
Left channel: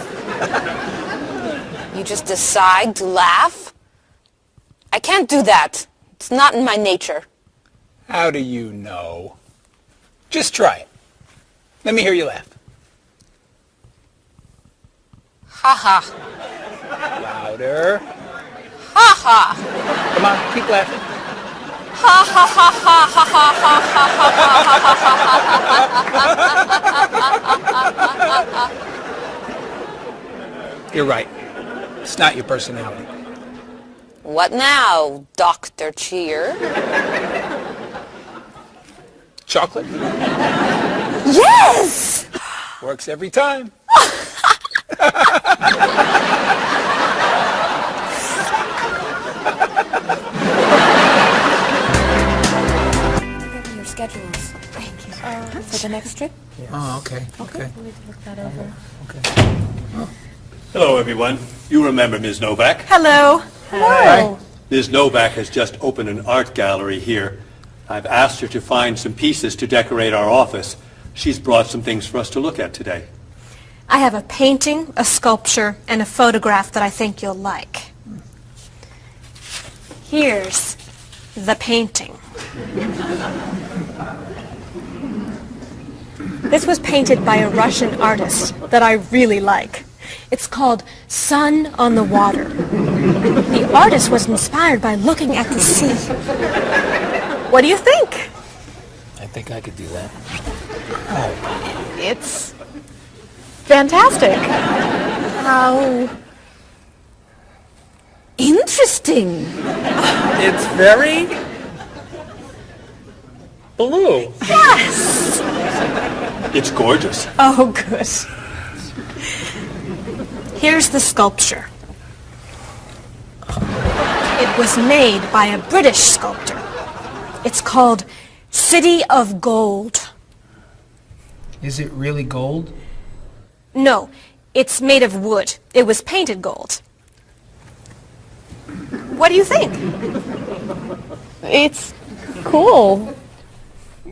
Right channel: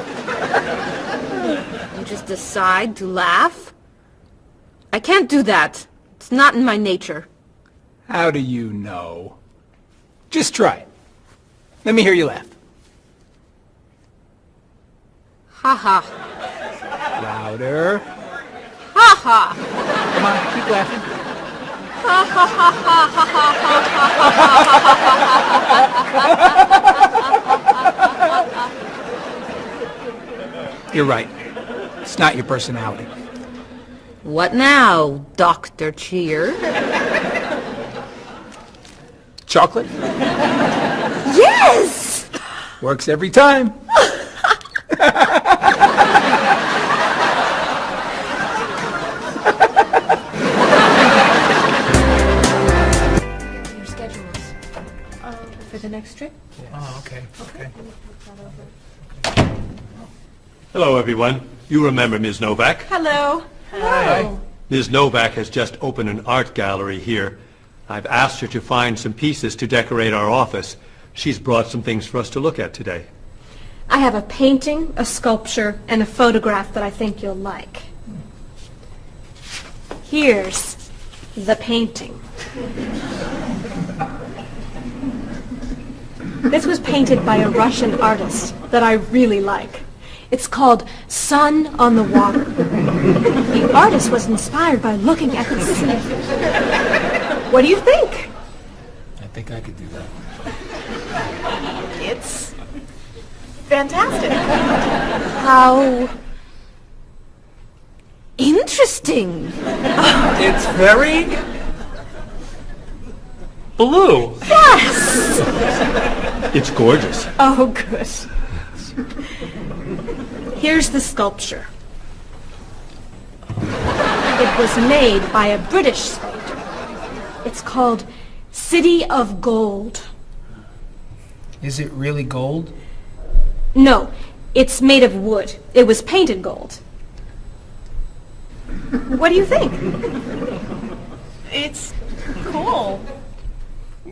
You just decide to laugh? I can't do that. It's not in my nature. How do you know? Just try it. Let me hear you laugh. Ha ha. Louder. Ha ha. Come on, keep laughing. Ha ha ha ha ha ha ha. You're right. It's not your personality. What now, Dr. Cheer? Chocolate? Yes! Works every time. Your schedules. For the next trip? Oh, okay. Okay. Look that over. Hello, everyone. You remember Ms. Novak? Hello. Hi. Ms. Novak has just opened an art gallery here. I've asked her to find some pieces to decorate our office. She's brought some things for us to look at today. I have a painting, a sculpture, and a photograph that I think you'll like. Here's the painting. This was painted by a Russian artist that I really like. It's called Sun on the Water. The artist was inspired by looking at the sea. What do you think? I think I could do that. It's fantastic. How interesting. It's very blue. Yes! It's gorgeous. Oh, good. Here's the sculpture. It was made by a British sculptor. It's called City of Gold. Is it really gold? No, it's made of wood. It was painted gold. What do you think? It's cool.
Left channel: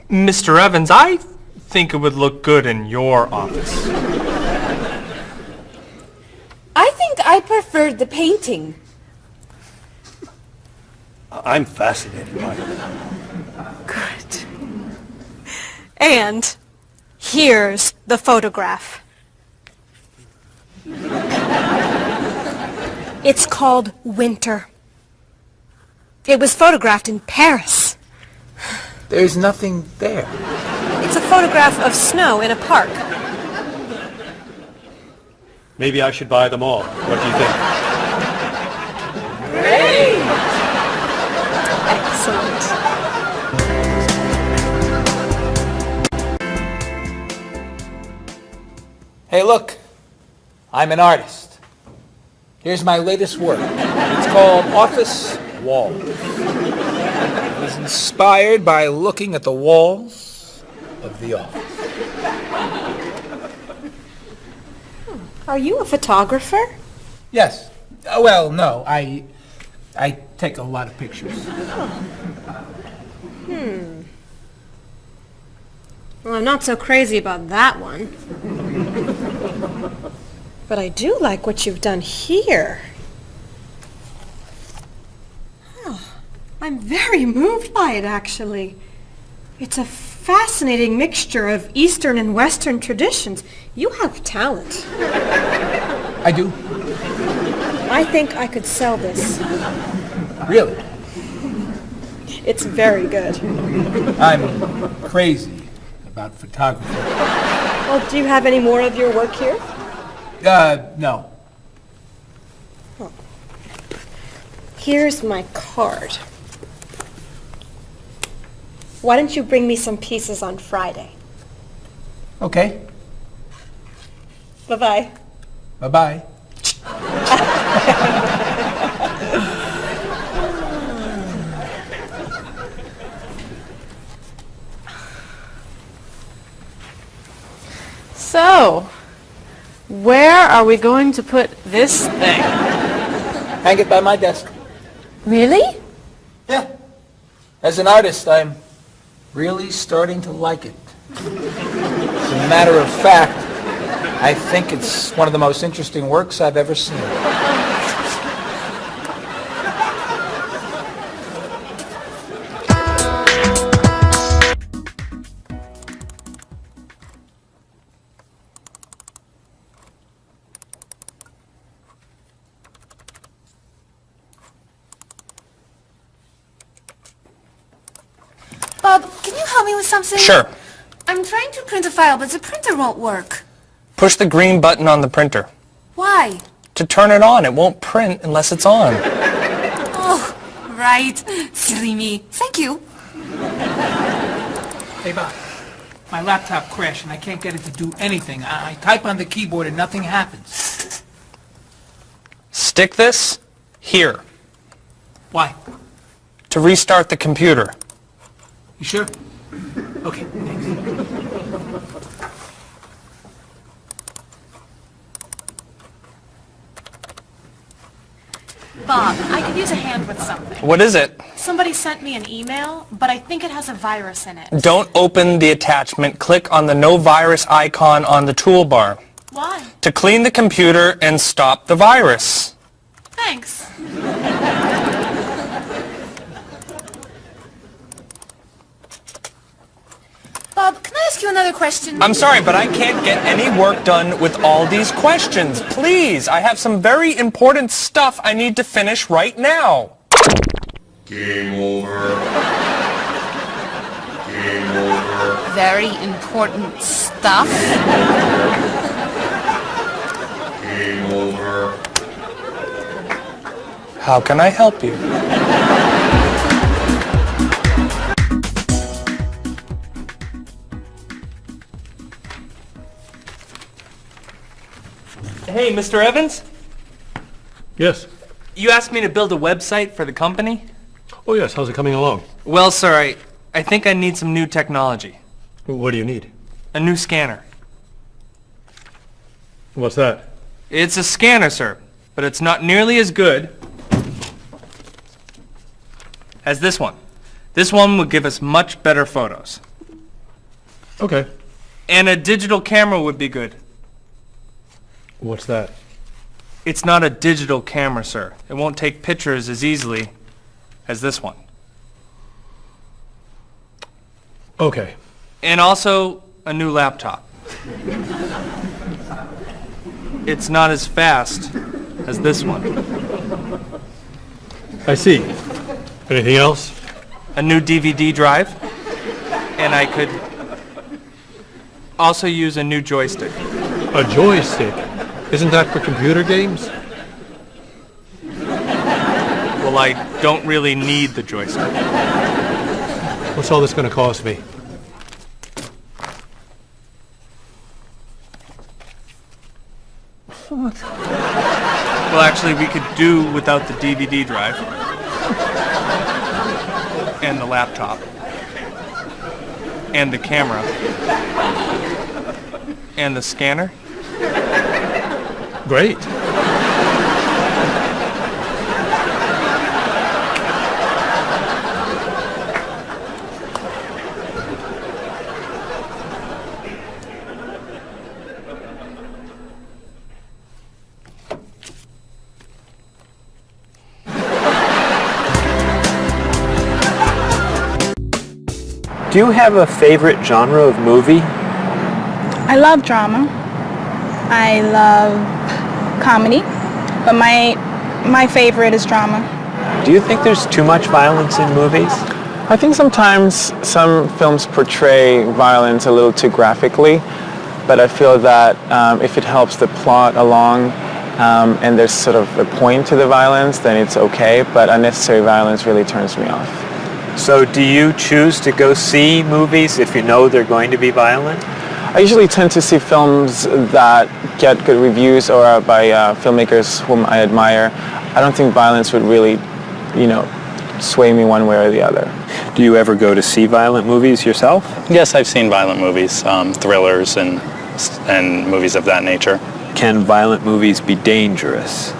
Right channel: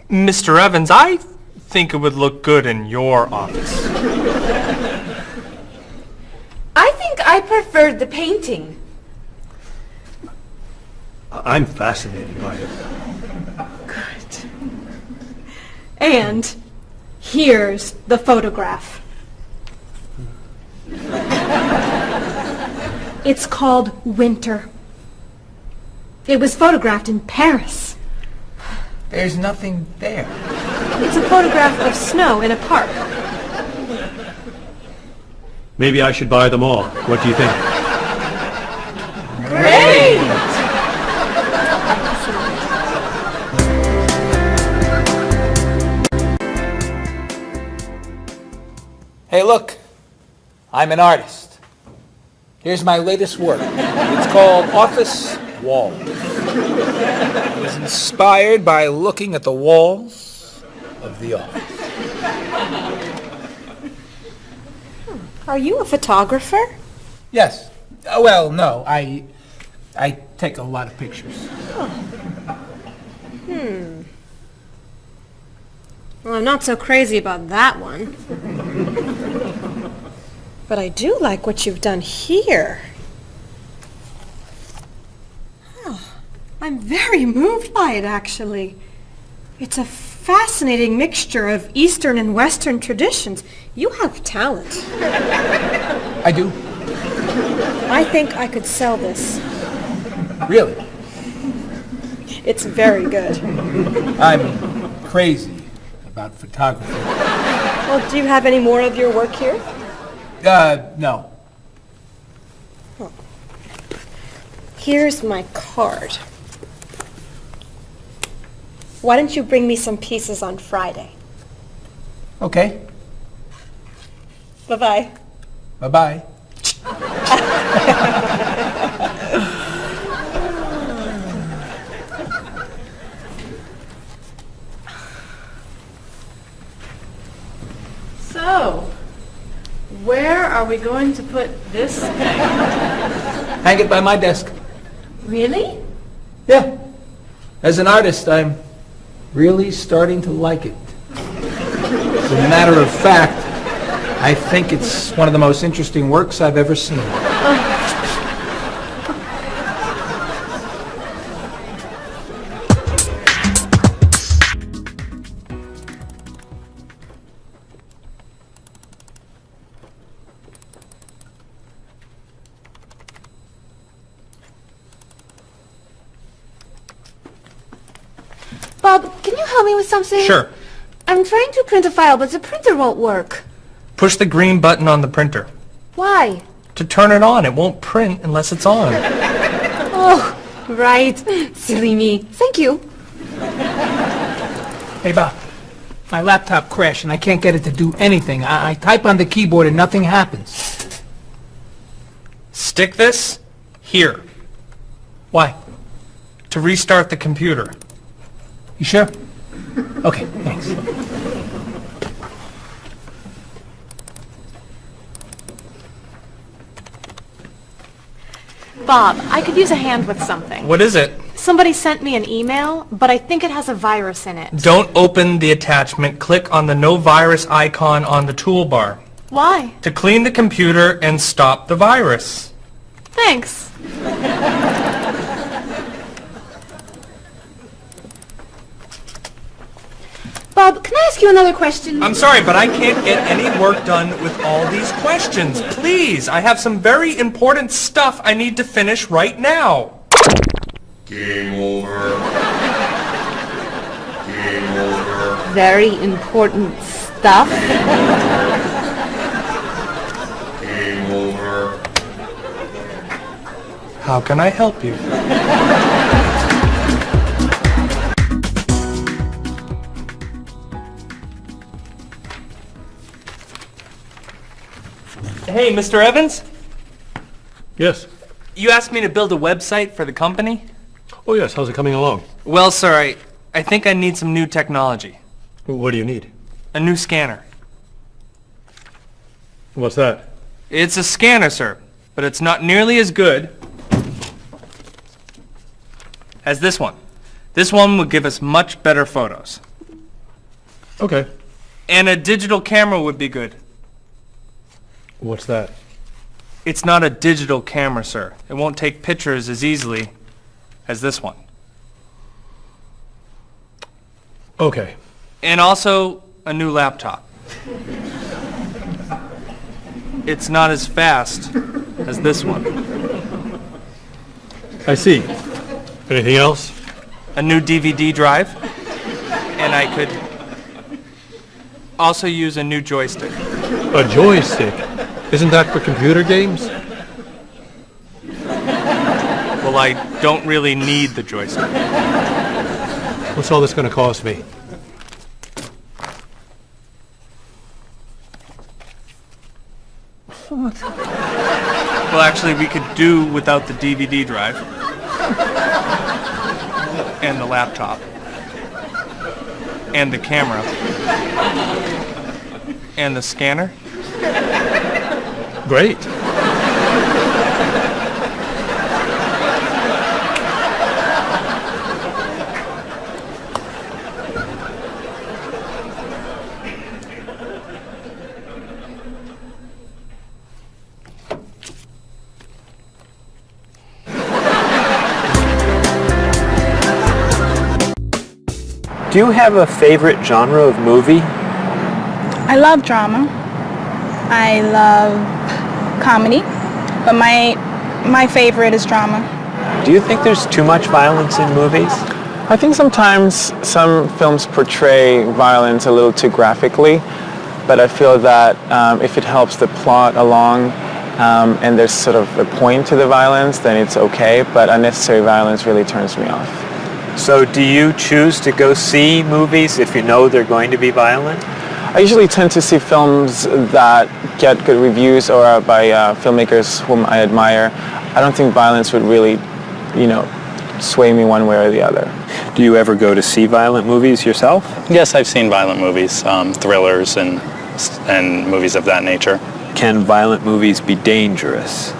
Mr. Evans, I think it would look good in your office. I think I prefer the painting. I'm fascinated by it. Good. And here's the photograph. It's called Winter. It was photographed in Paris. There's nothing there. It's a photograph of snow in a park. Maybe I should buy them all. What do you think? Great! Hey, look. I'm an artist. Here's my latest work. It's called Office Walls. It was inspired by looking at the walls of the office. Are you a photographer? Yes. Well, no. I take a lot of pictures. Well, I'm not so crazy about that one. But I do like what you've done here. Oh, I'm very moved by it, actually. It's a fascinating mixture of Eastern and Western traditions. You have talent. I do. I think I could sell this. Really? It's very good. I'm crazy about photography. Well, do you have any more of your work here? No. Here's my card. Why don't you bring me some pieces on Friday? Okay. Bye-bye. Bye-bye. So, where are we going to put this thing? Hang it by my desk. Really? Yeah. As an artist, I'm really starting to like it. As a matter of fact, I think it's one of the most interesting works I've ever seen. Bob, can you help me with something? Sure. I'm trying to print a file, but the printer won't work. Push the green button on the printer. Why? To turn it on. It won't print unless it's on. Oh, right. Silly me. Thank you. Hey, Bob. My laptop crashed and I can't get it to do anything. I type on the keyboard and nothing happens. Stick this here. Why? To restart the computer. You sure? Okay, thanks. Bob, I could use a hand with something. What is it? Somebody sent me an email, but I think it has a virus in it. Don't open the attachment. Click on the no virus icon on the toolbar. Why? To clean the computer and stop the virus. Thanks. Bob, can I ask you another question? I'm sorry, but I can't get any work done with all these questions. Please, I have some very important stuff I need to finish right now. Game over. Game over. Very important stuff. Game over. How can I help you? Hey, Mr. Evans? Yes. You asked me to build a website for the company? Oh, yes. How's it coming along? Well, sir, I think I need some new technology. What do you need? A new scanner. What's that? It's a scanner, sir, but it's not nearly as good as this one. This one will give us much better photos. Okay. And a digital camera would be good. What's that? It's not a digital camera, sir. It won't take pictures as easily as this one. Okay. And also a new laptop. It's not as fast as this one. I see. Anything else? A new DVD drive. And I could also use a new joystick. A joystick? Isn't that for computer games? Well, I don't really need the joystick. What's all this going to cost me? What? Well, actually, we could do without the DVD drive. And the laptop. And the camera. And the scanner. Great. Do you have a favorite genre of movie? I love drama. I love comedy, but my favorite is drama. Do you think there's too much violence in movies? I think sometimes some films portray violence a little too graphically, but I feel that if it helps the plot along and there's sort of a point to the violence, then it's okay, but unnecessary violence really turns me off. So do you choose to go see movies if you know they're going to be violent? I usually tend to see films that get good reviews or are by filmmakers whom I admire. I don't think violence would really, sway me one way or the other. Do you ever go to see violent movies yourself? Yes, I've seen violent movies, thrillers and movies of that nature. Can violent movies be dangerous?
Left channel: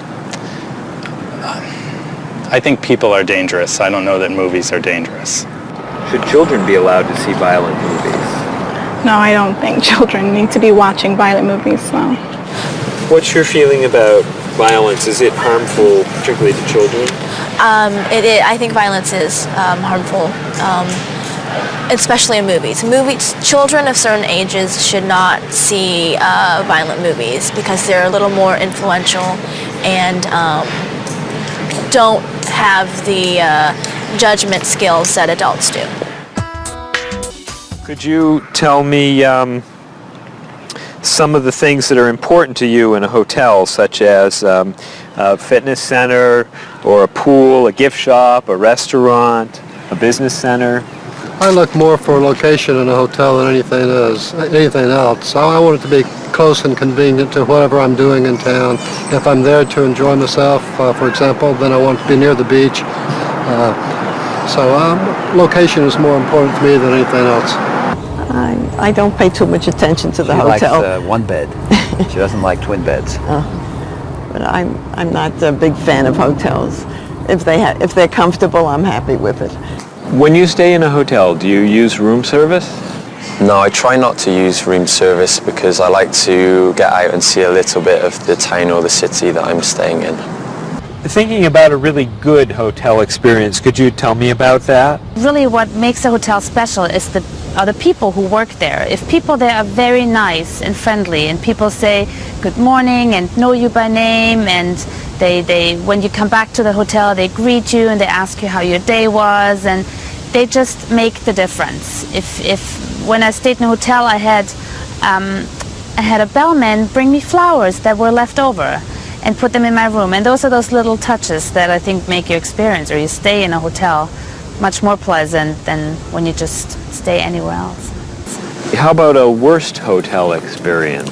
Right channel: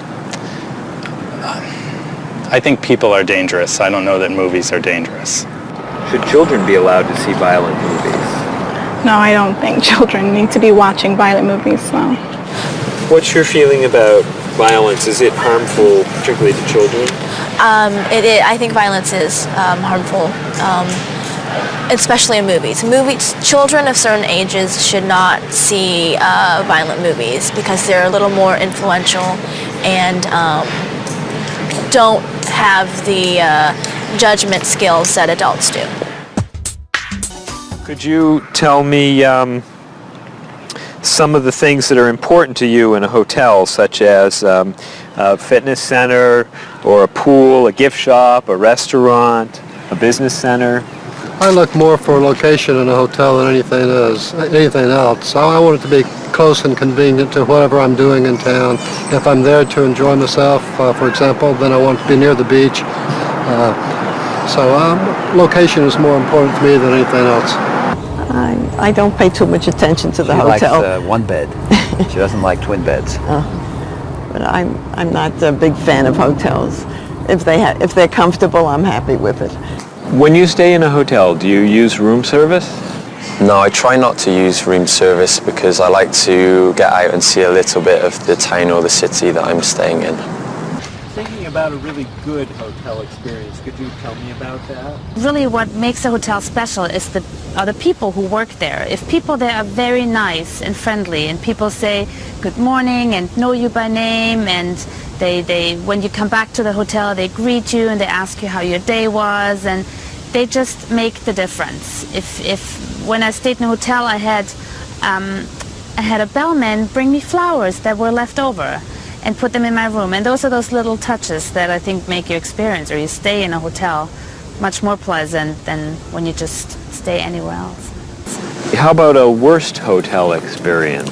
I think people are dangerous. I don't know that movies are dangerous. Should children be allowed to see violent movies? No, I don't think children need to be watching violent movies, no. What's your feeling about violence? Is it harmful, particularly to children? I think violence is harmful, especially in movies. Children of certain ages should not see violent movies because they're a little more influential and don't have the judgment skills that adults do. Could you tell me some of the things that are important to you in a hotel, such as a fitness center or a pool, a gift shop, a restaurant, a business center? I look more for location in a hotel than anything else. I want it to be close and convenient to whatever I'm doing in town. If I'm there to enjoy myself, for example, then I want to be near the beach. So location is more important to me than anything else. I don't pay too much attention to the she hotel. Likes one bed. She doesn't like twin beds. But I'm not a big fan of hotels. If they're comfortable, I'm happy with it. When you stay in a hotel, do you use room service? No, I try not to use room service because I like to get out and see a little bit of the town or the city that I'm staying in. Thinking about a really good hotel experience, could you tell me about that? Really what makes a hotel special is are the people who work there. If people there are very nice and friendly and people say good morning and know you by name, and they when you come back to the hotel they greet you and they ask you how your day was, and they just make the difference. If when I stayed in a hotel I had a bellman bring me flowers that were left over and put them in my room, and those are those little touches that I think make your experience or you stay in a hotel much more pleasant than when you just stay anywhere else. How about a worst hotel experience?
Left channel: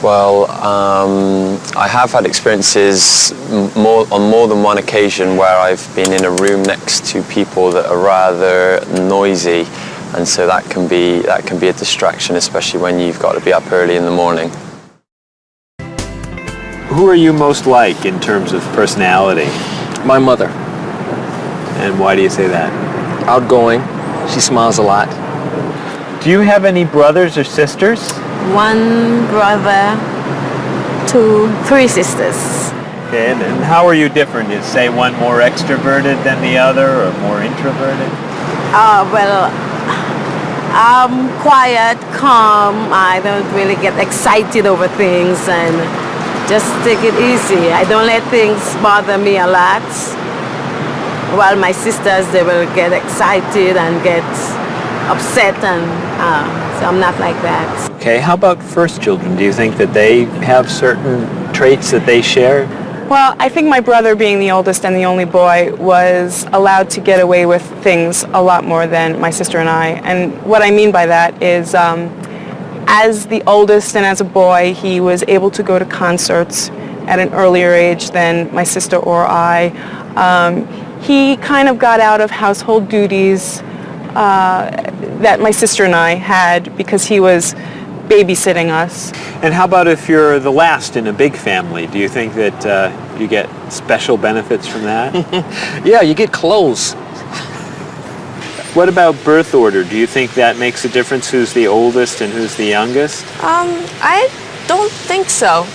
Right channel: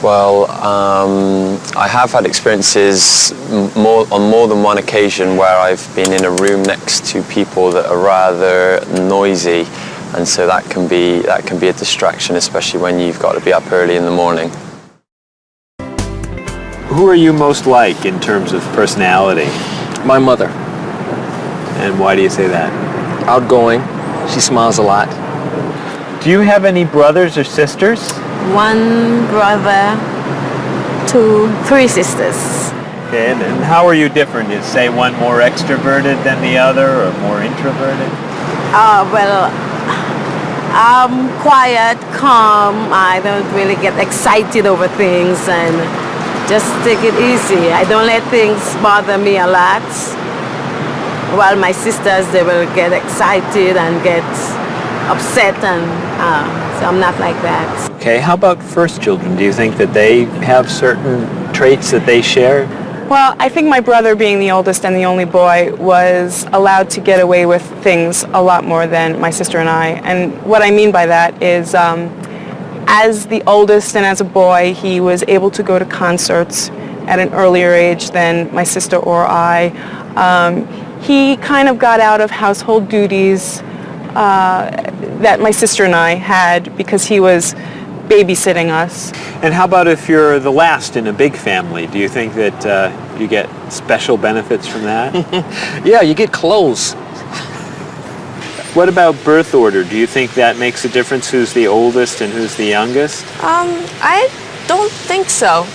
Well, I have had experiences on more than one occasion where I've been in a room next to people that are rather noisy, and so that can be a distraction, especially when you've got to be up early in the morning. Who are you most like in terms of personality? My mother. And why do you say that? Outgoing. She smiles a lot. Do you have any brothers or sisters? One brother, 3 sisters. Okay, and how are you different? Is, say, one more extroverted than the other or more introverted? Well, I'm quiet, calm. I don't really get excited over things and just take it easy. I don't let things bother me a lot. While my sisters, they will get excited and get upset, and so I'm not like that. Okay, how about first children? Do you think that they have certain traits that they share? Well, I think my brother, being the oldest and the only boy, was allowed to get away with things a lot more than my sister and I. And what I mean by that is, as the oldest and as a boy, he was able to go to concerts at an earlier age than my sister or I. He kind of got out of household duties that my sister and I had because he was babysitting us. And how about if you're the last in a big family? Do you think that you get special benefits from that? Yeah, you get clothes. What about birth order? Do you think that makes a difference who's the oldest and who's the youngest? I don't think so.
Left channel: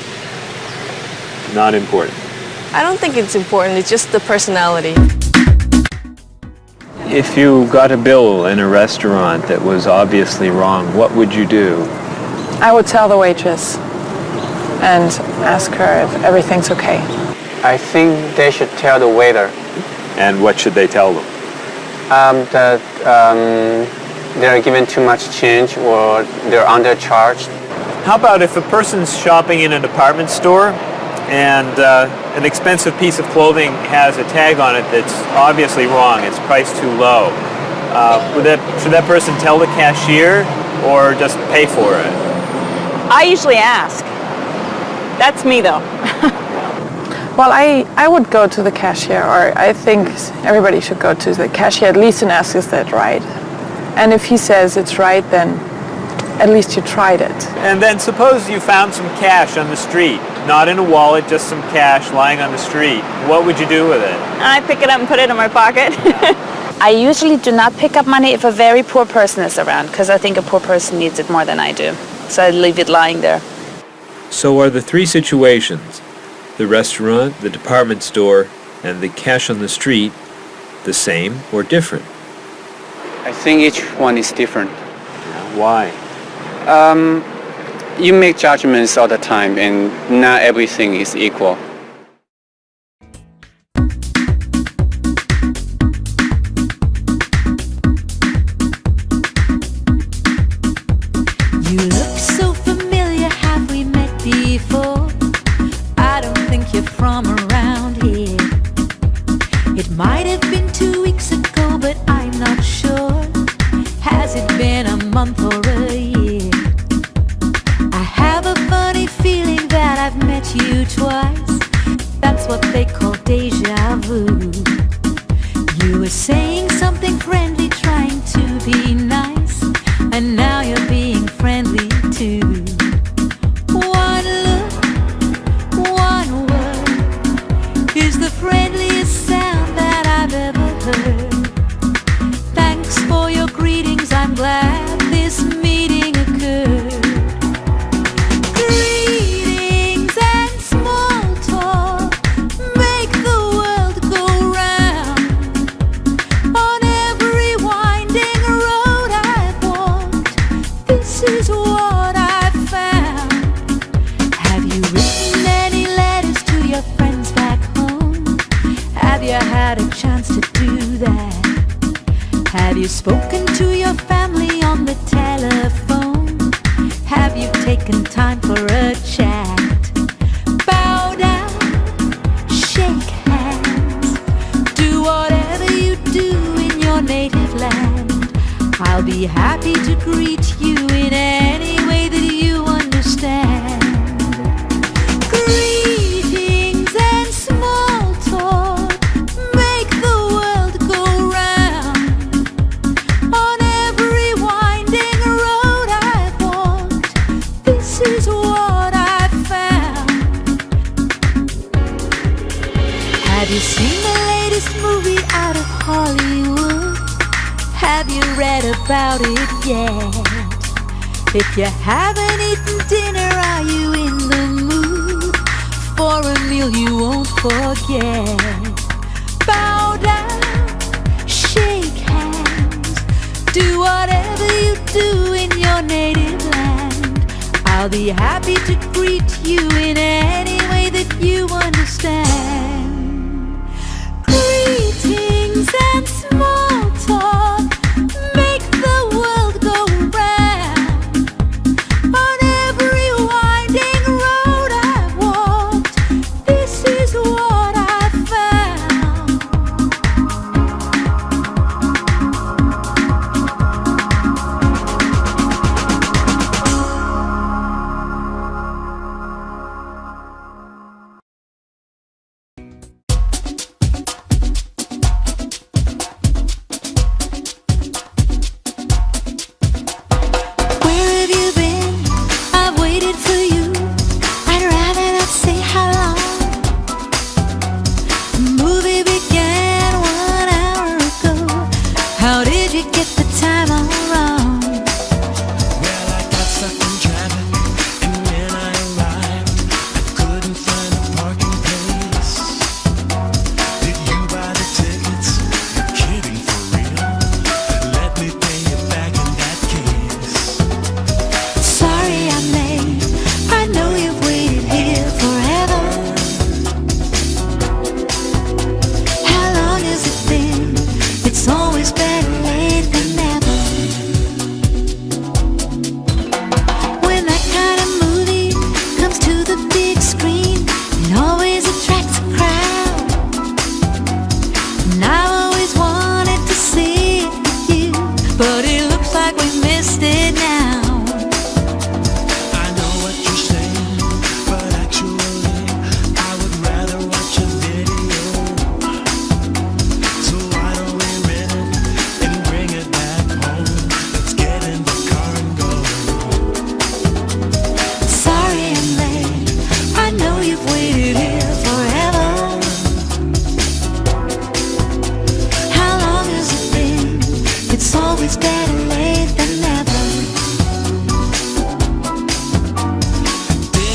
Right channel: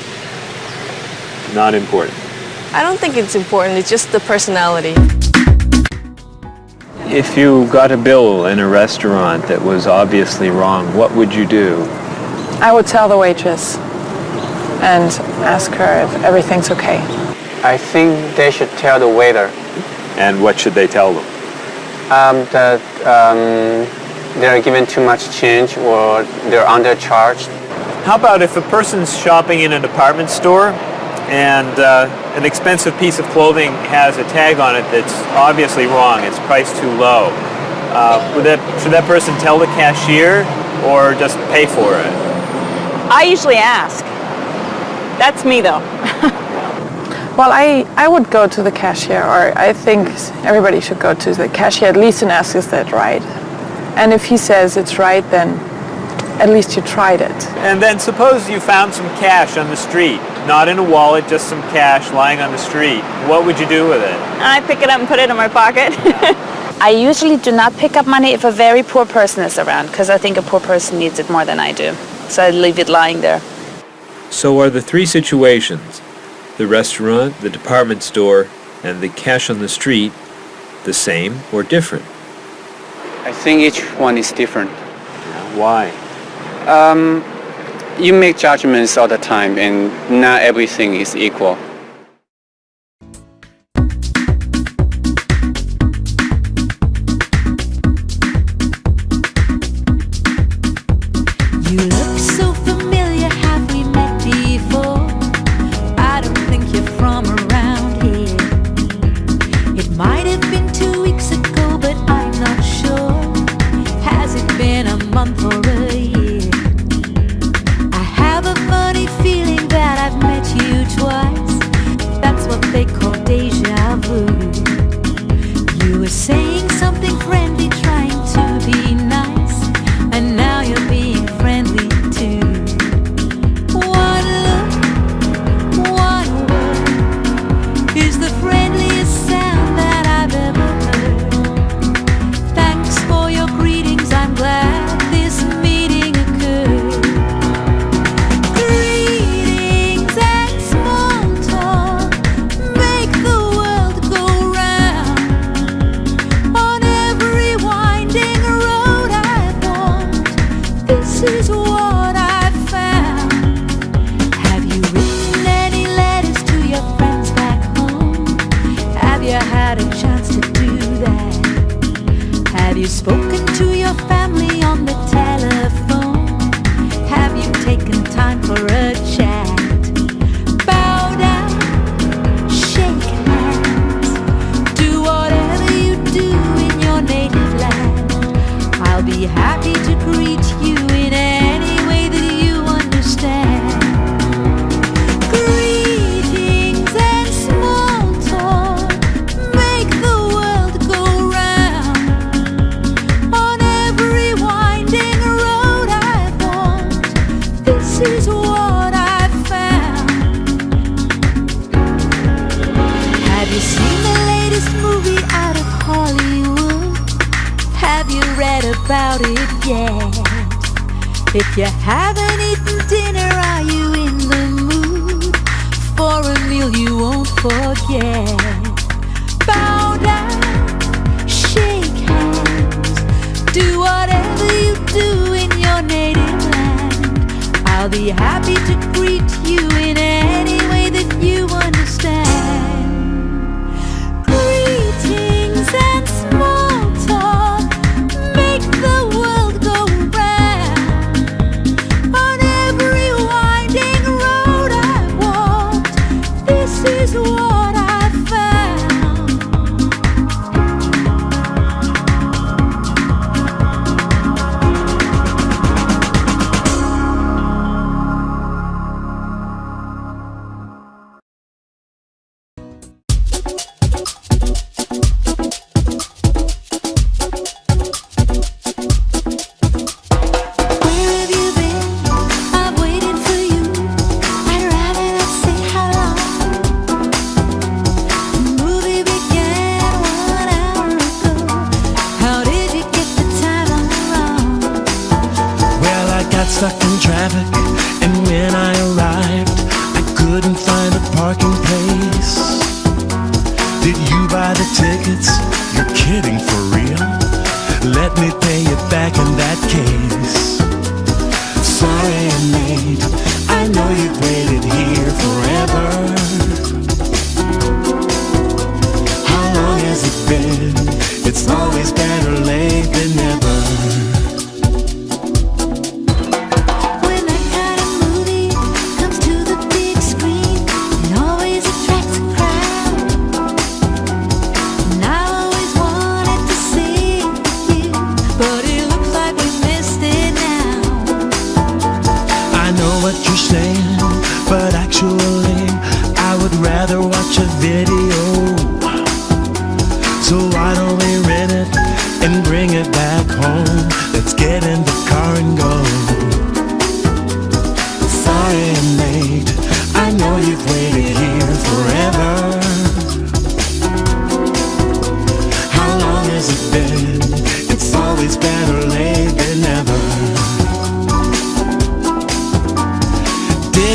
Not important. I don't think it's important. It's just the personality. If you got a bill in a restaurant that was obviously wrong, what would you do? I would tell the waitress and ask her if everything's okay. I think they should tell the waiter. And what should they tell them? That they're given too much change or they're undercharged. How about if a person's shopping in a department store and an expensive piece of clothing has a tag on it that's obviously wrong, it's priced too low. Should that person tell the cashier or just pay for it? I usually ask. That's me though. Well, I would go to the cashier, or I think everybody should go to the cashier at least and ask, is that right? And if he says it's right, then at least you tried it. And then suppose you found some cash on the street, not in a wallet, just some cash lying on the street. What would you do with it? I pick it up and put it in my pocket. I usually do not pick up money if a very poor person is around, because I think a poor person needs it more than I do. So I leave it lying there. So are the three situations, the restaurant, the department store, and the cash on the street, the same or different? I think each one is different. Why? You make judgments all the time, and not everything is equal. You look so familiar, have we met before? I don't think you're from around here. It might have been 2 weeks ago, but I'm not sure. Has it been a month or a year? I have a funny feeling that I've met you twice. That's what they call deja vu. You were saying something friendly, trying to be nice, and now you're being friendly too. One look, one word is the friendliest sound that I've ever heard. Thanks for your greetings, I'm glad this meeting occurred. Greetings and small talk make the world go round. On every winding road I've walked, this is what I've found. Have you written any letters to your friends back home? Have you had a chance to do that? Have you spoken to your family on the telephone? Have you taken time for a chat? Bow down, shake hands, do whatever you do in your native land. I'll be happy to greet you in any way that you understand. Greetings and small talk make the world go round. On every winding road I've walked, this is what I've found. Have you seen the latest movie out of Hollywood? Have you read about it yet? If you haven't eaten dinner, are you in the mood for a meal you won't forget? Bow down, shake hands, do whatever you do in your native land. I'll be happy to greet you in any way that you understand. Greetings and small talk make the world go round. On every winding road I've walked, this is what I've found.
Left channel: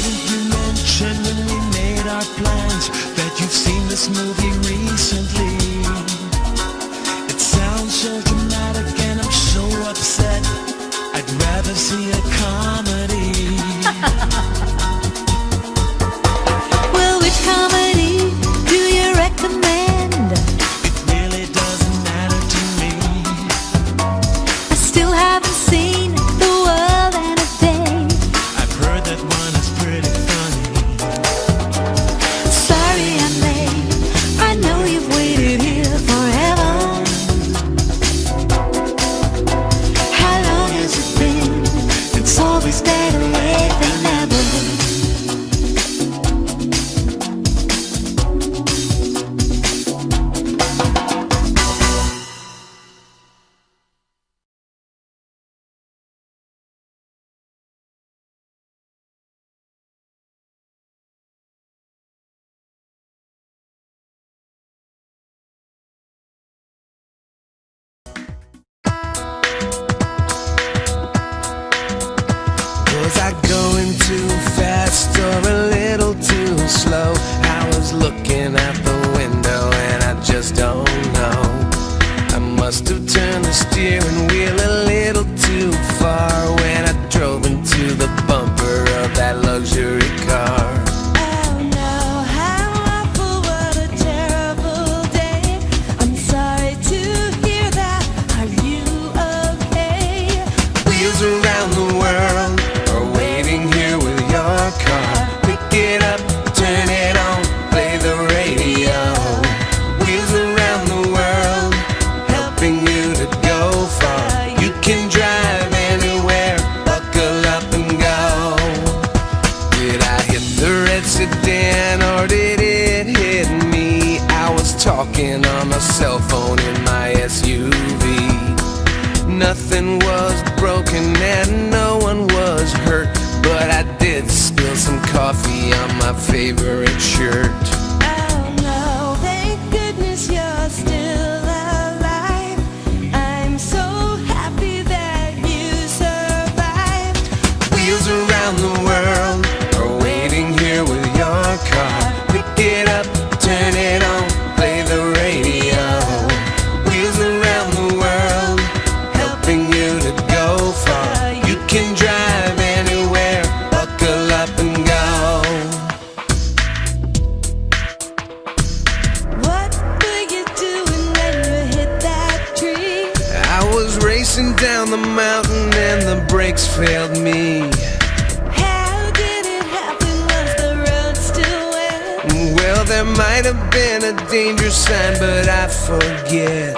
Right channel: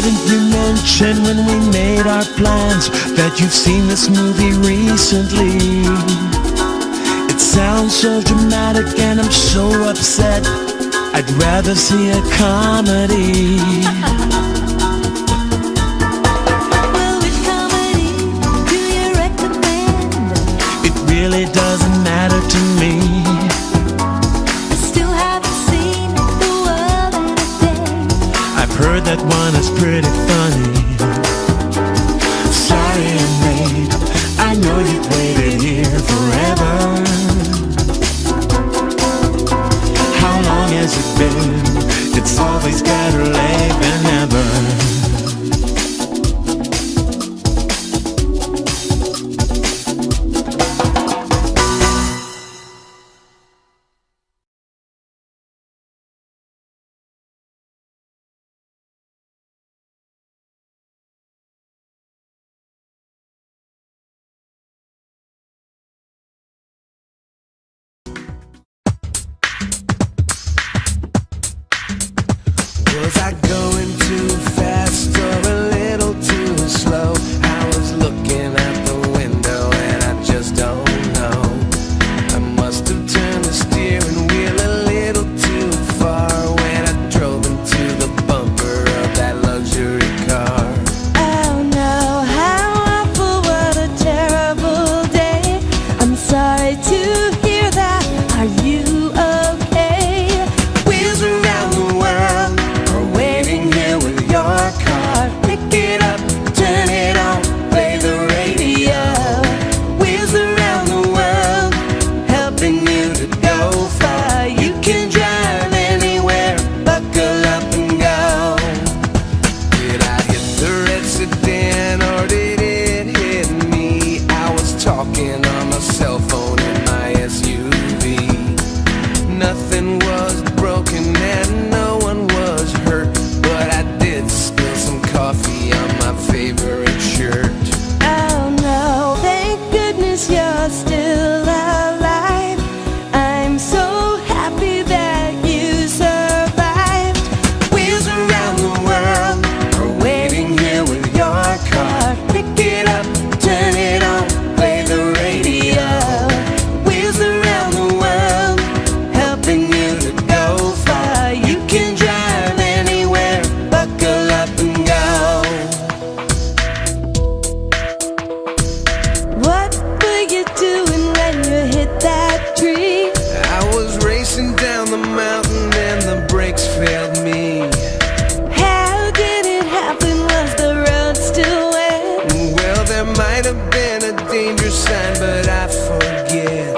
didn't you mention when we made our plans that you've seen this movie recently? It sounds so dramatic and I'm so upset. I'd rather see a comedy. Well, which comedy do you recommend? It really doesn't matter to me. I still haven't seen The World in a Day. I've heard that one is pretty funny. Sorry I'm late, I know you've waited here forever. How long has it been? It's always better late than never. Was I going too fast or a little too slow? I was looking out the window and I just don't know. I must have turned the steering wheel a little too far when I drove into the bumper of that luxury car. Oh no, how awful, what a terrible day. I'm sorry to hear that. Are you okay? Wheels around the world are waiting here with your car. Pick it up, turn it on, play the radio. Wheels around the world, helping you to go far. You can drive anywhere, buckle up and go. Did I hit the red sedan or did it hit me? I was talking on my cell phone in my SUV. Nothing was broken and no one was hurt, but I did spill some coffee on my favorite shirt. Oh no, thank goodness you're still alive. I'm so happy that you survived. Wheels around the world are waiting here with your car. Pick it up, turn it on, play the radio. Wheels around the world, helping you to go far. You can drive anywhere, buckle up and go. What were you doing when you hit that tree? I was racing down the mountain and the brakes failed me. How did it happen? Was the road still wet? Well, there might have been a danger sign, but I forget.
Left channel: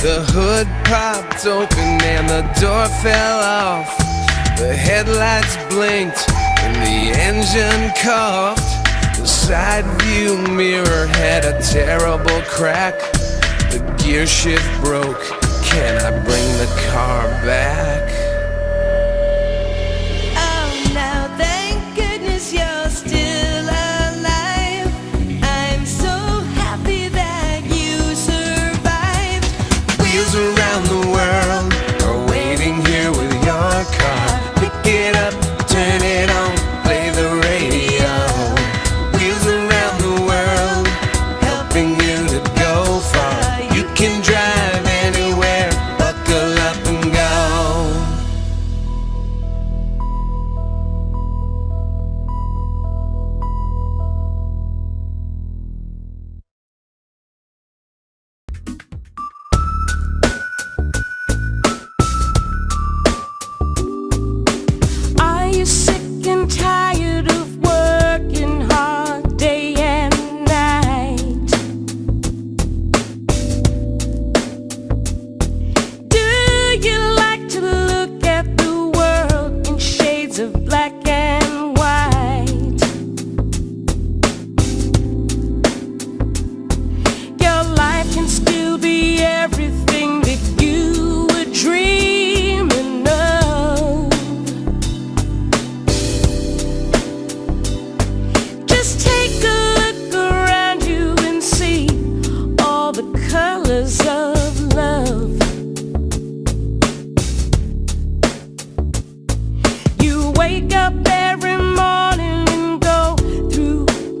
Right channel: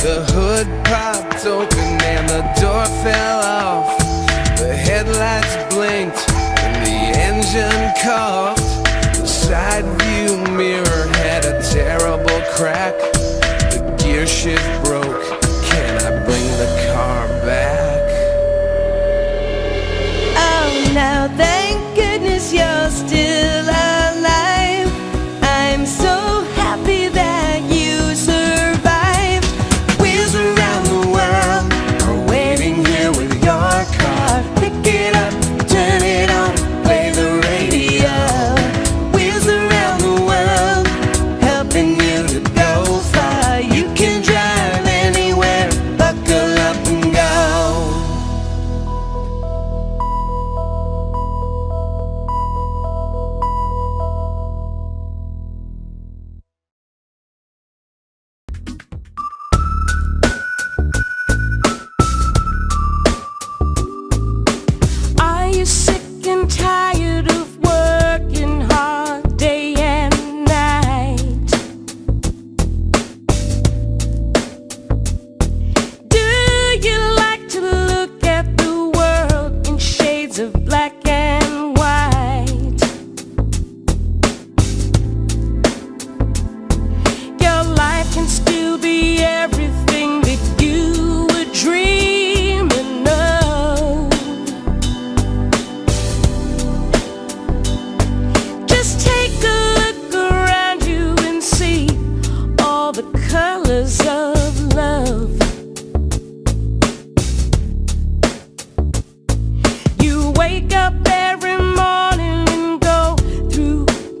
The hood popped open and the door fell off. The headlights blinked and the engine coughed. The side view mirror had a terrible crack. The gear shift broke. Can I bring the car back? Oh no, thank goodness you're still alive. I'm so happy that you survived. Wheels around the world are waiting here with your car. Pick it up, turn it on, play the radio. Wheels around the world, helping you to go far. You can drive anywhere, buckle up and go.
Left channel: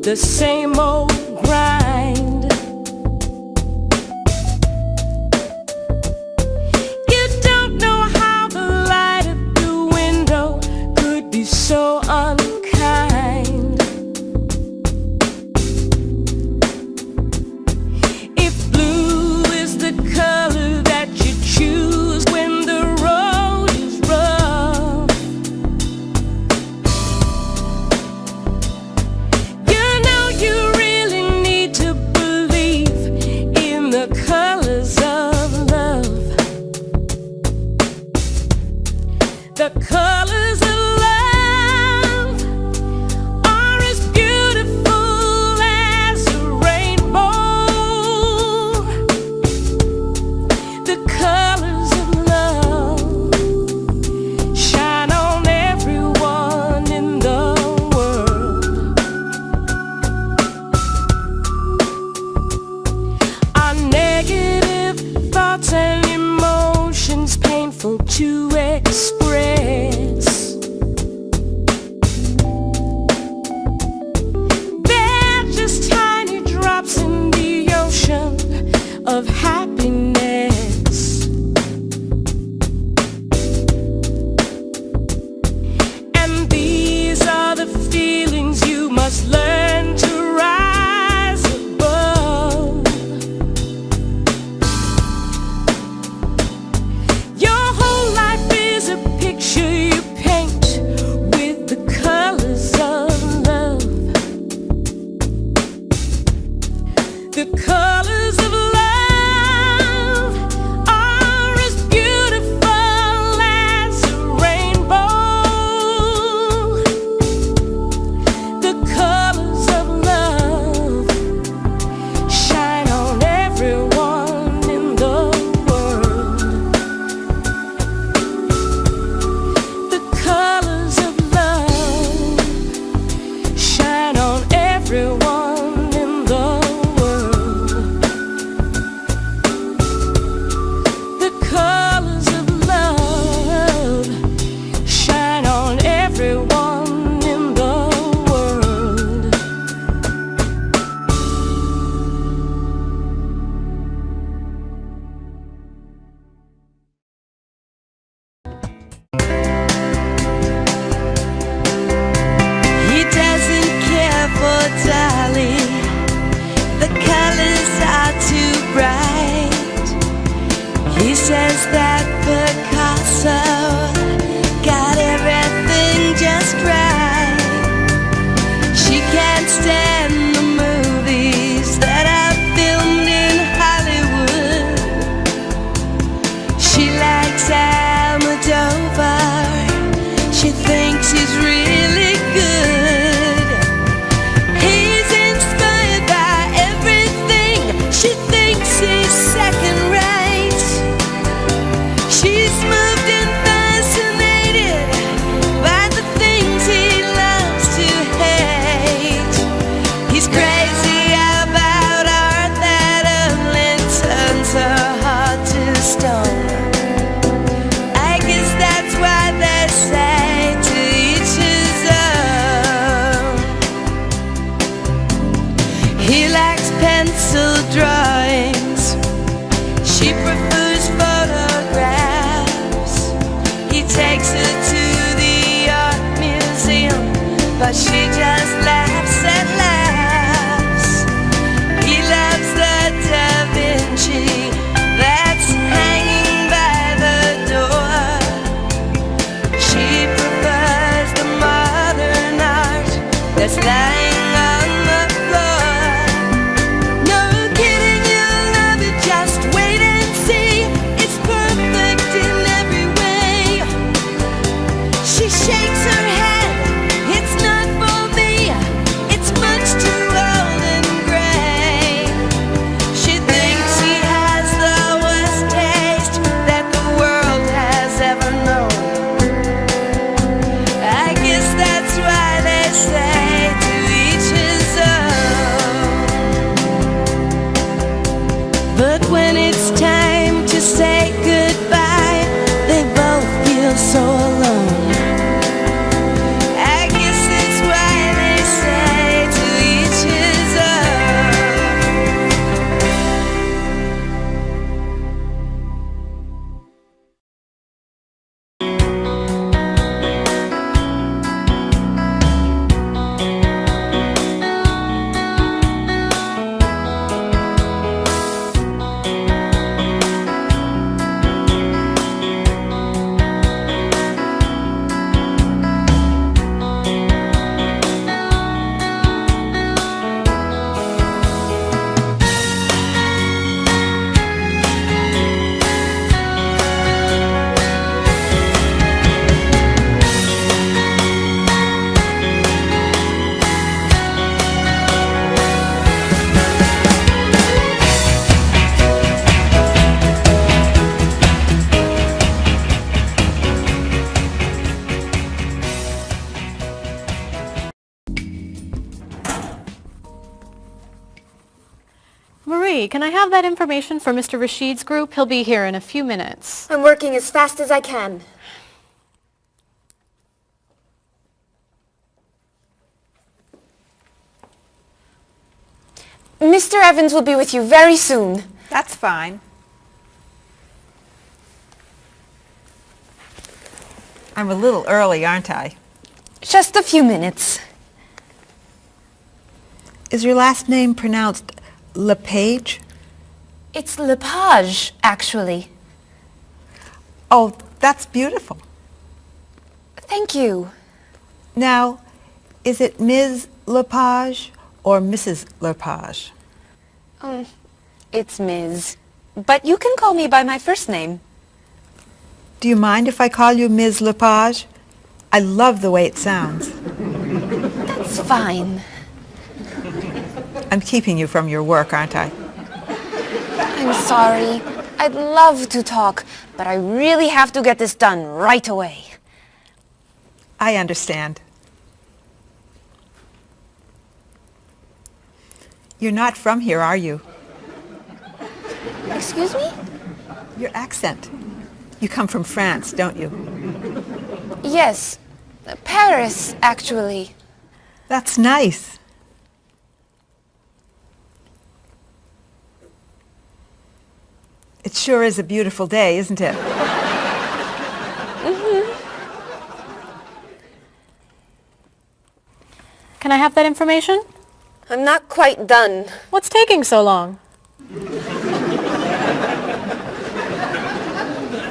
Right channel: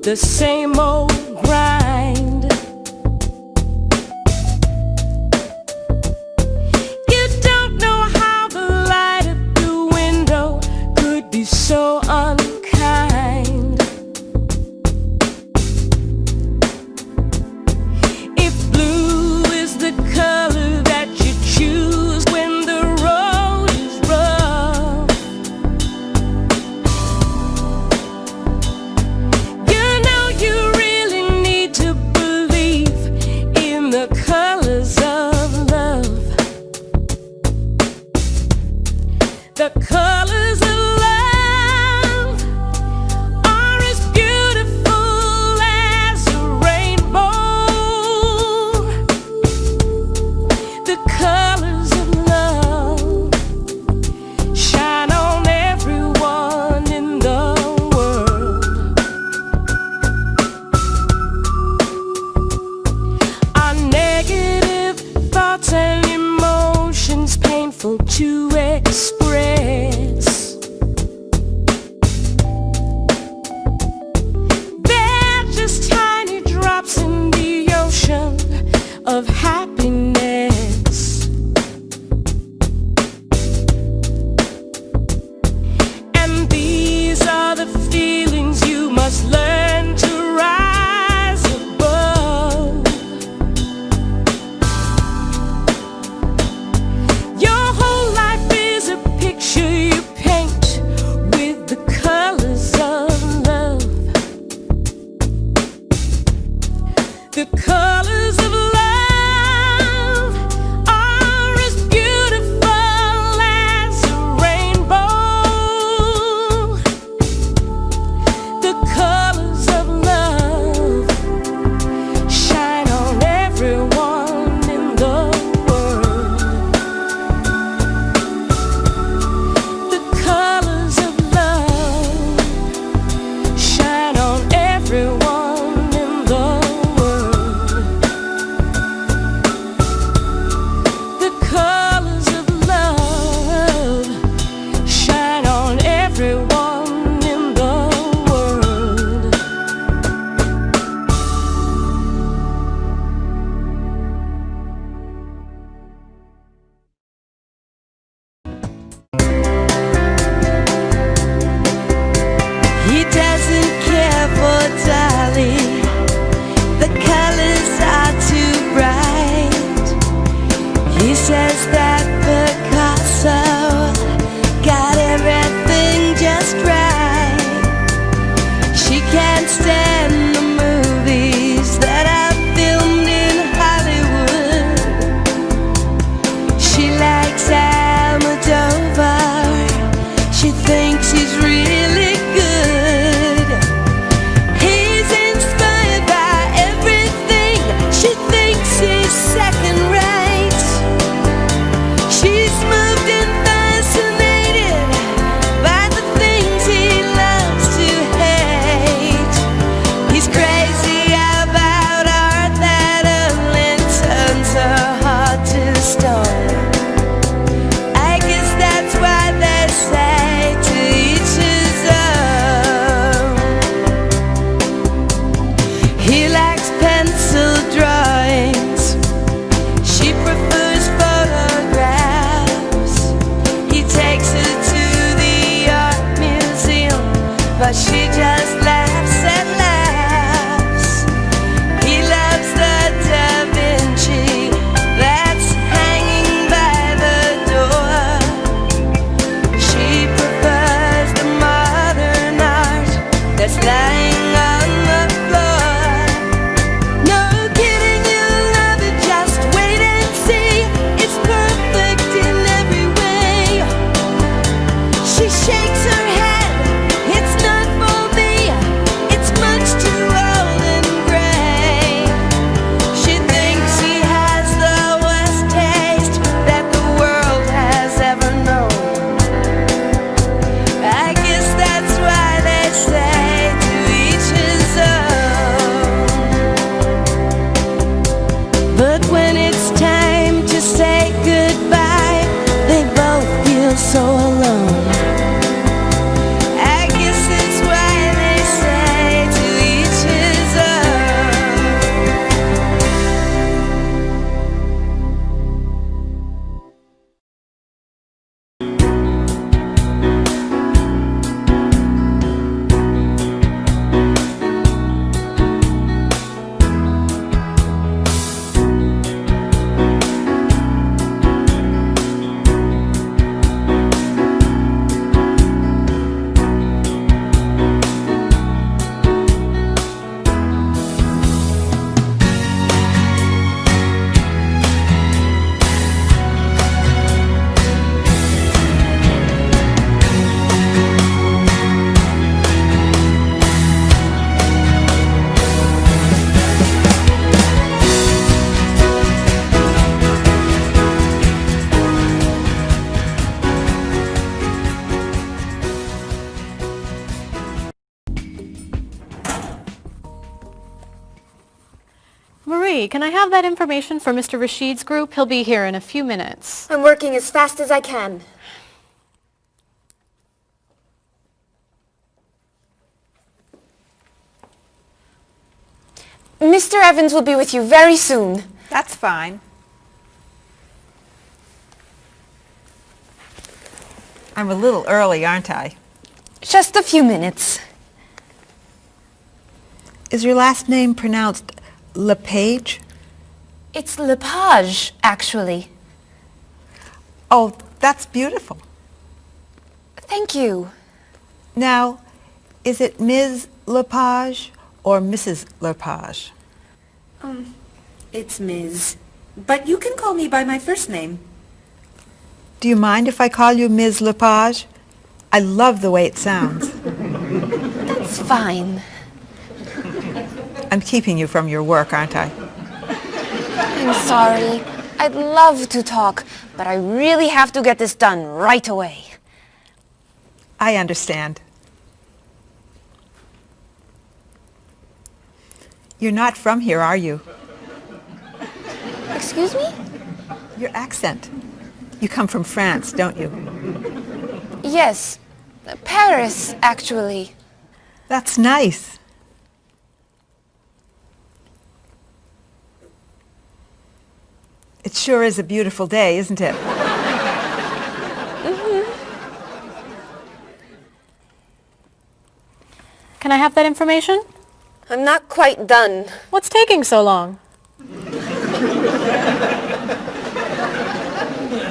the same old grind. You don't know how the light at the window could be so unkind. If blue is the color that you choose when the road is rough, you know you really need to believe in the colors of love. The colors of love are as beautiful as a rainbow. The colors of love shine on everyone in the world. Our negative thoughts and emotions painful to express. They're just tiny drops in the ocean of happiness. And these are the feelings you must learn to rise above. Your whole life is a picture you paint with the colors of love. The colors of love are as beautiful as a rainbow. The colors of love shine on everyone in the world. The colors of love shine on everyone in the world. The colors of love shine on everyone in the world. He doesn't care for Dolly. The colors are too bright. He says that Picasso got everything just right. She can't stand the movies that are filmed in Hollywood. She likes Almodovar. She thinks he's really good. He's inspired by everything. She thinks he's second rate. She's moved and fascinated by the things he loves to hate. He's crazy about art that only turns her heart to stone. I guess that's why they say to each his own. He likes pencil drawings. She prefers photographs. He takes her to the art museum, but she just laughs and laughs. He loves the Da Vinci that's hanging by the door. She prefers the modern art that's lying on the floor. No kidding, you'll love it, just wait and see. It's perfect in every way. She shakes her head, it's not for me. It's much too old and gray. She thinks he has the worst taste that the world has ever known. I guess that's why they say to each Marie, can I have that information for Mr. Rashid's group? He'll be here in a few minutes. I'm working as fast as I can. Mr. Evans will be with you very soon. That's fine. I'm a little early, aren't I? Just a few minutes. Is your last name pronounced LePage? It's Lepage, actually. Oh, that's beautiful. Thank you. Now, is it Ms. Lepage or Mrs. Lepage? It's Ms. But you can call me by my first name. Do you mind if I call you Ms. Lepage? I love the way it sounds. That's fine. I'm keeping you from your work, aren't I? I'm sorry. I'd love to talk, but I really have to get this done right away. I understand. You're not from here, are you? Excuse me? Your accent. You come from France, don't you? Yes. Paris, actually. That's nice. It sure is a beautiful day, isn't it? Can I have that information? I'm not quite done. What's taking so long?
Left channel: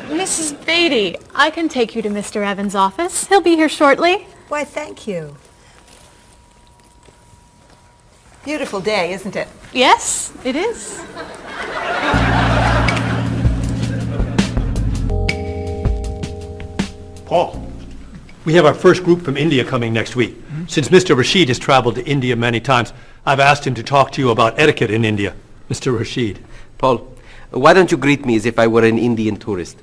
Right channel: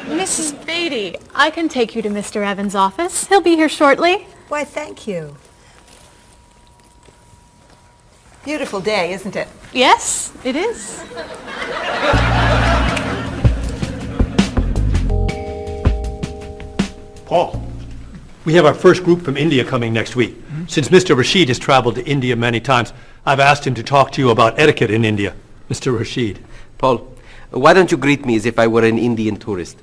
Mrs. Beatty, I can take you to Mr. Evans' office. He'll be here shortly. Why, thank you. Beautiful day, isn't it? Yes, it is. Paul, we have our first group from India coming next week. Since Mr. Rashid has traveled to India many times, I've asked him to talk to you about etiquette in India. Mr. Rashid. Paul, why don't you greet me as if I were an Indian tourist?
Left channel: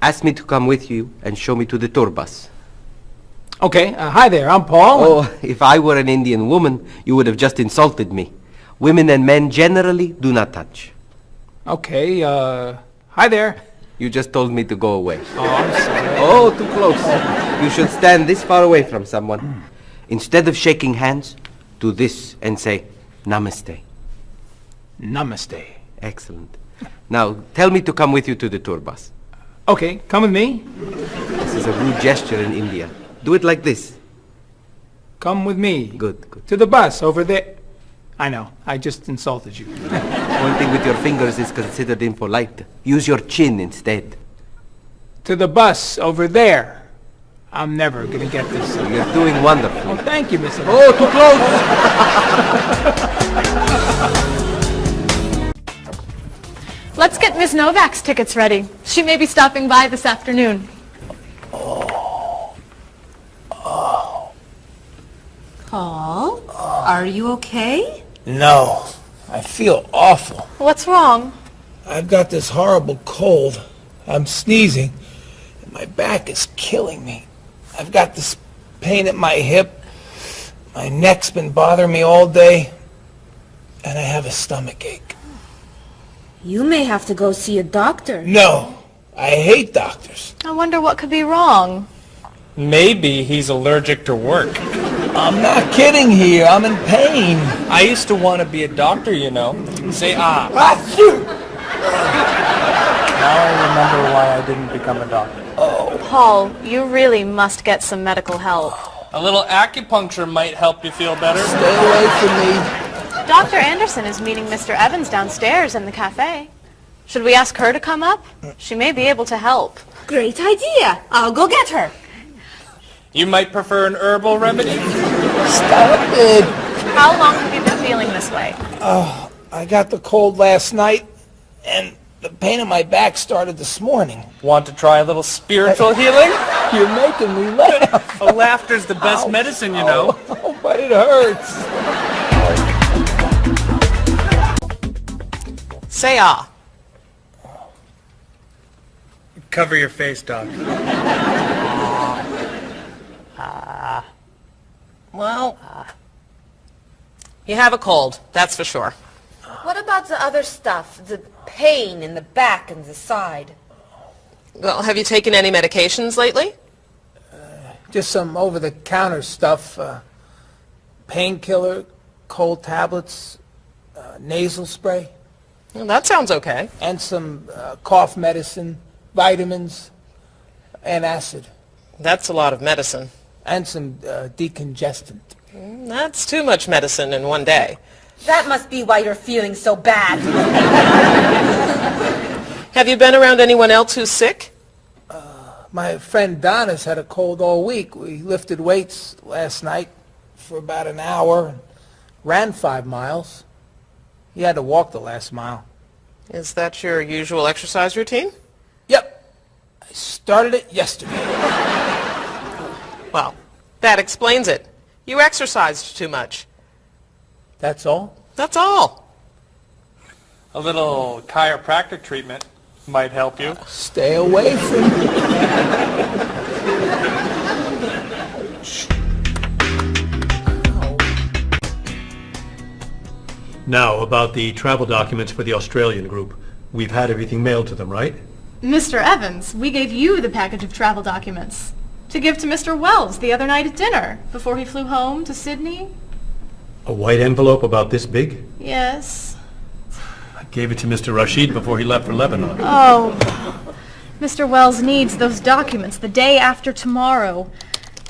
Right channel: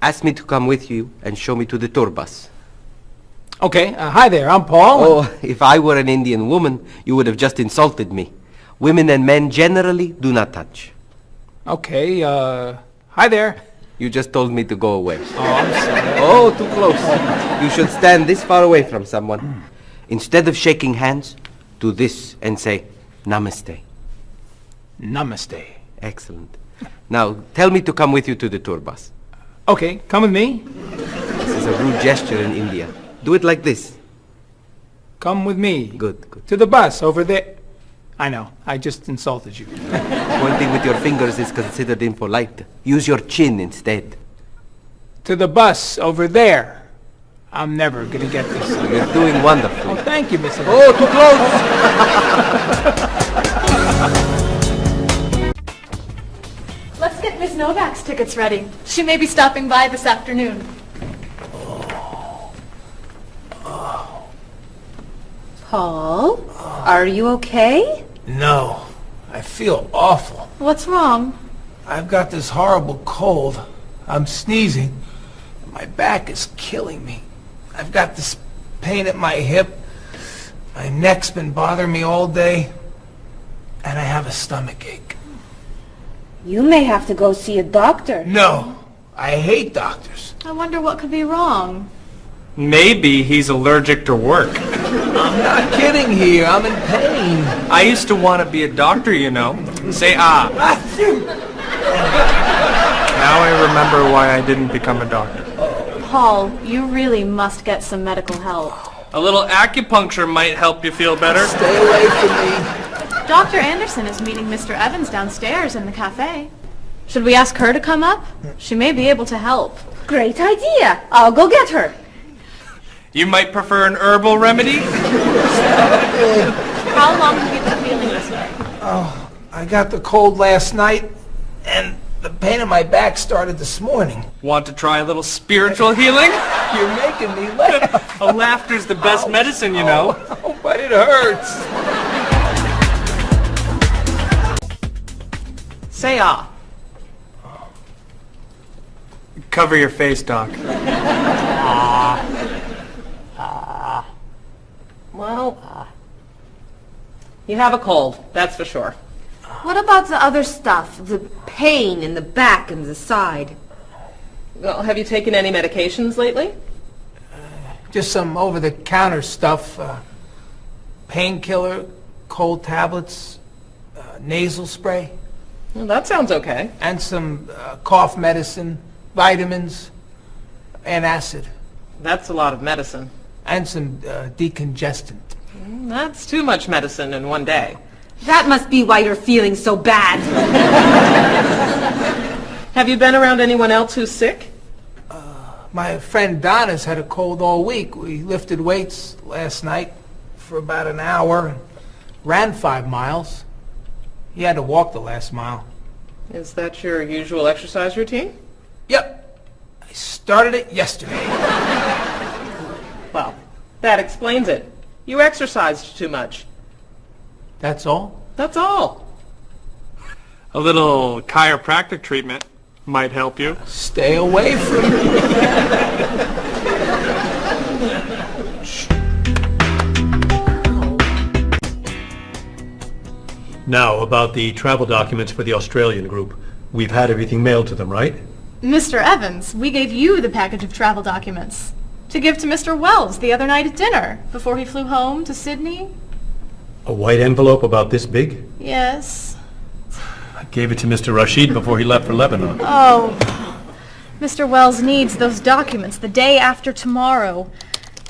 Ask me to come with you and show me to the tour bus. Okay, hi there, I'm Paul. Oh, if I were an Indian woman, you would have just insulted me. Women and men generally do not touch. Okay, hi there. You just told me to go away. Oh, I'm sorry. Oh, too close. You should stand this far away from someone. Instead of shaking hands, do this and say, Namaste. Namaste. Excellent. Now, tell me to come with you to the tour bus. Okay, come with me. This is a rude gesture in India. Do it like this. Come with me. Good, good. To the bus over there. I know, I just insulted you. Pointing with your fingers is considered impolite. Use your chin instead. To the bus over there. I'm never gonna get this. You're doing wonderfully. Oh, thank you, Mr. Oh, too close! Let's get Ms. Novak's tickets ready. She may be stopping by this afternoon. Paul, are you okay? No, I feel awful. What's wrong? I've got this horrible cold. I'm sneezing, and my back is killing me. I've got this pain at my hip. My neck's been bothering me all day, and I have a stomach ache. You may have to go see a doctor. No, I hate doctors. I wonder what could be wrong. Maybe he's allergic to work. I'm not kidding here. I'm in pain. I used to want to be a doctor, you know. Say ah. Now I remember why I didn't become a doctor. Paul, you really must get some medical help. A little acupuncture might help you feel better. Stay away from me. Dr. Anderson is meeting Mr. Evans downstairs in the cafe. Should we ask her to come up? She may be able to help. Great idea. I'll go get her. You might prefer an herbal remedy? Stop it. How long have you been feeling this way? Oh, I got the cold last night, and the pain in my back started this morning. Want to try a little spiritual healing? You're making me laugh. Laughter's the best medicine, you know. Oh, but it hurts. Say ah. Cover your face, Doc. Well, you have a cold, that's for sure. What about the other stuff? The pain in the back and the side? Well, have you taken any medications lately? Just some over-the-counter stuff. Painkiller, cold tablets, nasal spray. Well, that sounds okay. And some cough medicine, vitamins, and acid. That's a lot of medicine. And some decongestant. That's too much medicine in one day. That must be why you're feeling so bad. Have you been around anyone else who's sick? My friend Donna's had a cold all week. We lifted weights last night for about an hour, ran 5 miles. He had to walk the last mile. Is that your usual exercise routine? Yep. I started it yesterday. Well, that explains it. You exercised too much. That's all? That's all. A little chiropractic treatment might help you. Stay away from me. Now, about the travel documents for the Australian group. We've had everything mailed to them, right? Mr. Evans, we gave you the package of travel documents to give to Mr. Wells the other night at dinner before he flew home to Sydney. A white envelope about this big? Yes. I gave it to Mr. Rashid before he left for Lebanon. Oh, Mr. Wells needs those documents the day after tomorrow.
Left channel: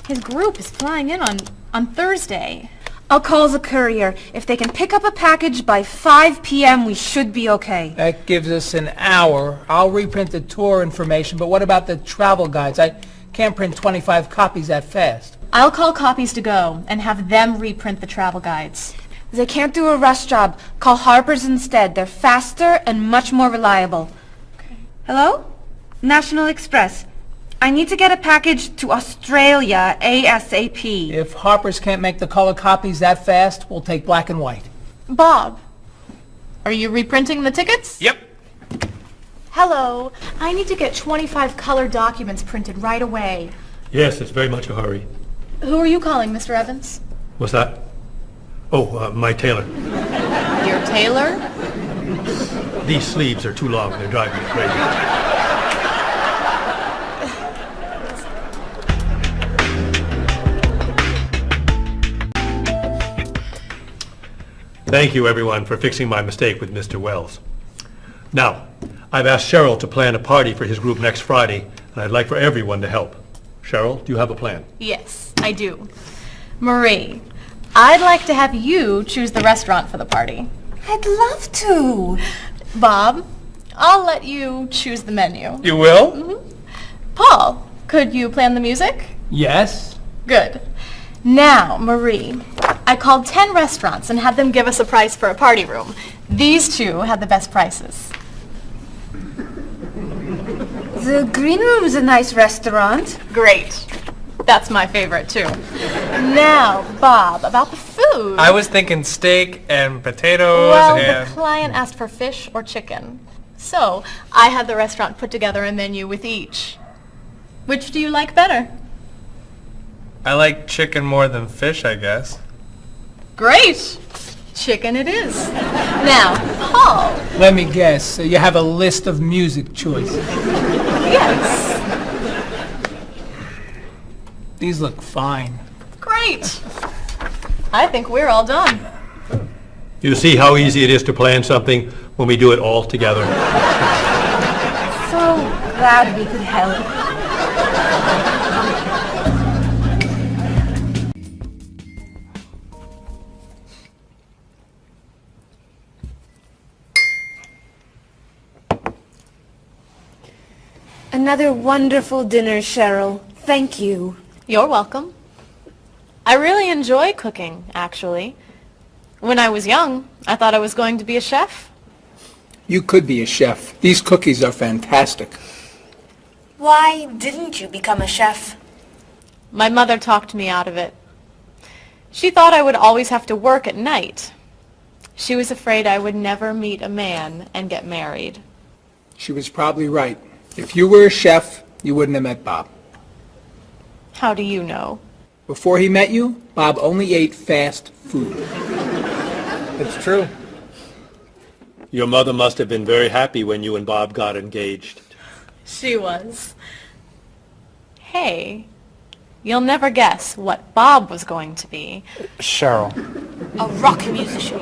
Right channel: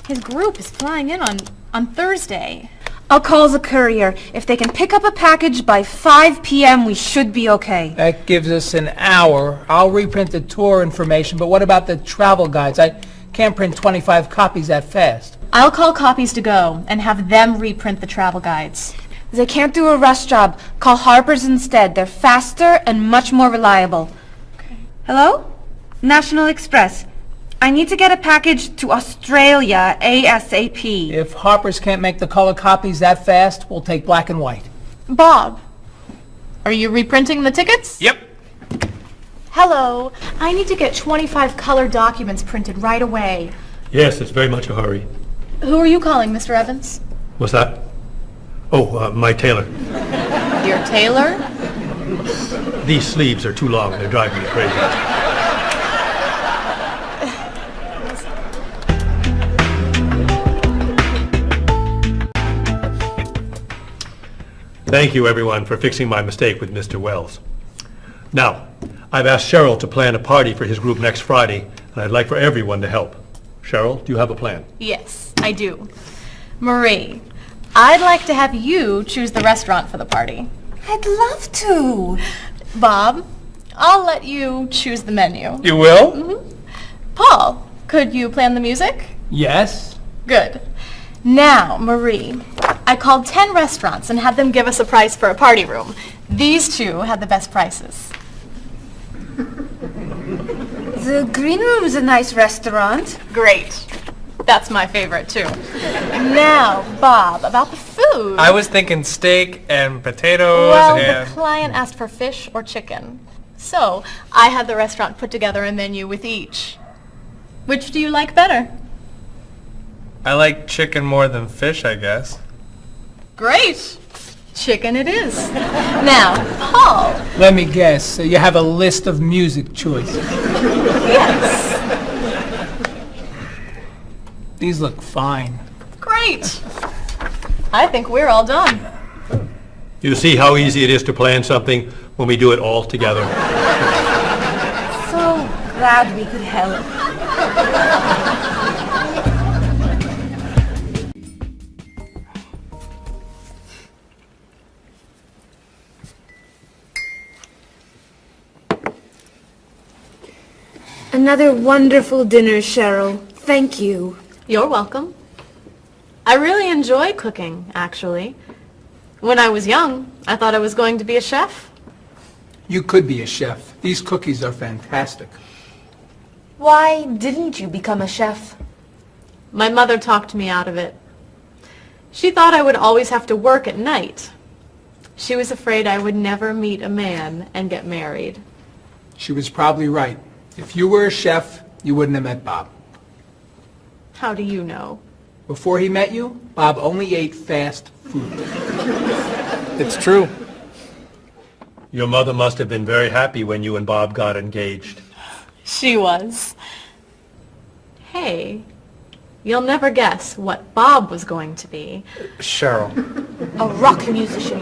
His group is flying in on Thursday. I'll call the courier. If they can pick up a package by 5 p.m., we should be okay. That gives us an hour. I'll reprint the tour information, but what about the travel guides? I can't print 25 copies that fast. I'll call Copies to Go and have them reprint the travel guides. They can't do a rush job. Call Harper's instead. They're faster and much more reliable. Okay. Hello? National Express. I need to get a package to Australia ASAP. If Harper's can't make the color copies that fast, we'll take black and white. Bob, are you reprinting the tickets? Yep. Hello. I need to get 25 color documents printed right away. Yes, it's very much a hurry. Who are you calling, Mr. Evans? What's that? Oh, my tailor. Your tailor? These sleeves are too long. They're driving me crazy. Thank you, everyone, for fixing my mistake with Mr. Wells. Now, I've asked Cheryl to plan a party for his group next Friday, and I'd like for everyone to help. Cheryl, do you have a plan? Yes, I do. Marie, I'd like to have you choose the restaurant for the party. I'd love to. Bob, I'll let you choose the menu. You will? Mm-hmm. Paul, could you plan the music? Yes? Good. Now, Marie, I called 10 restaurants and had them give us a price for a party room. These two had the best prices. The Green Room's a nice restaurant. Great. That's my favorite, too. Now, Bob, about the food. I was thinking steak and potatoes Well, and... the client asked for fish or chicken. So, I had the restaurant put together a menu with each. Which do you like better? I like chicken more than fish, I guess. Great. Chicken it is. Now, Paul. Let me guess. You have a list of music choices. Yes. These look fine. Great. I think we're all done. You see how easy it is to plan something when we do it all together. So glad we could help. Another wonderful dinner, Cheryl. Thank you. You're welcome. I really enjoy cooking, actually. When I was young, I thought I was going to be a chef. You could be a chef. These cookies are fantastic. Why didn't you become a chef? My mother talked me out of it. She thought I would always have to work at night. She was afraid I would never meet a man and get married. She was probably right. If you were a chef, you wouldn't have met Bob. How do you know? Before he met you, Bob only ate fast food. It's true. Your mother must have been very happy when you and Bob got engaged. She was. Hey, you'll never guess what Bob was going to be. Cheryl. A rock musician.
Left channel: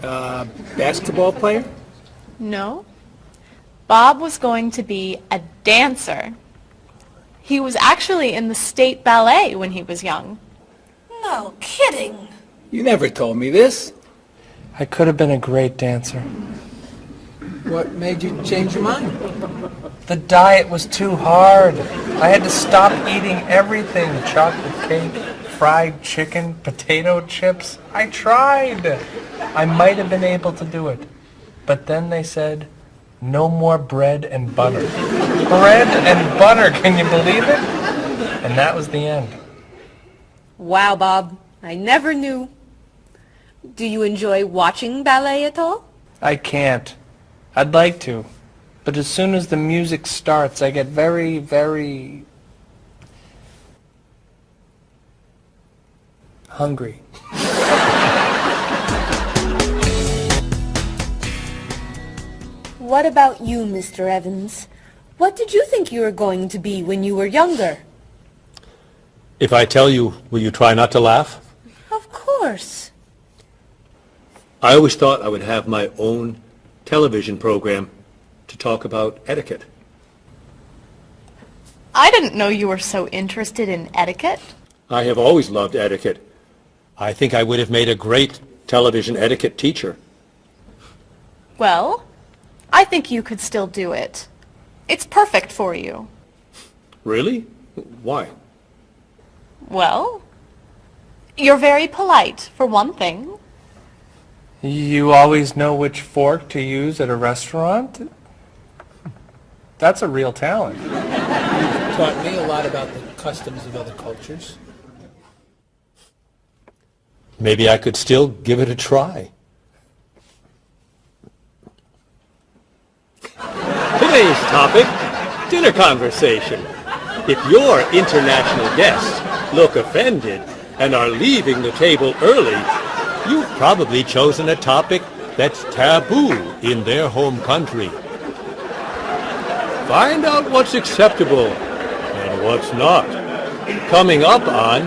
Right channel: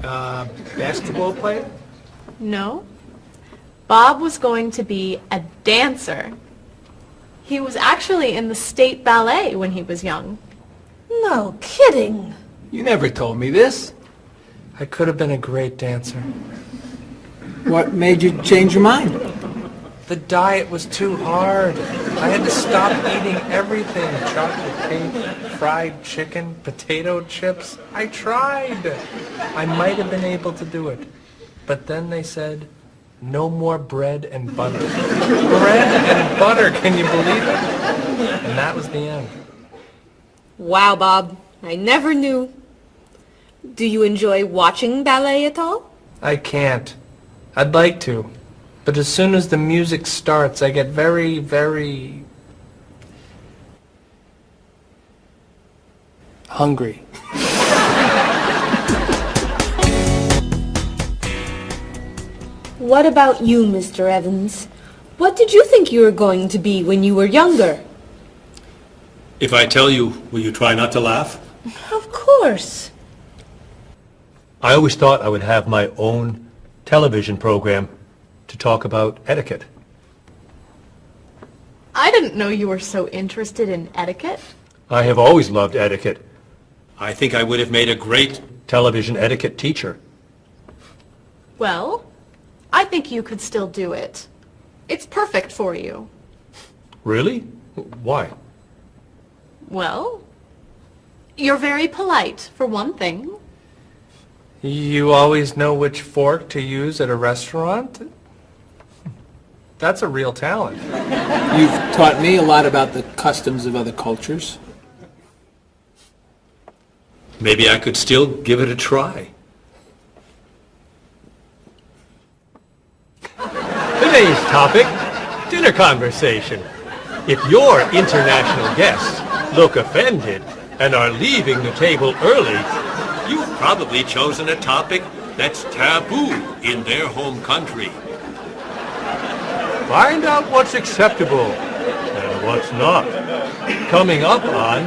Basketball player? No. Bob was going to be a dancer. He was actually in the state ballet when he was young. No kidding. You never told me this. I could have been a great dancer. What made you change your mind? The diet was too hard. I had to stop eating everything. Chocolate cake, fried chicken, potato chips. I tried. I might have been able to do it. But then they said, no more bread and butter. Bread and butter, can you believe it? And that was the end. Wow, Bob. I never knew. Do you enjoy watching ballet at all? I can't. I'd like to. But as soon as the music starts, I get very, very hungry. What about you, Mr. Evans? What did you think you were going to be when you were younger? If I tell you, will you try not to laugh? Of course. I always thought I would have my own television program to talk about etiquette. I didn't know you were so interested in etiquette. I have always loved etiquette. I think I would have made a great television etiquette teacher. Well, I think you could still do it. It's perfect for you. Really? Why? Well, you're very polite, for one thing. You always know which fork to use at a restaurant? That's a real talent. You've taught me a lot about the customs of other cultures. Maybe I could still give it a try. Today's topic, dinner conversation. If your international guests look offended and are leaving the table early, you've probably chosen a topic that's taboo in their home country. Find out what's acceptable and what's not. Coming up on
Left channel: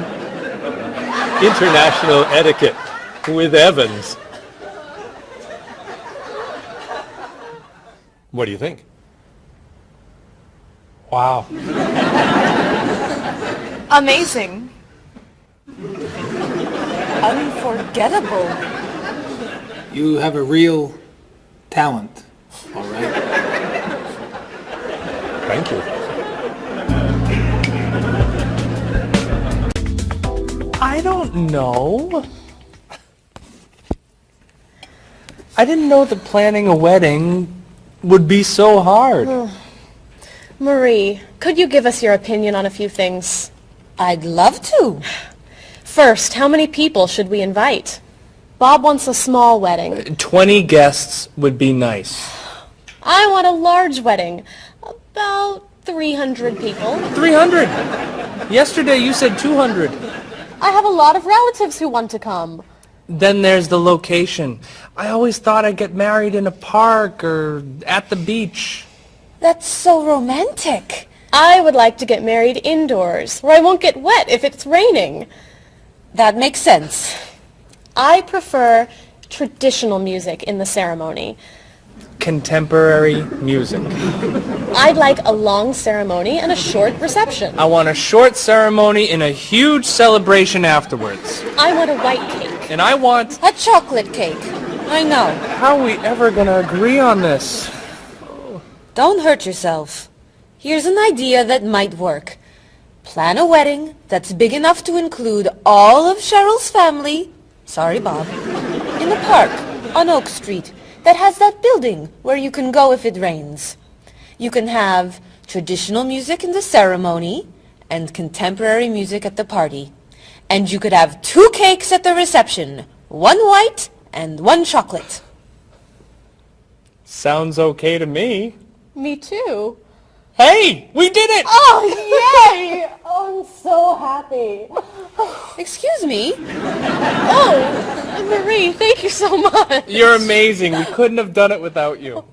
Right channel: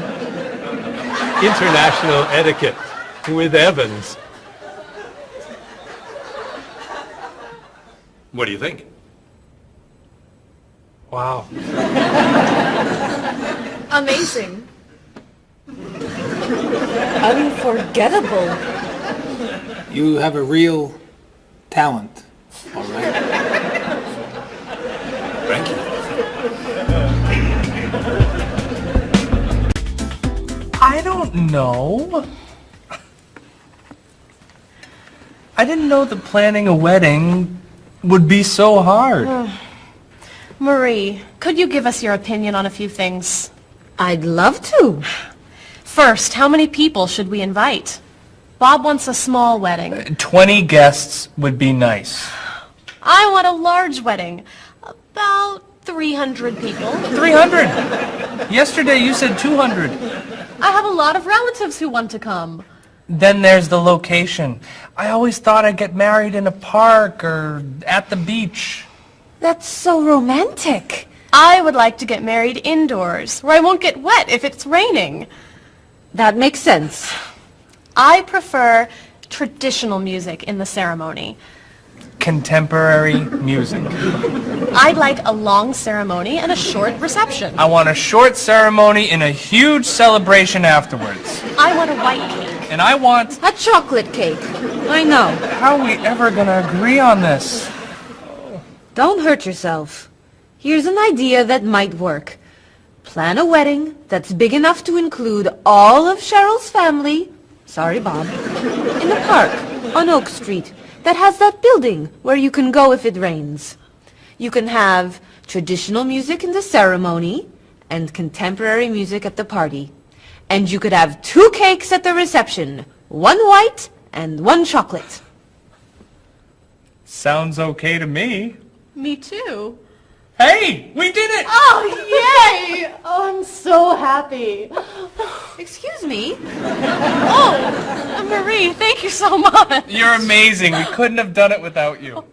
International Etiquette with Evans. What do you think? Wow. Amazing. Unforgettable. You have a real talent, all right? Thank you. I don't know. I didn't know that planning a wedding would be so hard. Marie, could you give us your opinion on a few things? I'd love to. First, how many people should we invite? Bob wants a small wedding. 20 guests would be nice. I want a large wedding. About 300 people. 300? Yesterday you said 200. I have a lot of relatives who want to come. Then there's the location. I always thought I'd get married in a park or at the beach. That's so romantic. I would like to get married indoors, where I won't get wet if it's raining. That makes sense. I prefer traditional music in the ceremony. Contemporary music. I'd like a long ceremony and a short reception. I want a short ceremony and a huge celebration afterwards. I want a white cake. And I want... a chocolate cake. I know. How are we ever gonna agree on this? Don't hurt yourself. Here's an idea that might work. Plan a wedding that's big enough to include all of Cheryl's family, sorry Bob, in a park on Oak Street that has that building where you can go if it rains. You can have traditional music in the ceremony and contemporary music at the party. And you could have 2 cakes at the reception, 1 white and 1 chocolate. Sounds okay to me. Me too. Hey, we did it! Oh, yay! Oh, I'm so happy. Excuse me? Oh, Marie. Daddy, thank you so much. You're amazing. We couldn't have done it without you.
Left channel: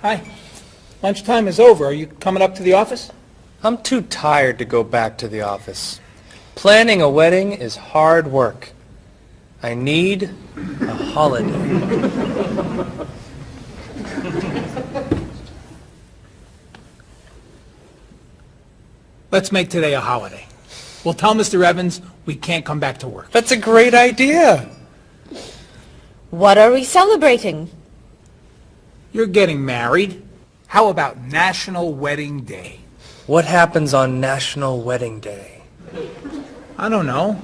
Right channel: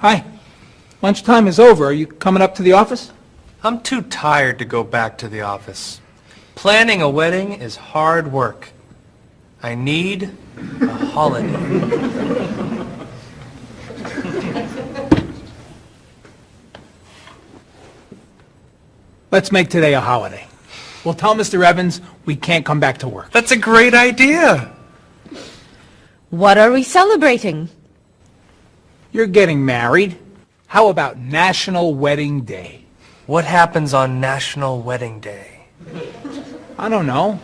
Hi. Lunchtime is over. Are you coming up to the office? I'm too tired to go back to the office. Planning a wedding is hard work. I need a holiday. Let's make today a holiday. We'll tell Mr. Evans we can't come back to work. That's a great idea. What are we celebrating? You're getting married. How about National Wedding Day? What happens on National Wedding Day? I don't know.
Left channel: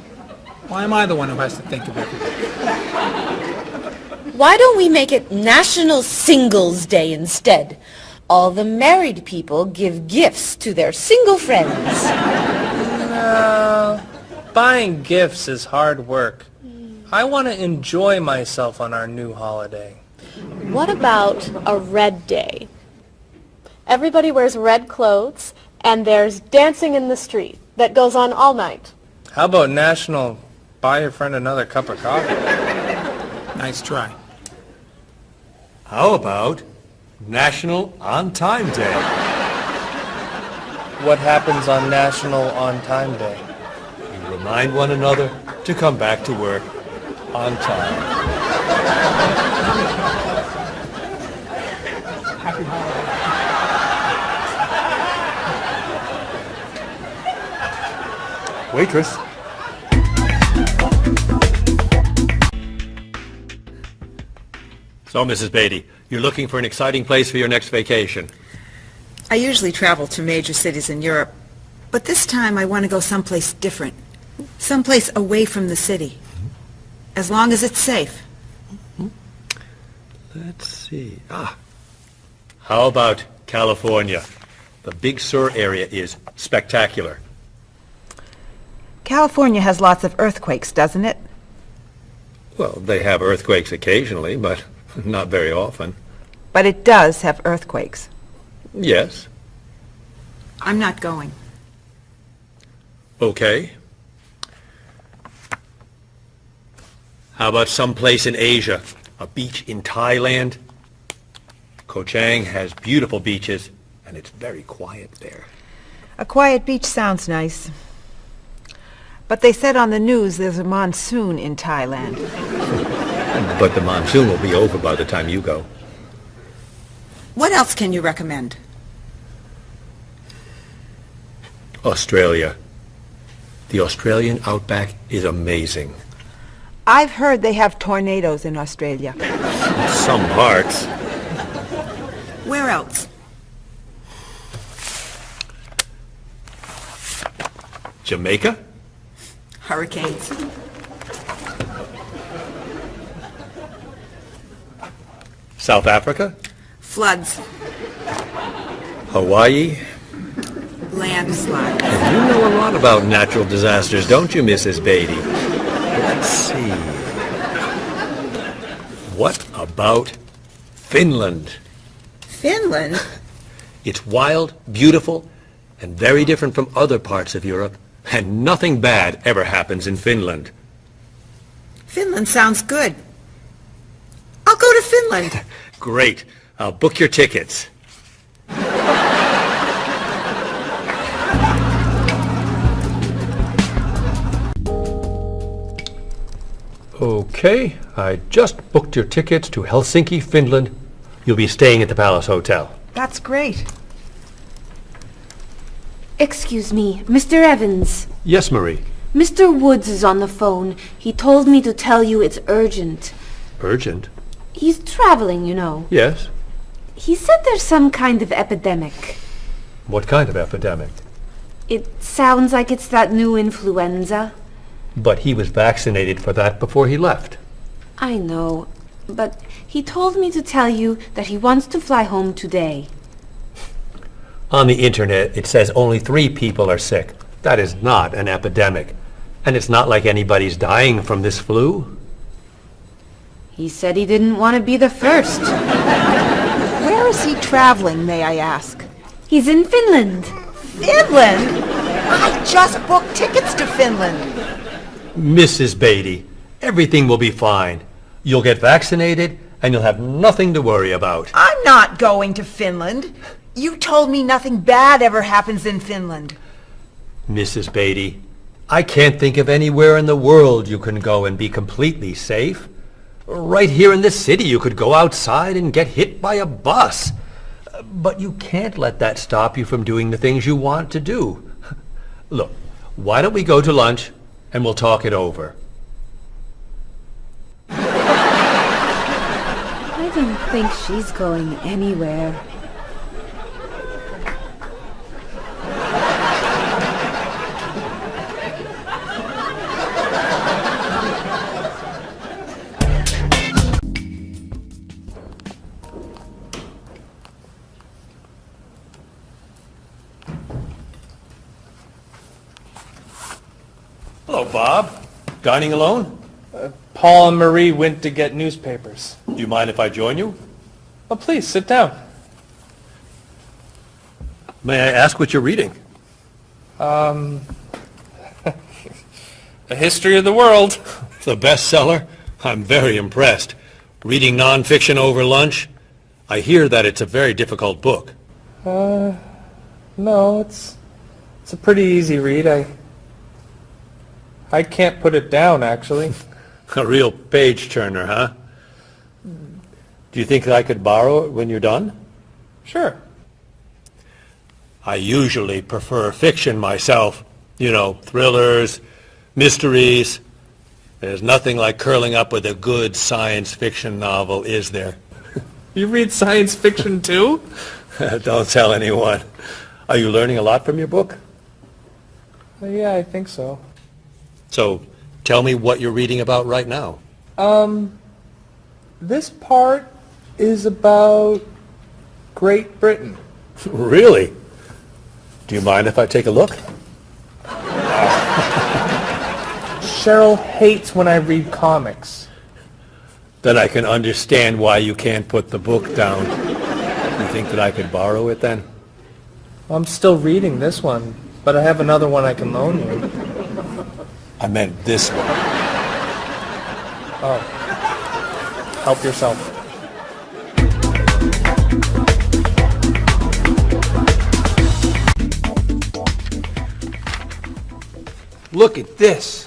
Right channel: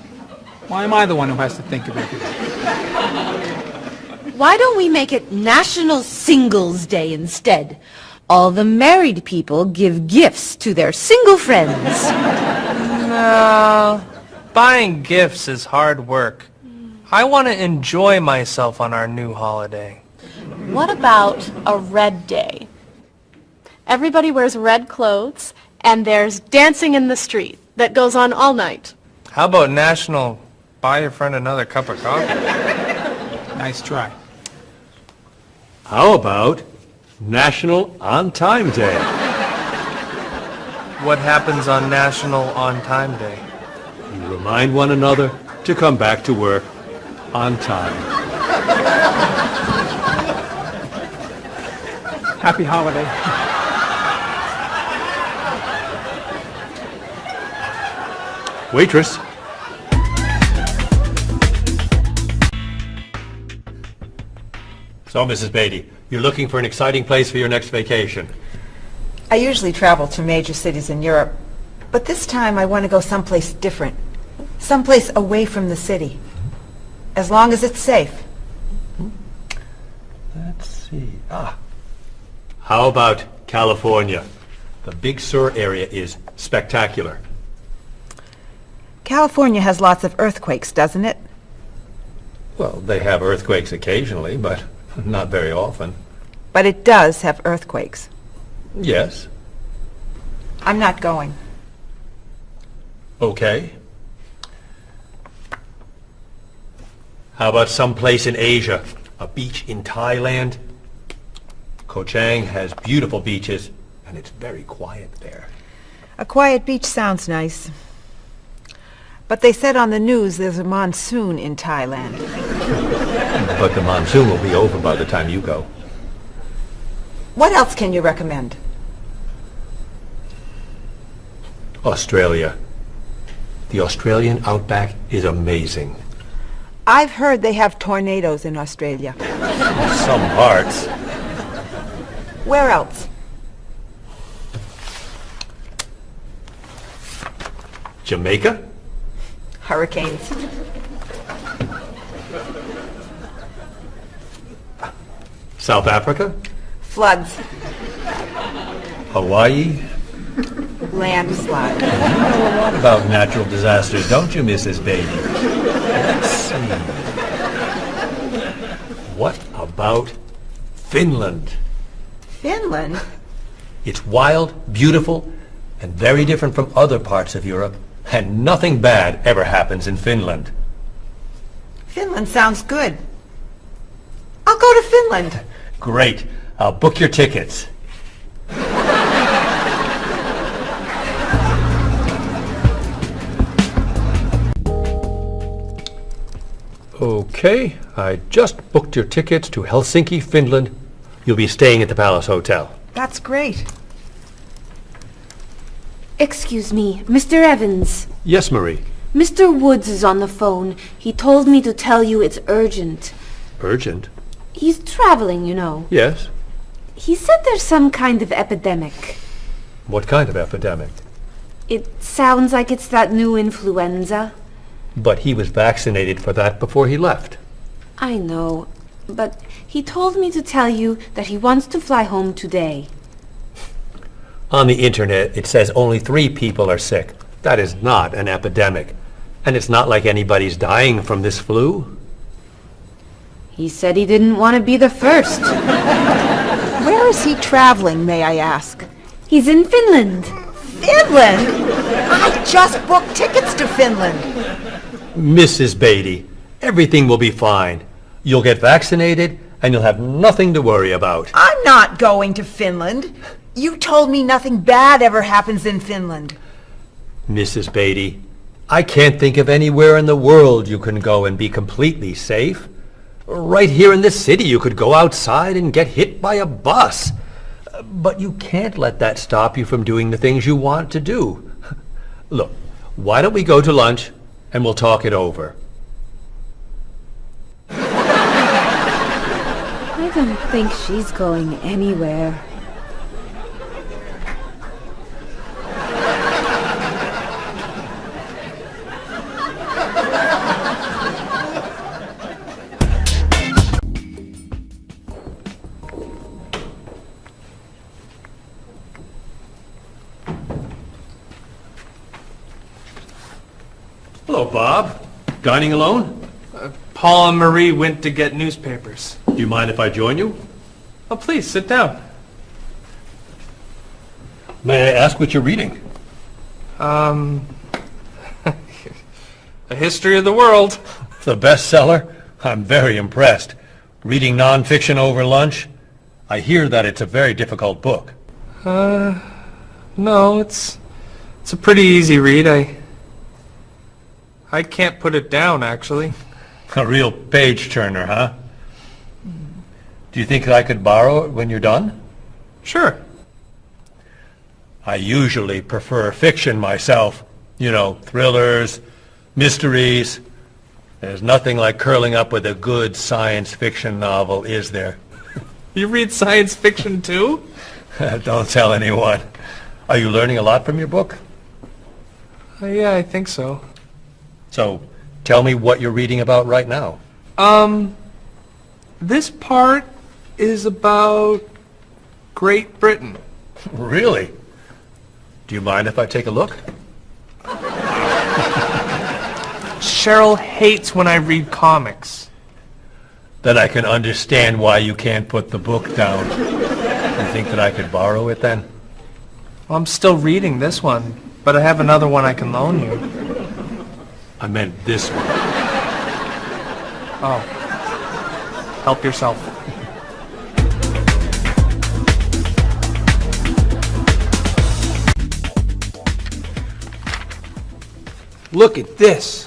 Why am I the one who has to think of everything? Why don't we make it National Singles Day instead? All the married people give gifts to their single friends. No, buying gifts is hard work. I want to enjoy myself on our new holiday. What about a red day? Everybody wears red clothes, and there's dancing in the street that goes on all night. How about National Buy Your Friend Another Cup of Coffee? Nice try. How about National On Time Day? What happens on National On Time Day? You remind one another to come back to work on time. Happy holiday. Waitress. So, Mrs. Beatty, you're looking for an exciting place for your next vacation. I usually travel to major cities in Europe, but this time I want to go someplace different. Someplace away from the city. As long as it's safe. Let's see. How about California? The Big Sur area is spectacular. California has lots of earthquakes, doesn't it? Well, they have earthquakes occasionally, but not very often. But it does have earthquakes. Yes. I'm not going. Okay. How about someplace in Asia? A beach in Thailand? Koh Chang has beautiful beaches, and it's very quiet there. A quiet beach sounds nice. But they said on the news there's a monsoon in Thailand. But the monsoon will be over by the time you go. What else can you recommend? Australia. The Australian outback is amazing. I've heard they have tornadoes in Australia. Some parts. Where else? Jamaica? Hurricanes. South Africa? Floods. Hawaii? Landslides. You know a lot about natural disasters, don't you, Mrs. Beatty? Let's see. What about Finland? Finland? It's wild, beautiful, and very different from other parts of Europe. And nothing bad ever happens in Finland. Finland sounds good. I'll go to Finland. Great. I'll book your tickets. Okay, I just booked your tickets to Helsinki, Finland. You'll be staying at the Palace Hotel. That's great. Excuse me, Mr. Evans. Yes, Marie. Mr. Woods is on the phone. He told me to tell you it's urgent. Urgent? He's traveling, you know. Yes. He said there's some kind of epidemic. What kind of epidemic? It sounds like it's that new influenza. But he was vaccinated for that before he left. I know, but he told me to tell you that he wants to fly home today. On the internet, it says only 3 people are sick. That is not an epidemic. And it's not like anybody's dying from this flu. He said he didn't want to be the first. Where is he traveling, may I ask? He's in Finland. Finland? I just booked tickets to Finland. Mrs. Beatty, everything will be fine. You'll get vaccinated, and you'll have nothing to worry about. I'm not going to Finland. You told me nothing bad ever happens in Finland. Mrs. Beatty, I can't think of anywhere in the world you can go and be completely safe. Right here in this city, you could go outside and get hit by a bus. But you can't let that stop you from doing the things you want to do. Look, why don't we go to lunch and we'll talk it over? I don't think she's going anywhere. Hello, Bob. Dining alone? Paul and Marie went to get newspapers. Do you mind if I join you? Oh, please, sit down. May I ask what you're reading? A history of the world. The bestseller? I'm very impressed. Reading nonfiction over lunch? I hear that it's a very difficult book. No, it's a pretty easy read. I can't put it down, actually. A real page-turner, huh? Do you think I could borrow it when you're done? Sure. I usually prefer fiction myself. You know, thrillers, mysteries. There's nothing like curling up with a good science fiction novel, is there? You read science fiction, too? Don't tell anyone. Are you learning a lot from your book? Yeah, I think so. So, tell me what you're reading about right now. This part is about Great Britain. Really? Do you mind if I take a look? Cheryl hates when I read comics. Then I can understand why you can't put the book down. You think that I could borrow it then? Well, I'm still reading this one, but I have another one I can loan you. I meant this one. Oh. Help yourself. Look at this.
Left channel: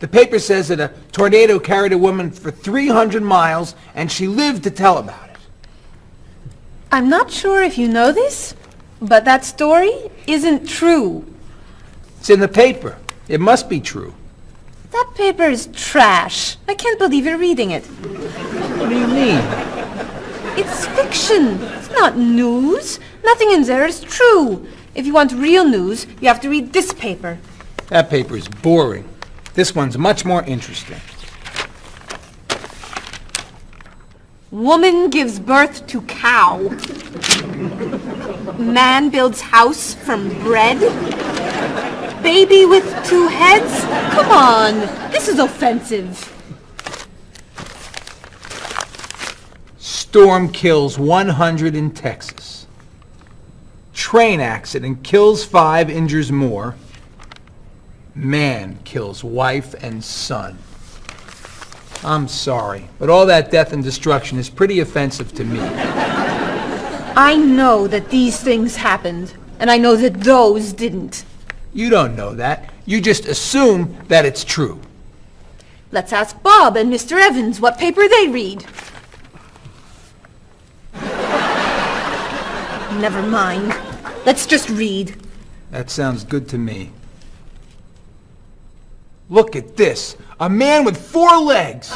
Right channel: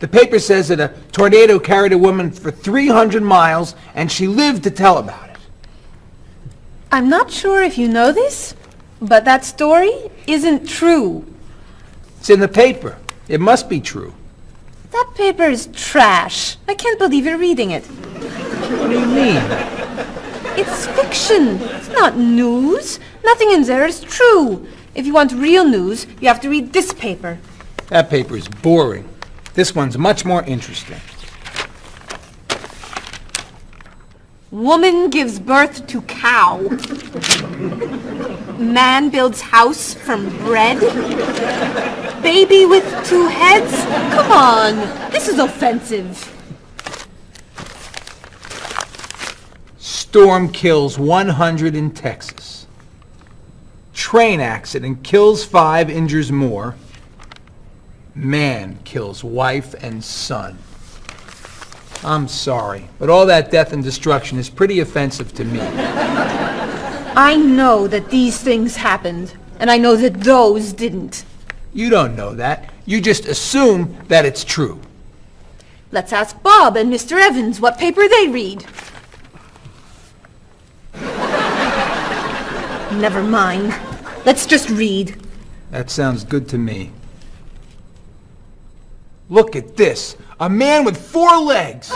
The paper says that a tornado carried a woman for 300 miles, and she lived to tell about it. I'm not sure if you know this, but that story isn't true. It's in the paper. It must be true. That paper is trash. I can't believe you're reading it. What do you mean? It's fiction. It's not news. Nothing in there is true. If you want real news, you have to read this paper. That paper is boring. This one's much more interesting. Woman gives birth to cow. Man builds house from bread. Baby with 2 heads? Come on, this is offensive. Storm kills 100 in Texas. Train accident kills 5, injures more. Man kills wife and son. I'm sorry, but all that death and destruction is pretty offensive to me. I know that these things happened, and I know that those didn't. You don't know that. You just assume that it's true. Let's ask Bob and Mr. Evans what paper they read. Never mind. Let's just read. That sounds good to me. Look at this. A man with 4 legs.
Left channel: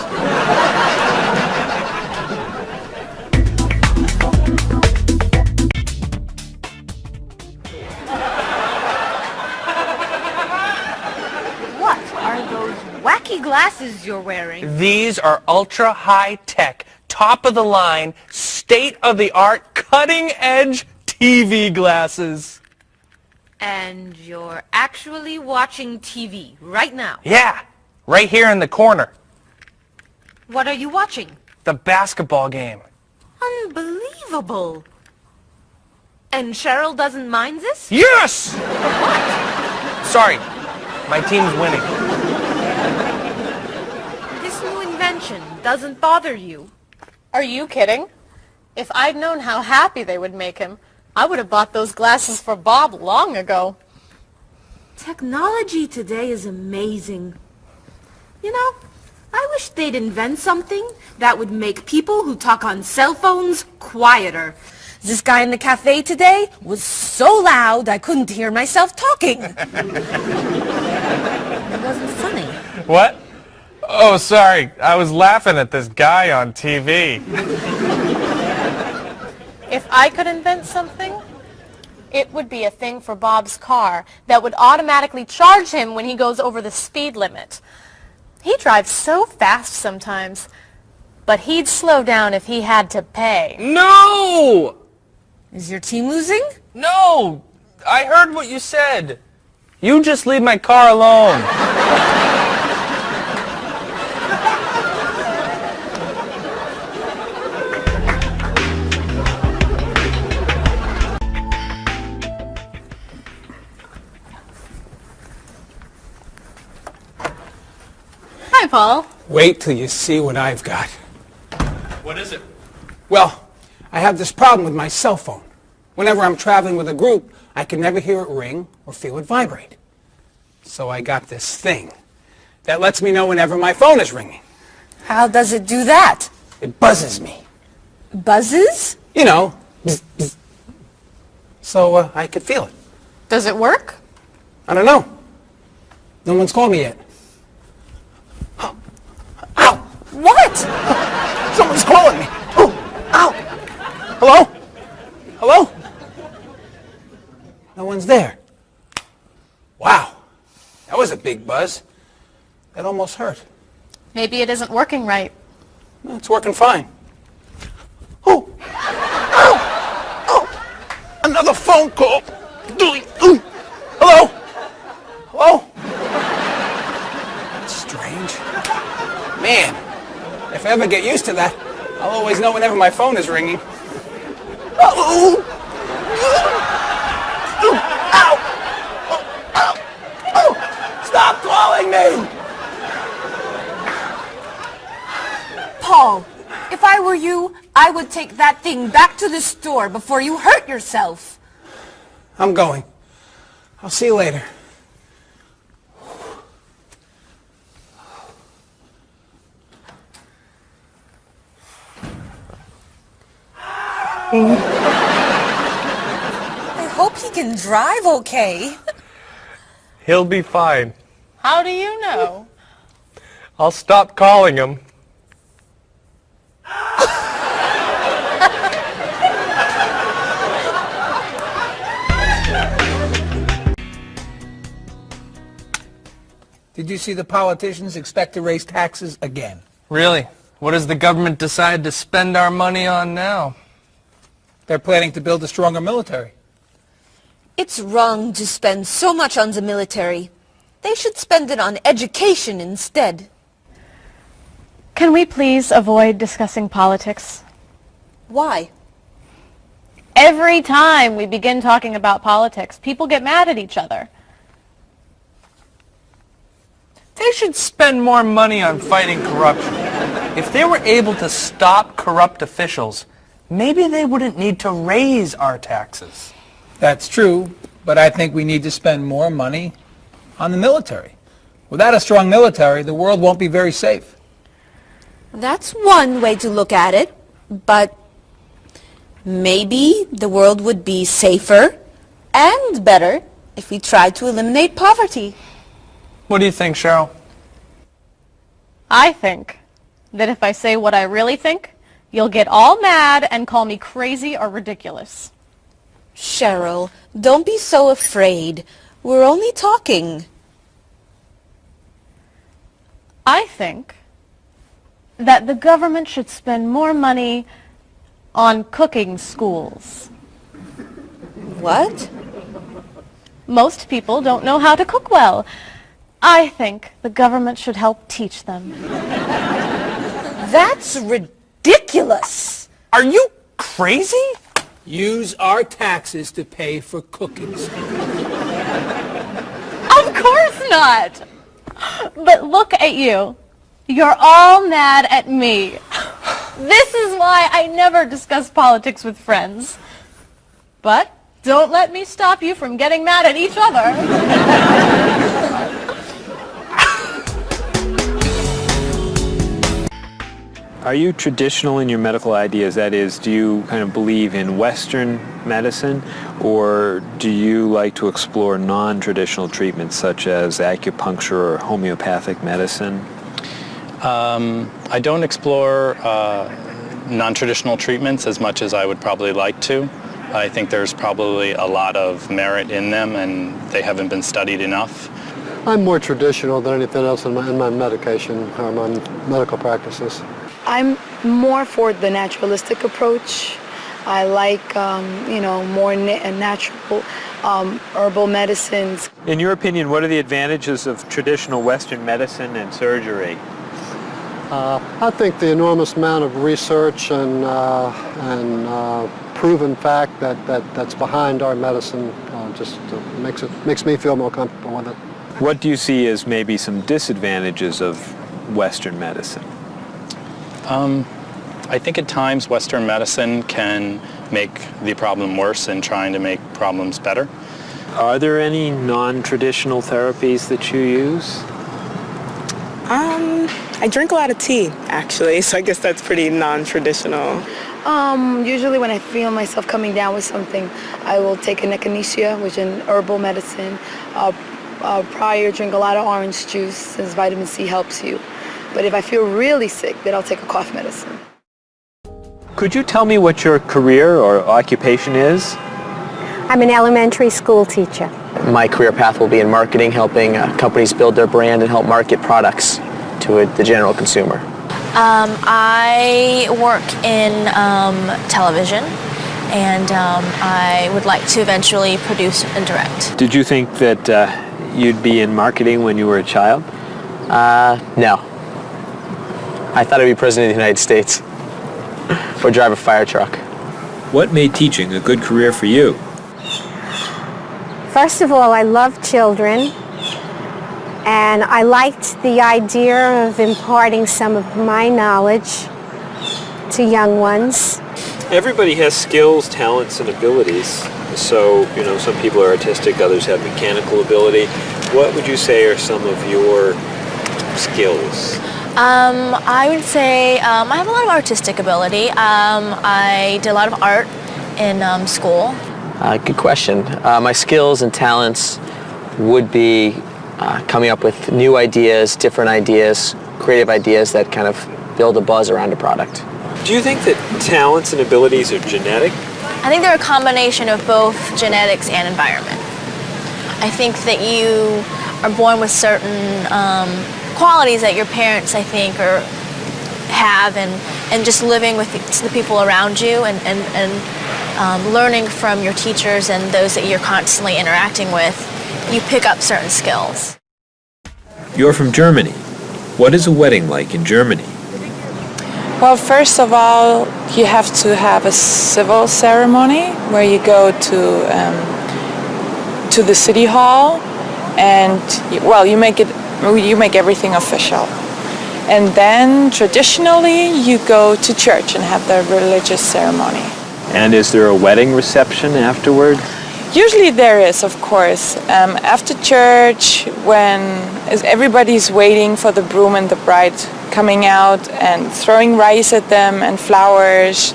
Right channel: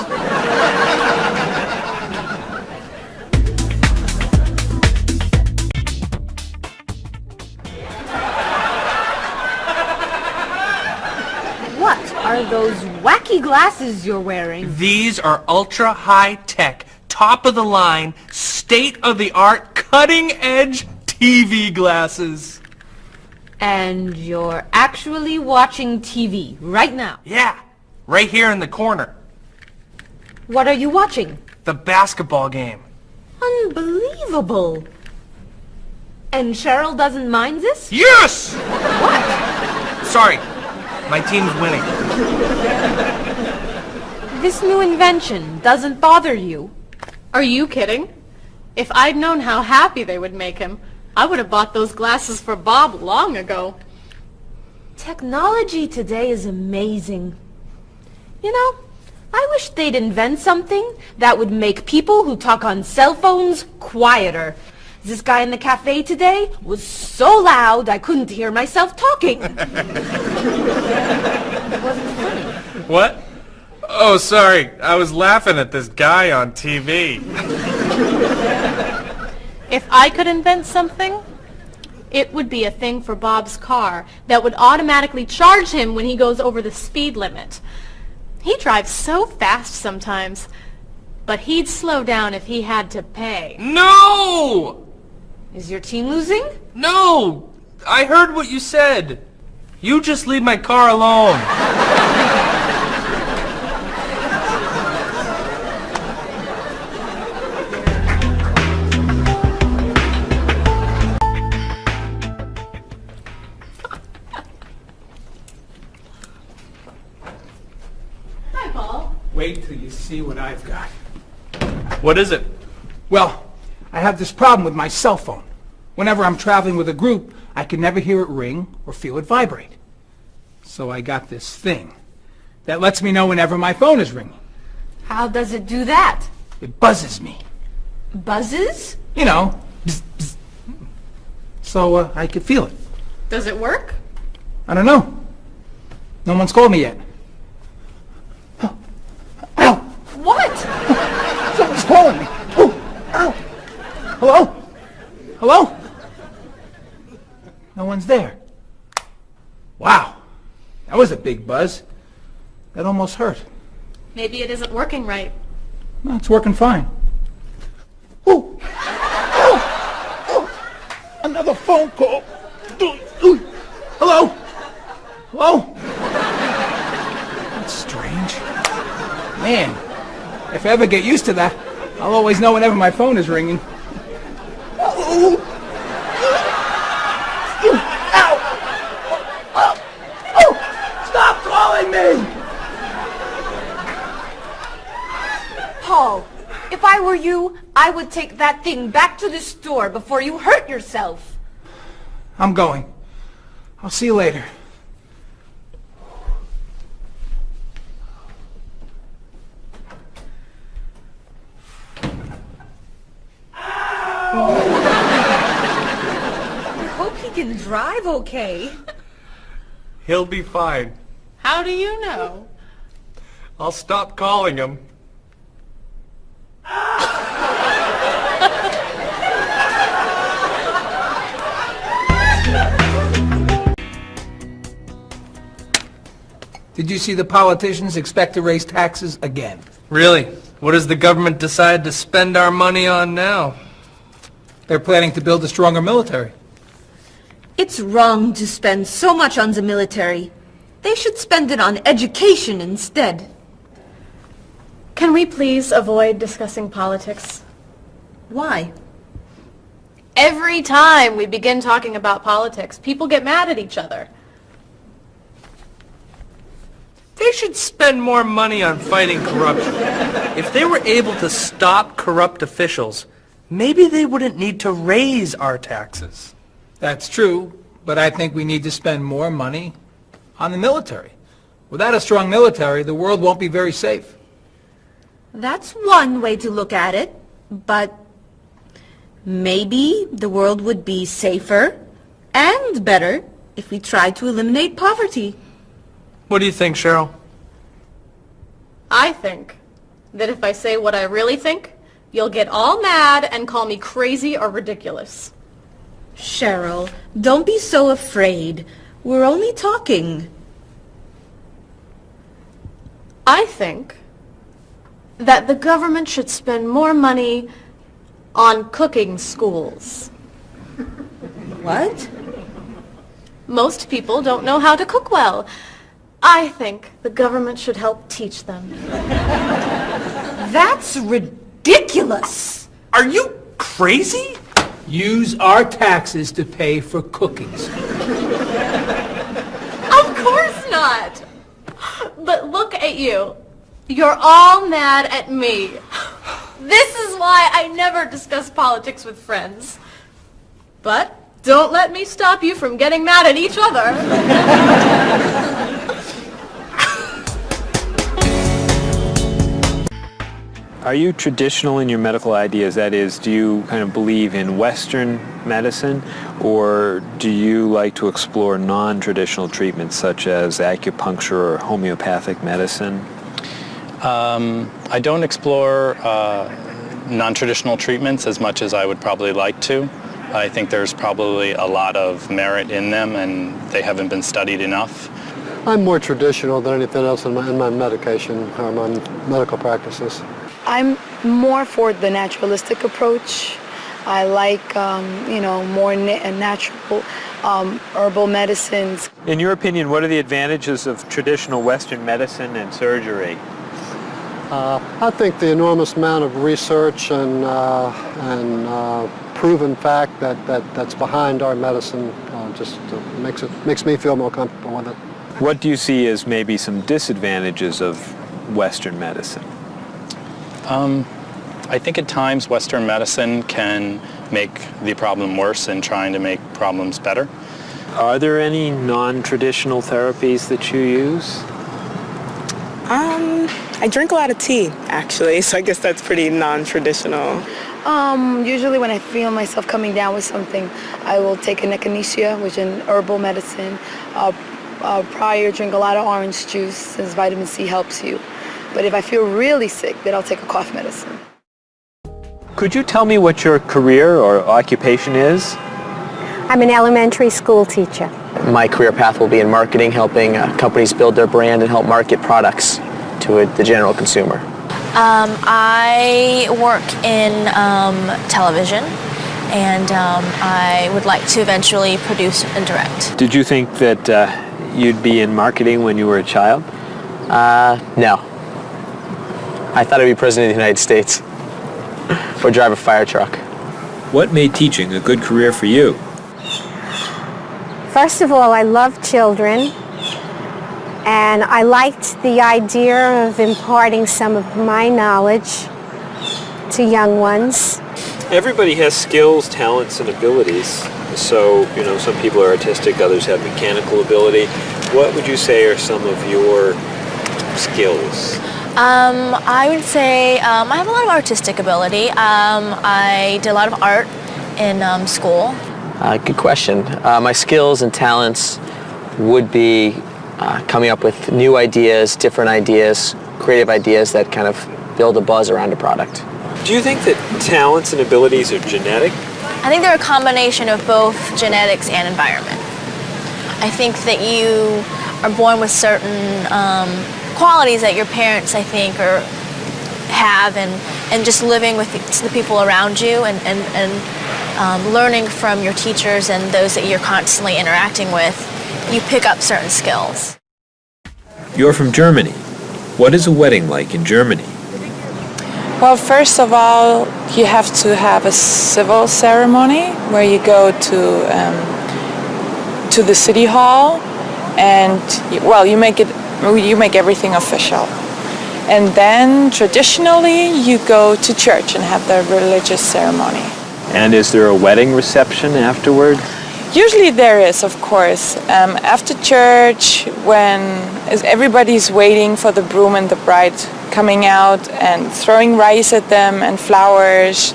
What are those wacky glasses you're wearing? These are ultra high tech, top of the line, state of the art, cutting edge TV glasses. And you're actually watching TV right now. Yeah, right here in the corner. What are you watching? The basketball game. Unbelievable. And Cheryl doesn't mind this? Yes! Sorry, my team's winning. This new invention doesn't bother you. Are you kidding? If I'd known how happy they would make him, I would have bought those glasses for Bob long ago. Technology today is amazing. You know, I wish they'd invent something that would make people who talk on cell phones quieter. This guy in the cafe today was so loud I couldn't hear myself talking. It wasn't funny. What? Oh, sorry. I was laughing at this guy on TV. If I could invent something, it would be a thing for Bob's car that would automatically charge him when he goes over the speed limit. He drives so fast sometimes, but he'd slow down if he had to pay. No! Is your team losing? No! I heard what you said. You just leave my car alone. Hi, Paul. Wait till you see what I've got. What is it? Well, I have this problem with my cell phone. Whenever I'm traveling with a group, I can never hear it ring or feel it vibrate. So I got this thing that lets me know whenever my phone is ringing. How does it do that? It buzzes me. Buzzes? You know, bzz, bzz. So I could feel it. Does it work? I don't know. No one's called me yet. Ow! What? Someone's calling me. Ooh, ow! Hello? Hello? No one's there. Wow. That was a big buzz. That almost hurt. Maybe it isn't working right. No, it's working fine. Ooh! Ow! Oh! Another phone call. Ooh. Hello? Hello? That's strange. Man, if I ever get used to that, I'll always know whenever my phone is ringing. Oh! Stop calling me! Paul, if I were you, I would take that thing back to the store before you hurt yourself. I'm going. I'll see you later. I hope he can drive okay. He'll be fine. How do you know? I'll stop calling him. Did you see the politicians expect to raise taxes again? Really? What has the government decided to spend our money on now? They're planning to build a stronger military. It's wrong to spend so much on the military. They should spend it on education instead. Can we please avoid discussing politics? Why? Every time we begin talking about politics, people get mad at each other. They should spend more money on fighting corruption. If they were able to stop corrupt officials, maybe they wouldn't need to raise our taxes. That's true, but I think we need to spend more money on the military. Without a strong military, the world won't be very safe. That's one way to look at it, but maybe the world would be safer and better if we tried to eliminate poverty. What do you think, Cheryl? I think that if I say what I really think, you'll get all mad and call me crazy or ridiculous. Cheryl, don't be so afraid. We're only talking. I think that the government should spend more money on cooking schools. What? Most people don't know how to cook well. I think the government should help teach them. That's ridiculous. Are you crazy? Use our taxes to pay for cooking school. Of course not. But look at you. You're all mad at me. This is why I never discuss politics with friends. But don't let me stop you from getting mad at each other. Are you traditional in your medical ideas? That is, do you kind of believe in Western medicine, or do you like to explore non-traditional treatments such as acupuncture or homeopathic medicine? I don't explore non-traditional treatments as much as I would probably like to. I think there's probably a lot of merit in them, and they haven't been studied enough. I'm more traditional than anything else in my medication or my medical practices. I'm more for the naturalistic approach. I like, more natural herbal medicines. In your opinion, what are the advantages of traditional Western medicine and surgery? I think the enormous amount of research and proven fact that's behind our medicine just makes me feel more comfortable with it. What do you see as maybe some disadvantages of Western medicine? I think at times Western medicine can make the problem worse in trying to make problems better. Are there any non-traditional therapies that you use? I drink a lot of tea, actually, so I guess that's pretty non-traditional. Usually when I feel myself coming down with something, I will take an echinacea, which is an herbal medicine. Prior, drink a lot of orange juice, since vitamin C helps you. But if I feel really sick, then I'll take a cough medicine. Could you tell me what your career or occupation is? I'm an elementary school teacher. My career path will be in marketing, helping companies build their brand and help market products to the general consumer. I work in television, and I would like to eventually produce and direct. Did you think that you'd be in marketing when you were a child? No. I thought I'd be president of the United States or drive a fire truck. What made teaching a good career for you? First of all, I love children, and I liked the idea of imparting some of my knowledge to young ones. Everybody has skills, talents, and abilities. So, some people are artistic, others have mechanical ability. What would you say are some of your skills? I would say I have a lot of artistic ability. I did a lot of art in school. Good question. My skills and talents would be coming up with new ideas, different ideas, creative ideas that kind of build a buzz around a product. Do you think that talents and abilities are genetic? I think they're a combination of both genetics and environment. I think that you are born with certain qualities that your parents, I think, have, and just living with the people around you and learning from your teachers and those that you're constantly interacting with, you pick up certain skills. You're from Germany. What is a wedding like in Germany? Well, first of all, you have to have a civil ceremony where you go to the city hall, and you make everything official. And then traditionally you go to church and have the religious ceremony. And is there a wedding reception afterward? Usually there is, of course. After church, when everybody's waiting for the groom and the bride coming out and throwing rice at them and flowers,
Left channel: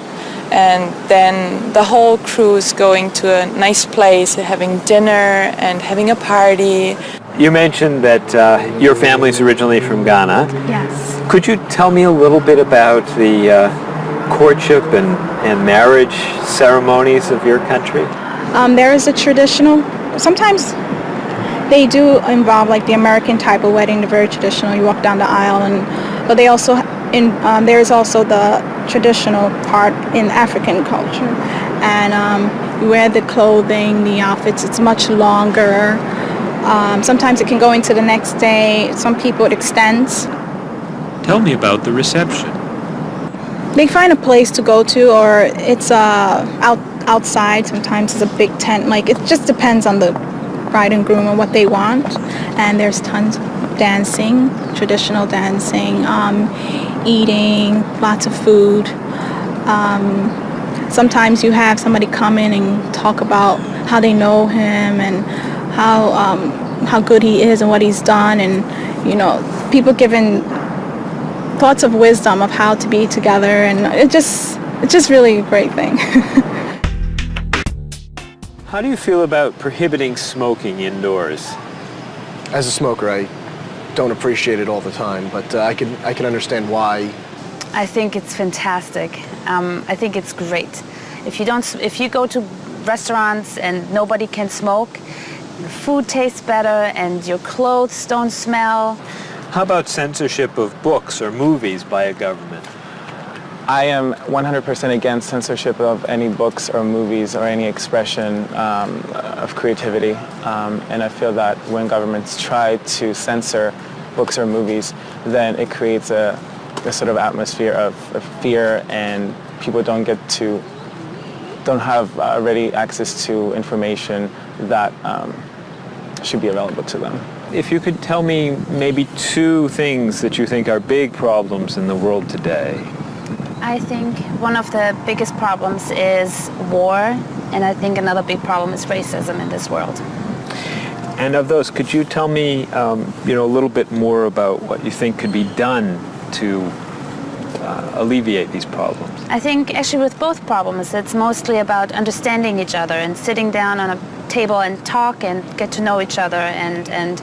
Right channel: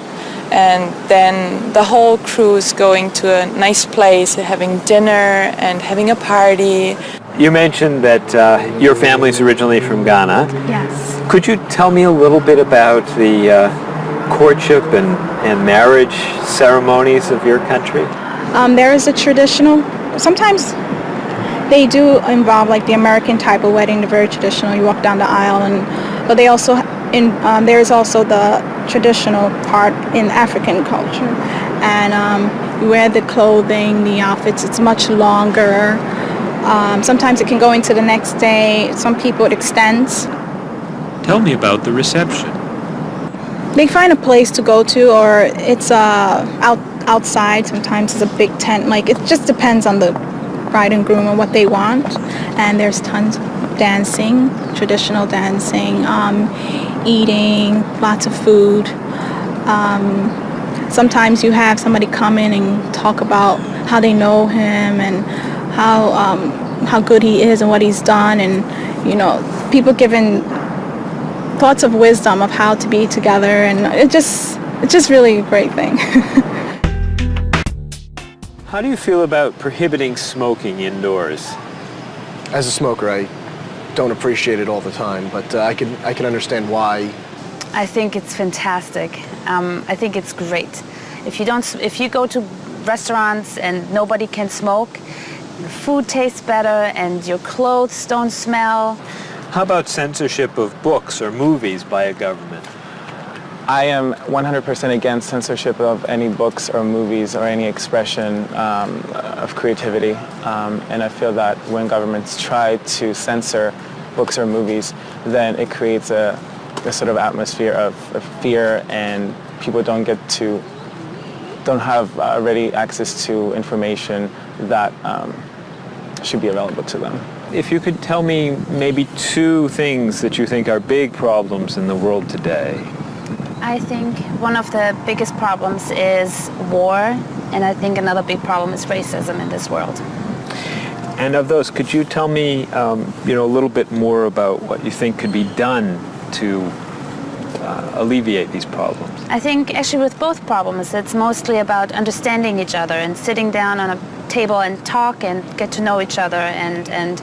and then the whole crew is going to a nice place, having dinner and having a party. You mentioned that your family's originally from Ghana. Yes. Could you tell me a little bit about the courtship and marriage ceremonies of your country? There is a traditional, sometimes they do involve like the American type of wedding, the very traditional, you walk down the aisle, but they also, there is also the traditional part in African culture. And You wear the clothing, the outfits, it's much longer. Sometimes it can go into the next day. Some people it extends. Tell me about the reception. They find a place to go to, or it's outside. Sometimes it's a big tent. Like, it just depends on the bride and groom and what they want. And there's tons of dancing, traditional dancing, eating, lots of food. Sometimes you have somebody come in and talk about how they know him and how good he is and what he's done, and people giving thoughts of wisdom of how to be together, and it's just really a great thing. How do you feel about prohibiting smoking indoors? As a smoker, I don't appreciate it all the time, but I can understand why. I think it's fantastic. I think it's great. If you go to restaurants and nobody can smoke, the food tastes better and your clothes don't smell. How about censorship of books or movies by a government? I am 100% against censorship of any books or movies or any expression of creativity. And I feel that when governments try to censor books or movies, then it creates a sort of atmosphere of fear, and people don't have ready access to information that should be available to them. If you could tell me maybe 2 things that you think are big problems in the world today. I think one of the biggest problems is war, and I think another big problem is racism in this world. And of those, could you tell me a little bit more about what you think could be done to alleviate these problems? I think actually with both problems, it's mostly about understanding each other and sitting down on a table and talk and get to know each other and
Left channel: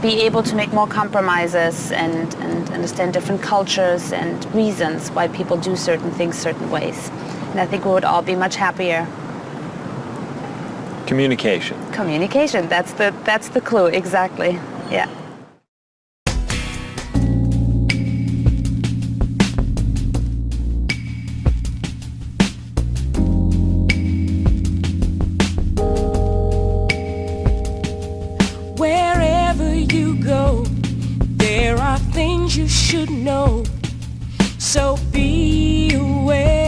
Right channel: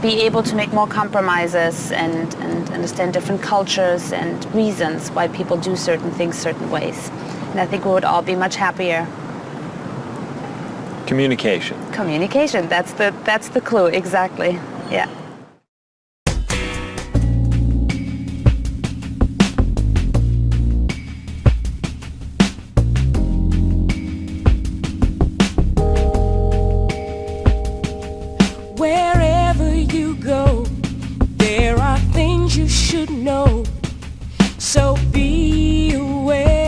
be able to make more compromises and understand different cultures and reasons why people do certain things certain ways. And I think we would all be much happier. Communication. Communication, that's the clue, exactly, yeah. Wherever you go, there are things you should know. So be aware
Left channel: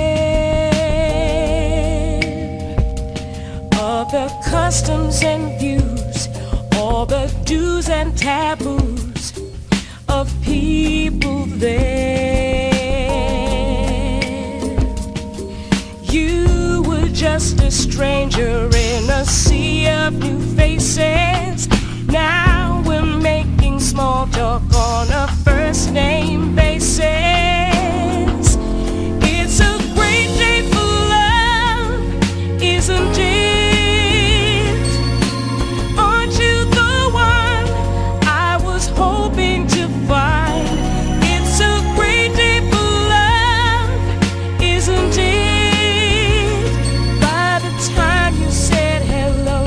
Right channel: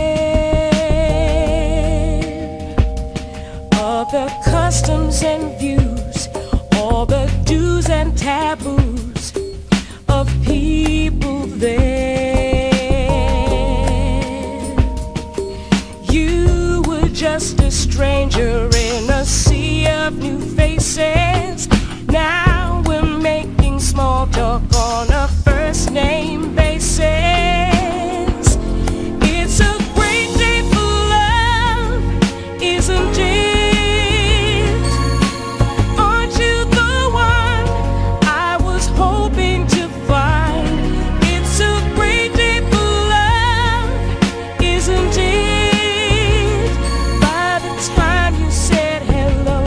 of the customs and views, all the do's and taboos of people there. You were just a stranger in a sea of new faces. Now we're making small talk on a first name basis. It's a great day for love, isn't it? Aren't you the one I was hoping to find? It's a great day for love, isn't it? By the time you said hello,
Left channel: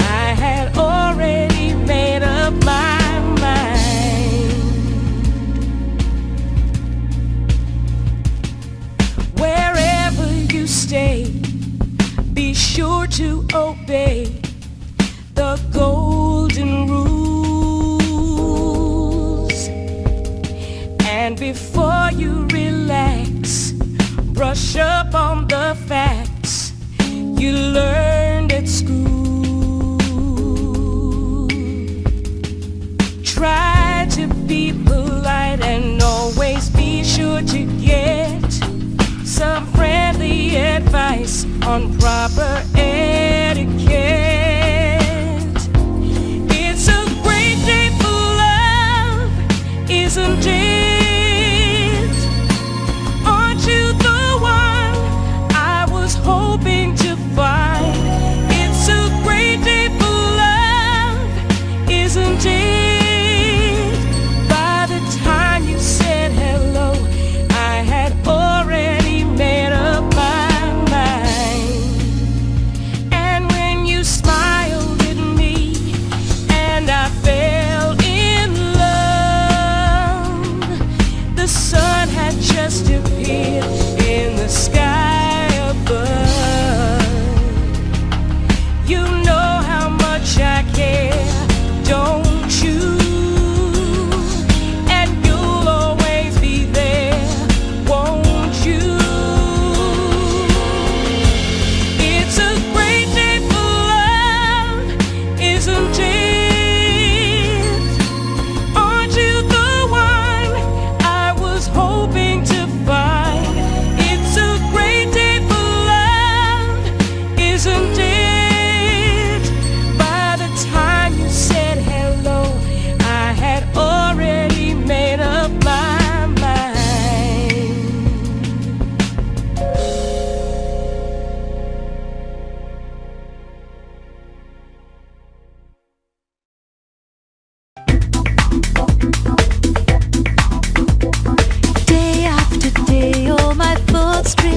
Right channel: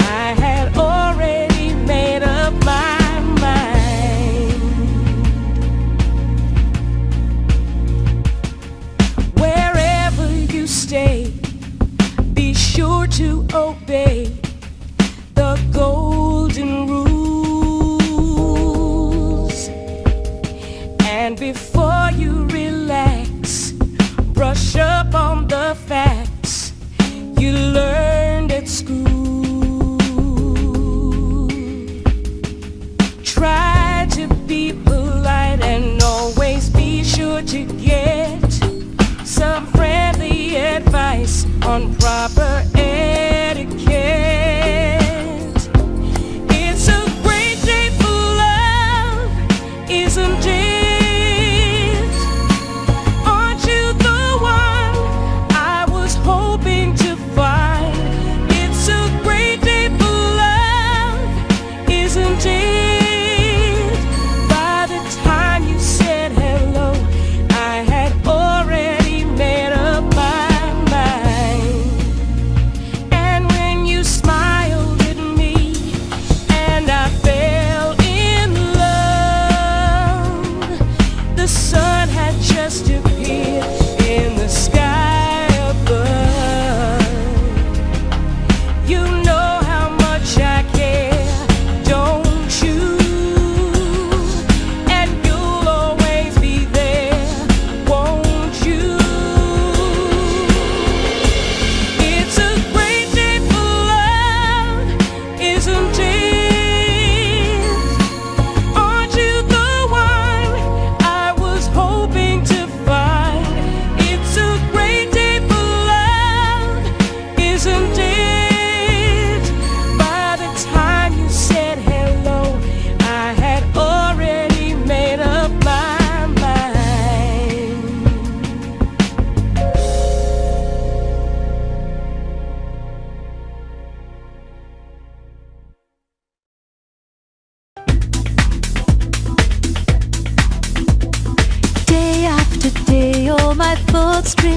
I had already made up my mind. Wherever you stay, be sure to obey the golden rules. And before you relax, brush up on the facts you learned at school. Try to be polite and always be sure to get some friendly advice on proper etiquette. It's a great day for love, isn't it? Aren't you the one I was hoping to find? It's a great day for love, isn't it? By the time you said hello, I had already made up my mind.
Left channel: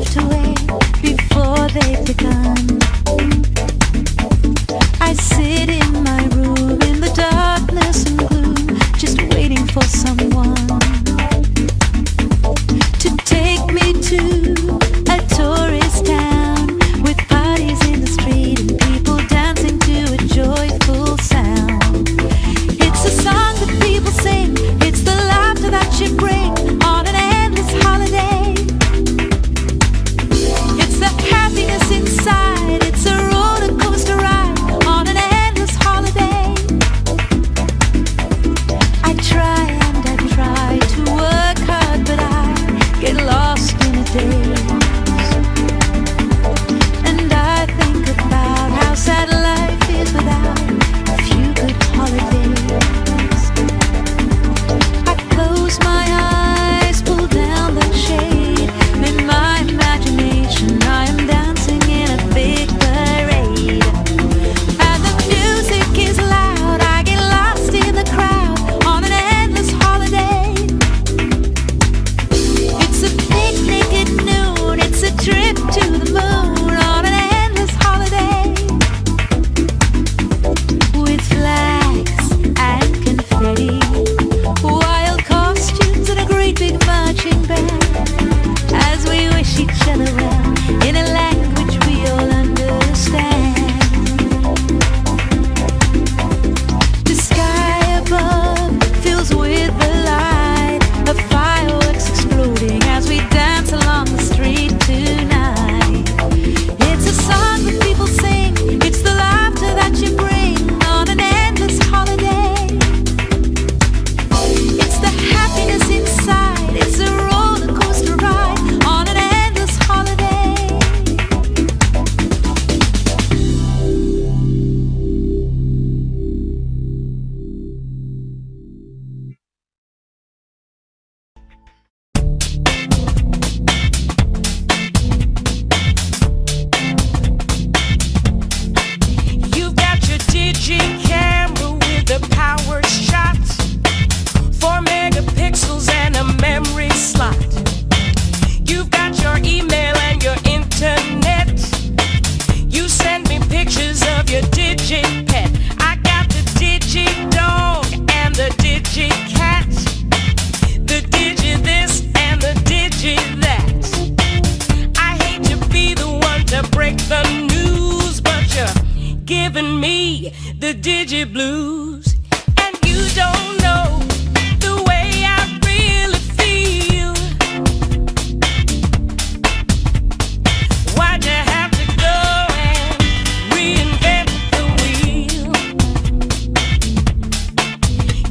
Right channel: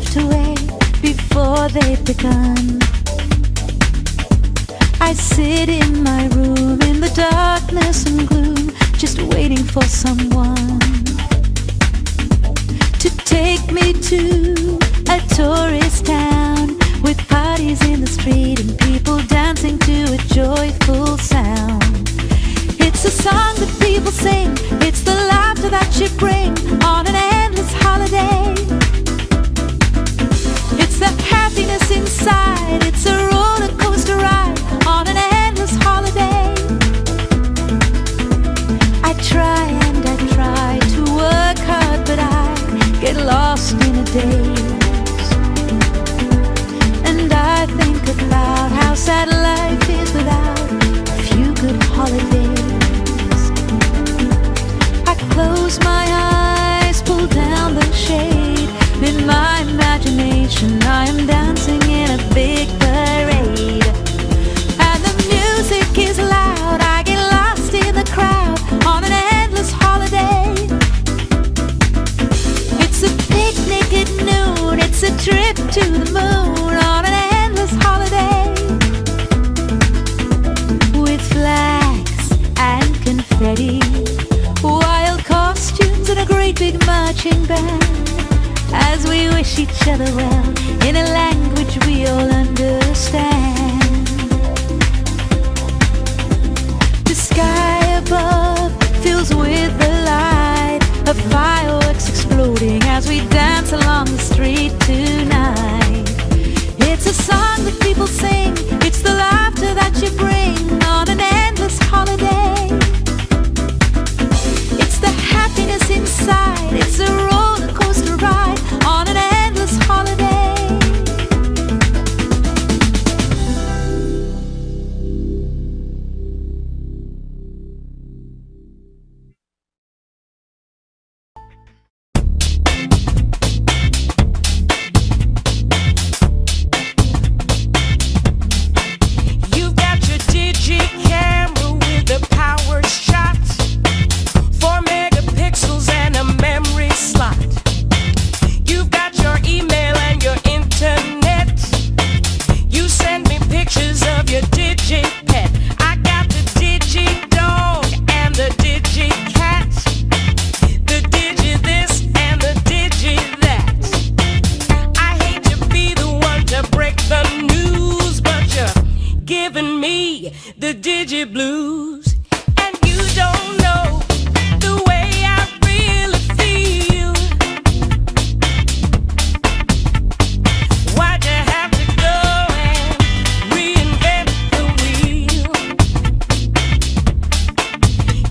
slipped away before they've begun. I sit in my room in the darkness and gloom, just waiting for someone to take me to a tourist town with parties in the street and people dancing to a joyful sound. It's a song that people sing, it's the laughter that you bring on an endless holiday. It's the happiness inside, it's a roller coaster ride on an endless holiday. I try and I try to work hard, but I get lost in a daze. And I think about how sad life is without a few good holidays. I close my eyes, pull down the shade, and in my imagination I am dancing in a big parade. And the music is loud, I get lost in the crowd on an endless holiday. It's a picnic at noon, it's a trip to the moon on an endless holiday. With flags and confetti, wild costumes and a great big marching band, as we wish each other well in a language we all understand. The sky above fills with the light of fireworks exploding as we dance along the street tonight. It's a song that people sing, it's the laughter that you bring on an endless holiday. It's the happiness inside, it's a roller coaster ride on an endless holiday. You've got your digi camera with a power shot, 4 megapixels and a memory slot. You've got your email and your internet. You send me pictures of your digi pet. I got the digi dog and the digi cat, the digi this and the digi that. I hate to be the one to break the news, but you're giving me the digi blues. And you don't know the way I really feel. Why'd you have to go and reinvent the wheel?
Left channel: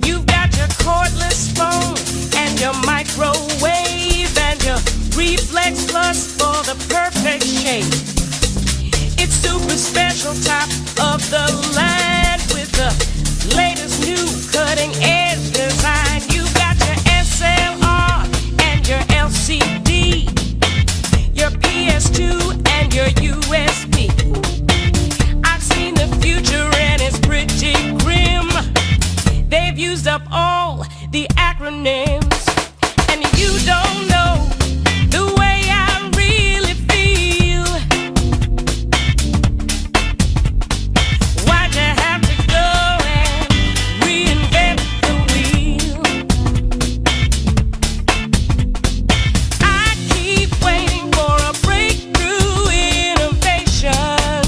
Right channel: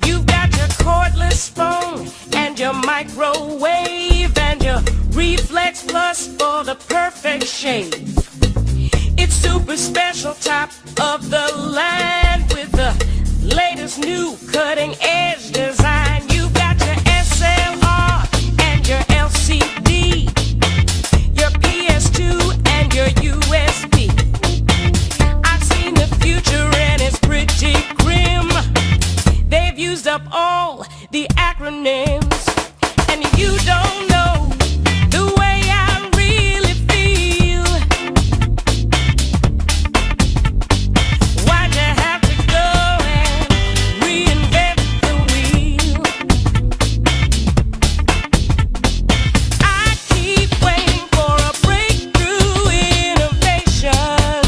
You've got your cordless phone and your microwave and your Reflex Plus for the perfect shape. It's super special, top of the line with the latest new cutting edge design. You've got your SLR and your LCD, your PS2 and your USB. I've seen the future and it's pretty grim. They've used up all the acronyms, and you don't know the way I really feel. Why'd you have to go and reinvent the wheel? I keep waiting for a breakthrough innovation,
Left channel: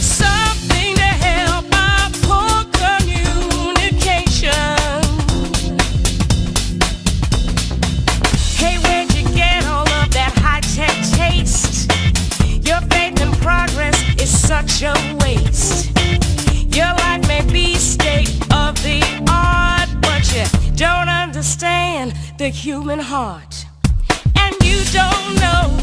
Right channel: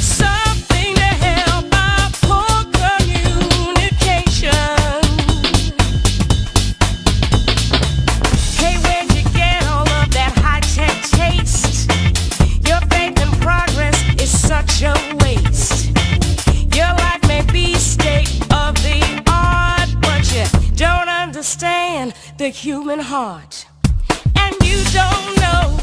something to help our poor communication. Hey, where'd you get all of that high-tech taste? Your faith in progress is such a waste. Your life may be state of the art, but you don't understand the human heart. And you don't know